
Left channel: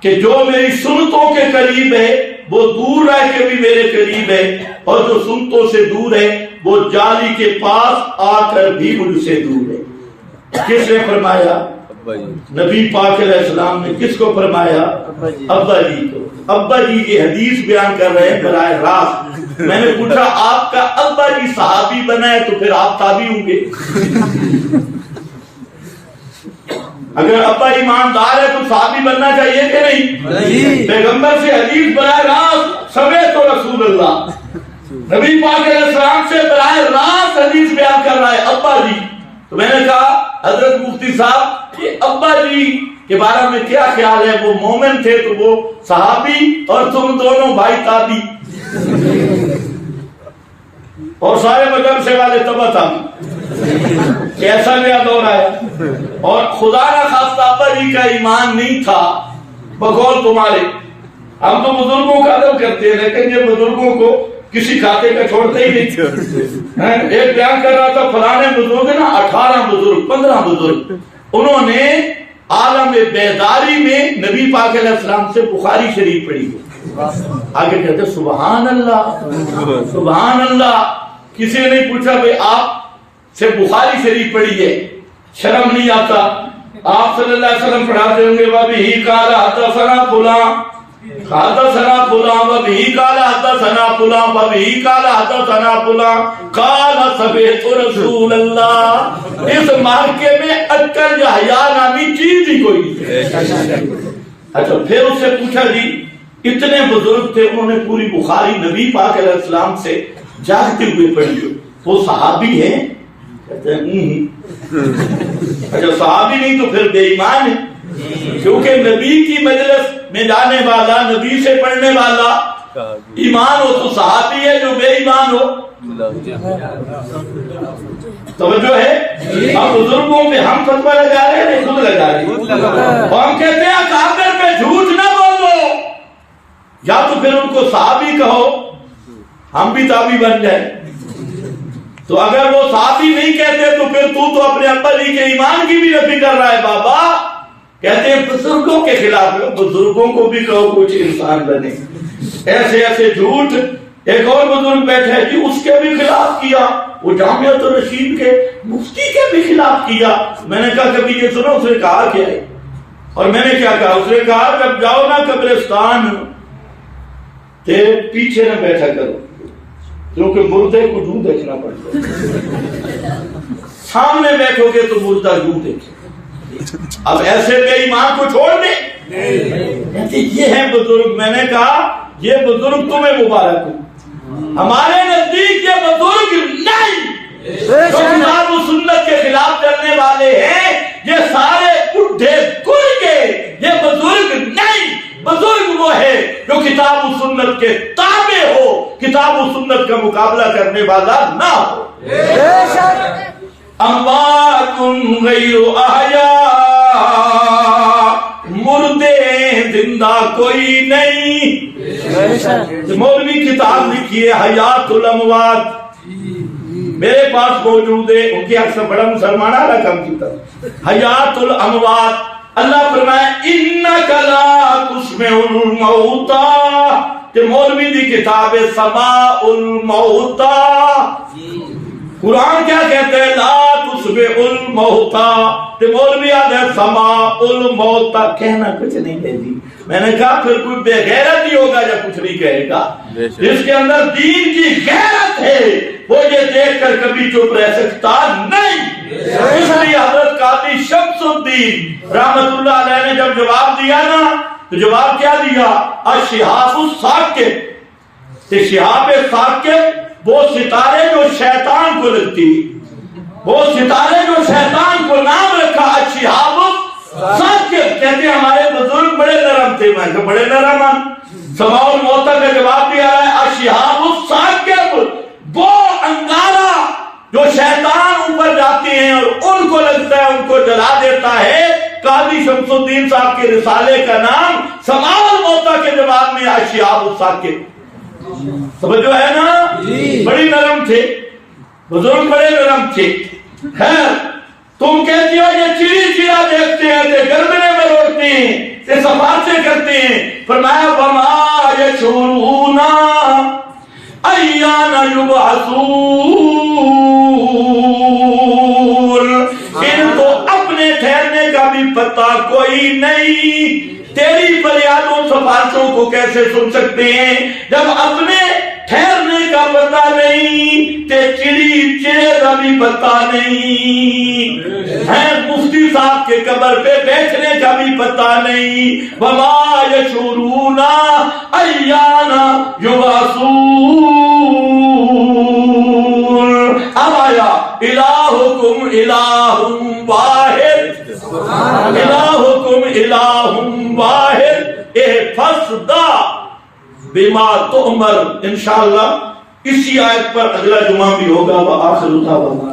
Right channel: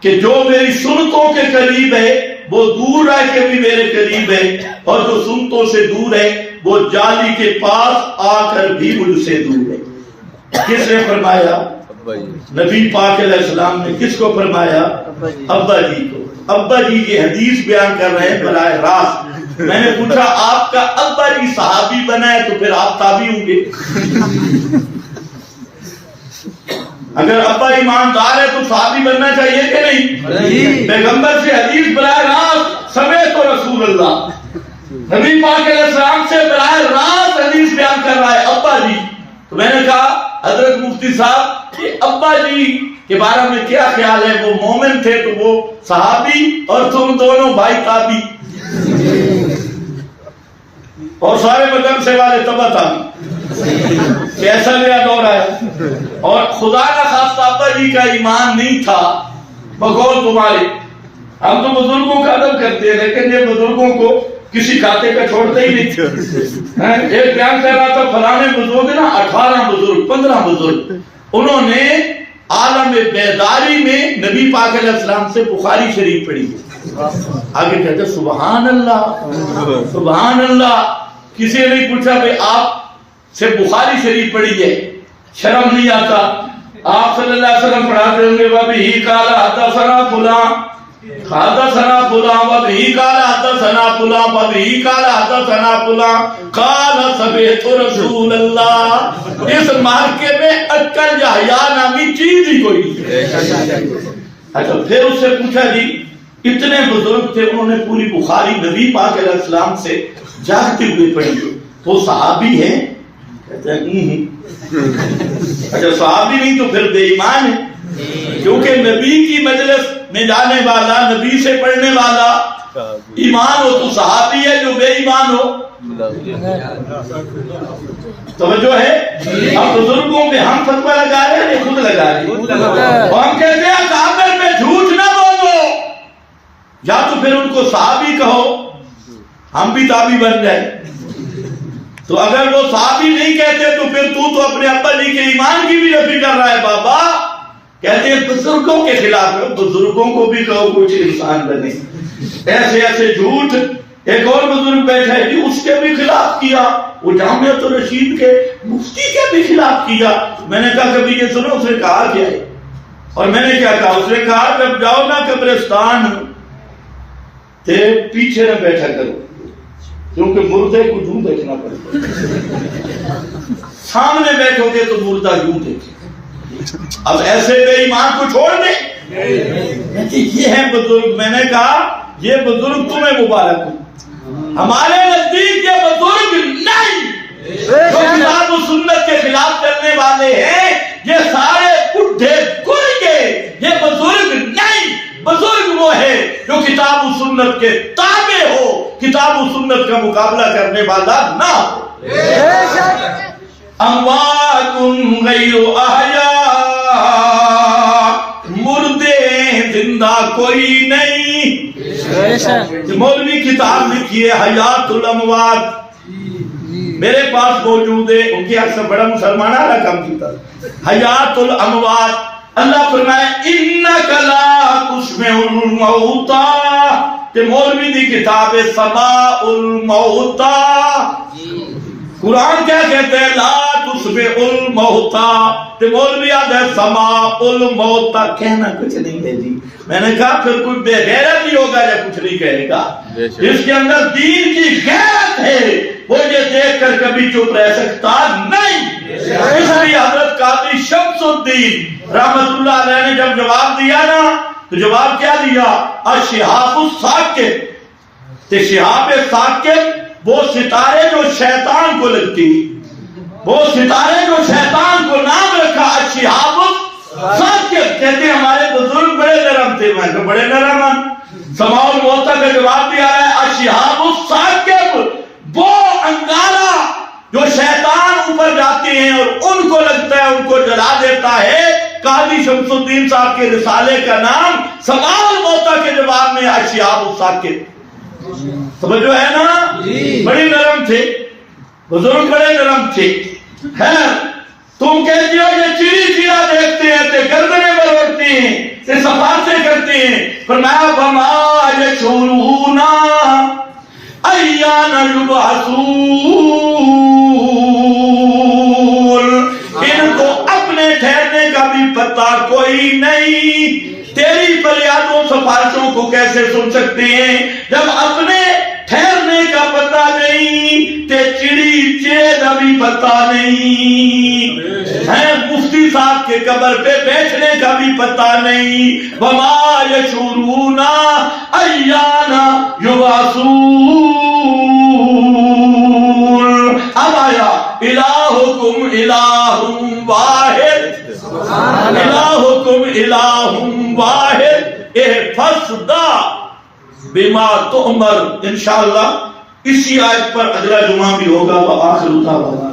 کہ جو میری سنتوں کے قریب ہے وہ دور رہ کے بھی میرے قریب ہے، اور جو سنتوں سے دور ہے وہ جالی کے پاس آ کر بھی مجھ سے دور ہے. کس نے فرمایا؟ نبی پاک علیہ السلام نے. کس کو فرمایا؟ ابا جی کو. ابا جی یہ حدیث بیان کر رہے ہیں براہ راست. میں نے پوچھا آپ کا ابا جی صحابی بنا ہے تو پھر آپ تابعی ہوں گے. اگر ابا ایماندار ہے تو صحابی بننا چاہیے کہ نہیں؟ پیغمبر سے حدیث براہ راست سمیت رسول اللہ، نبی پاک علیہ السلام سے براہ راست حدیث بیان کر رہا ہے ابا جی. تو میں نے کہا حضرت مفتی صاحب کہ ابا جی کے بارے میں کیا خیال ہے؟ وہ مومن تھے تو وہ صحابی، اور تم دونوں بھائی تابعی، اور سارے مدرسے والے تبع تابعی. کیسا نیا دور آیا. اور خدا نہ خواستہ ابا جی کا ایمان نہیں تھا بقول تمہارے. ہم تو بزرگوں کا ادب کرتے ہیں، لیکن یہ بزرگوں کو کسی کھاتے کا چھوڑتے ہی نہیں. ایک بیان کر رہا تھا فلانے بزرگ نا 18 بزرگ 15 بزرگ، انہوں نے عالم بیداری میں نبی پاک علیہ السلام سے بخاری شریف پڑھی ہے. آگے کہتے سبحان اللہ سبحان اللہ. کسی نے نہیں پوچھا بھئی آپ سے بخاری شریف پڑھی ہے، شرم نہیں آتا؟ آپ صلی اللہ علیہ وسلم پڑھاتے ہوں گے وَبِهِ قَالَ حَدَّثَنَا فُلَانٌ حَدَّثَنَا فُلَانٌ وَبِهِ قَالَ حَدَّثَنَا فُلَانٌ وَبِهِ قَالَ حَدَّثَنَا فُلَانٌ قَالَ سَمِعْتُ رَسُولَ اللَّهِ. اس مارکے میں عقل یا حیا نامی چیز ہی کوئی نہیں. اچھا پھر اس سے پوچھا جی اتنے بزرگ تھے، انہوں نے پوری بخاری نبی پاک علیہ السلام سے جاگتے ہوئے پڑھی، وہ صحابی ہیں؟ کہتے ہیں اچھا صحابی نہیں تو پھر بے ایمان ہے، کیونکہ نبی کی مجلس میں جانے والا، نبی سے پڑھنے والا ایمان ہو تو صحابی ہے، جو بے ایمان ہو توجہ ہے. ہم بزرگوں پہ ہم فتویٰ لگا رہے ہیں، خود لگا رہے ہیں، اور ہم کہتے ہیں کافر پہ جھوٹ نہ بولو. یا تو پھر ان کو صحابی کہو، ہم بھی تابعی بن جائیں. تو اگر وہ صحابی نہیں کہتے تو پھر تو اپنے ابا جی کے ایمان کی بھی نفی کر رہا ہے. بابا کہتے ہیں بزرگوں کے خلاف ہے. بزرگوں کو بھی کہو کچھ انسان بنے. ایسے ایسے جھوٹ. ایک اور بزرگ بیٹھا ہے جی، اس کے بھی خلاف کیا، وہ جامعۃ الرشید کے مفتی کے بھی خلاف کیا. میں نے کہا کبھی یہ سنو اس نے کہا کیا ہے؟ اور میں نے کیا کہا؟ اس نے کہا جب جاؤ نا قبرستان تے پیچھے نہ بیٹھا کرو، کیونکہ مردے کو یوں دیکھنا پڑتا ہے. سامنے بیٹھو گے تو مردہ یوں دیکھے. اب ایسے بے ایمان کو چھوڑ دیں. یہ ہے بزرگ. میں نے کہا یہ بزرگ تمہیں مبارک ہو. ہمارے نزدیک یہ بزرگ نہیں جو کتاب و سنت کے خلاف چلنے والے ہیں، یہ سارے بڈھے گرگے. یہ بزرگ نہیں. بزرگ وہ ہے جو کتاب و سنت کے تابع ہو، کتاب و سنت کا مقابلہ کرنے والا نہ ہو. اموات غیر احیاء، مردے زندہ کوئی نہیں. مولوی کتاب لکھی ہے حیات الاموات، میرے پاس موجود ہے. ان کی حق سے بڑا مسلمان آلہ کم کیتا حیات الاموات. اللہ فرمائے انک لا تسمع الموتى. کہ مولوی دی کتاب ہے سماع الموتى. قرآن کیا کہتے ہیں؟ لا تسمع الموتى. تو مولوی آدھے سماع الموتى. کہنا کچھ نہیں ہے جی. میں نے کہا پھر کوئی بے غیرت ہی ہوگا جب کچھ نہیں کہے گا. جس کے اندر دین کی غیرت ہے وہ یہ دیکھ کر کبھی چپ رہ سکتا نہیں. اس لیے حضرت قاضی شمس الدین رحمت اللہ علیہ نے جب جواب دیا نا تو جواب کیا دیا؟ الشہاب الثاقب. تو شہاب ثاقب وہ ستارے جو شیطان کو لگتی، وہ ستارے جو شیطان کو نام رکھا الشہاب الثاقب. کہتے ہیں ہمارے بزرگ بڑے نرم تھے. میں کہ بڑے نرم ہم. سماع الموتى کا جواب دیا ہے الشہاب الثاقب، وہ انگارہ جو شیطان اوپر جاتے ہیں اور ان کو لگتا ہے، ان کو جلا دیتا ہے. قاضی شمس الدین صاحب کے رسالے کا نام سماع الموتى کے جواب میں الشہاب الثاقب. سمجھو ہے نا؟ بڑی نرم تھے بزرگ، بڑے نرم تھے. خیر تم کہتے ہو یہ چیڑی چیڑا دیکھتے ہیں تے گردنے میں روڑتے ہیں تے سفارشیں کرتے ہیں. فرمایا وما یشعرون ایان یبعثون. ان کو اپنے ٹھہرنے کا بھی پتہ کوئی نہیں. تیری فریادوں سفارشوں کو کیسے سن سکتے ہیں جب اپنے ٹھہرنے کا پتہ نہیں، تے چڑی چڑے کا بھی پتہ نہیں ہے. مفتی صاحب کے قبر پہ بیٹھنے کا بھی پتہ نہیں. وما یشعرون ایان یبعثون. اب آیا الہکم الہ واحد، الہکم الہ واحد احفظ بما تؤمر. انشاءاللہ اسی آیت پر اگلا جمعہ بھی ہوگا. وآخر دعوانا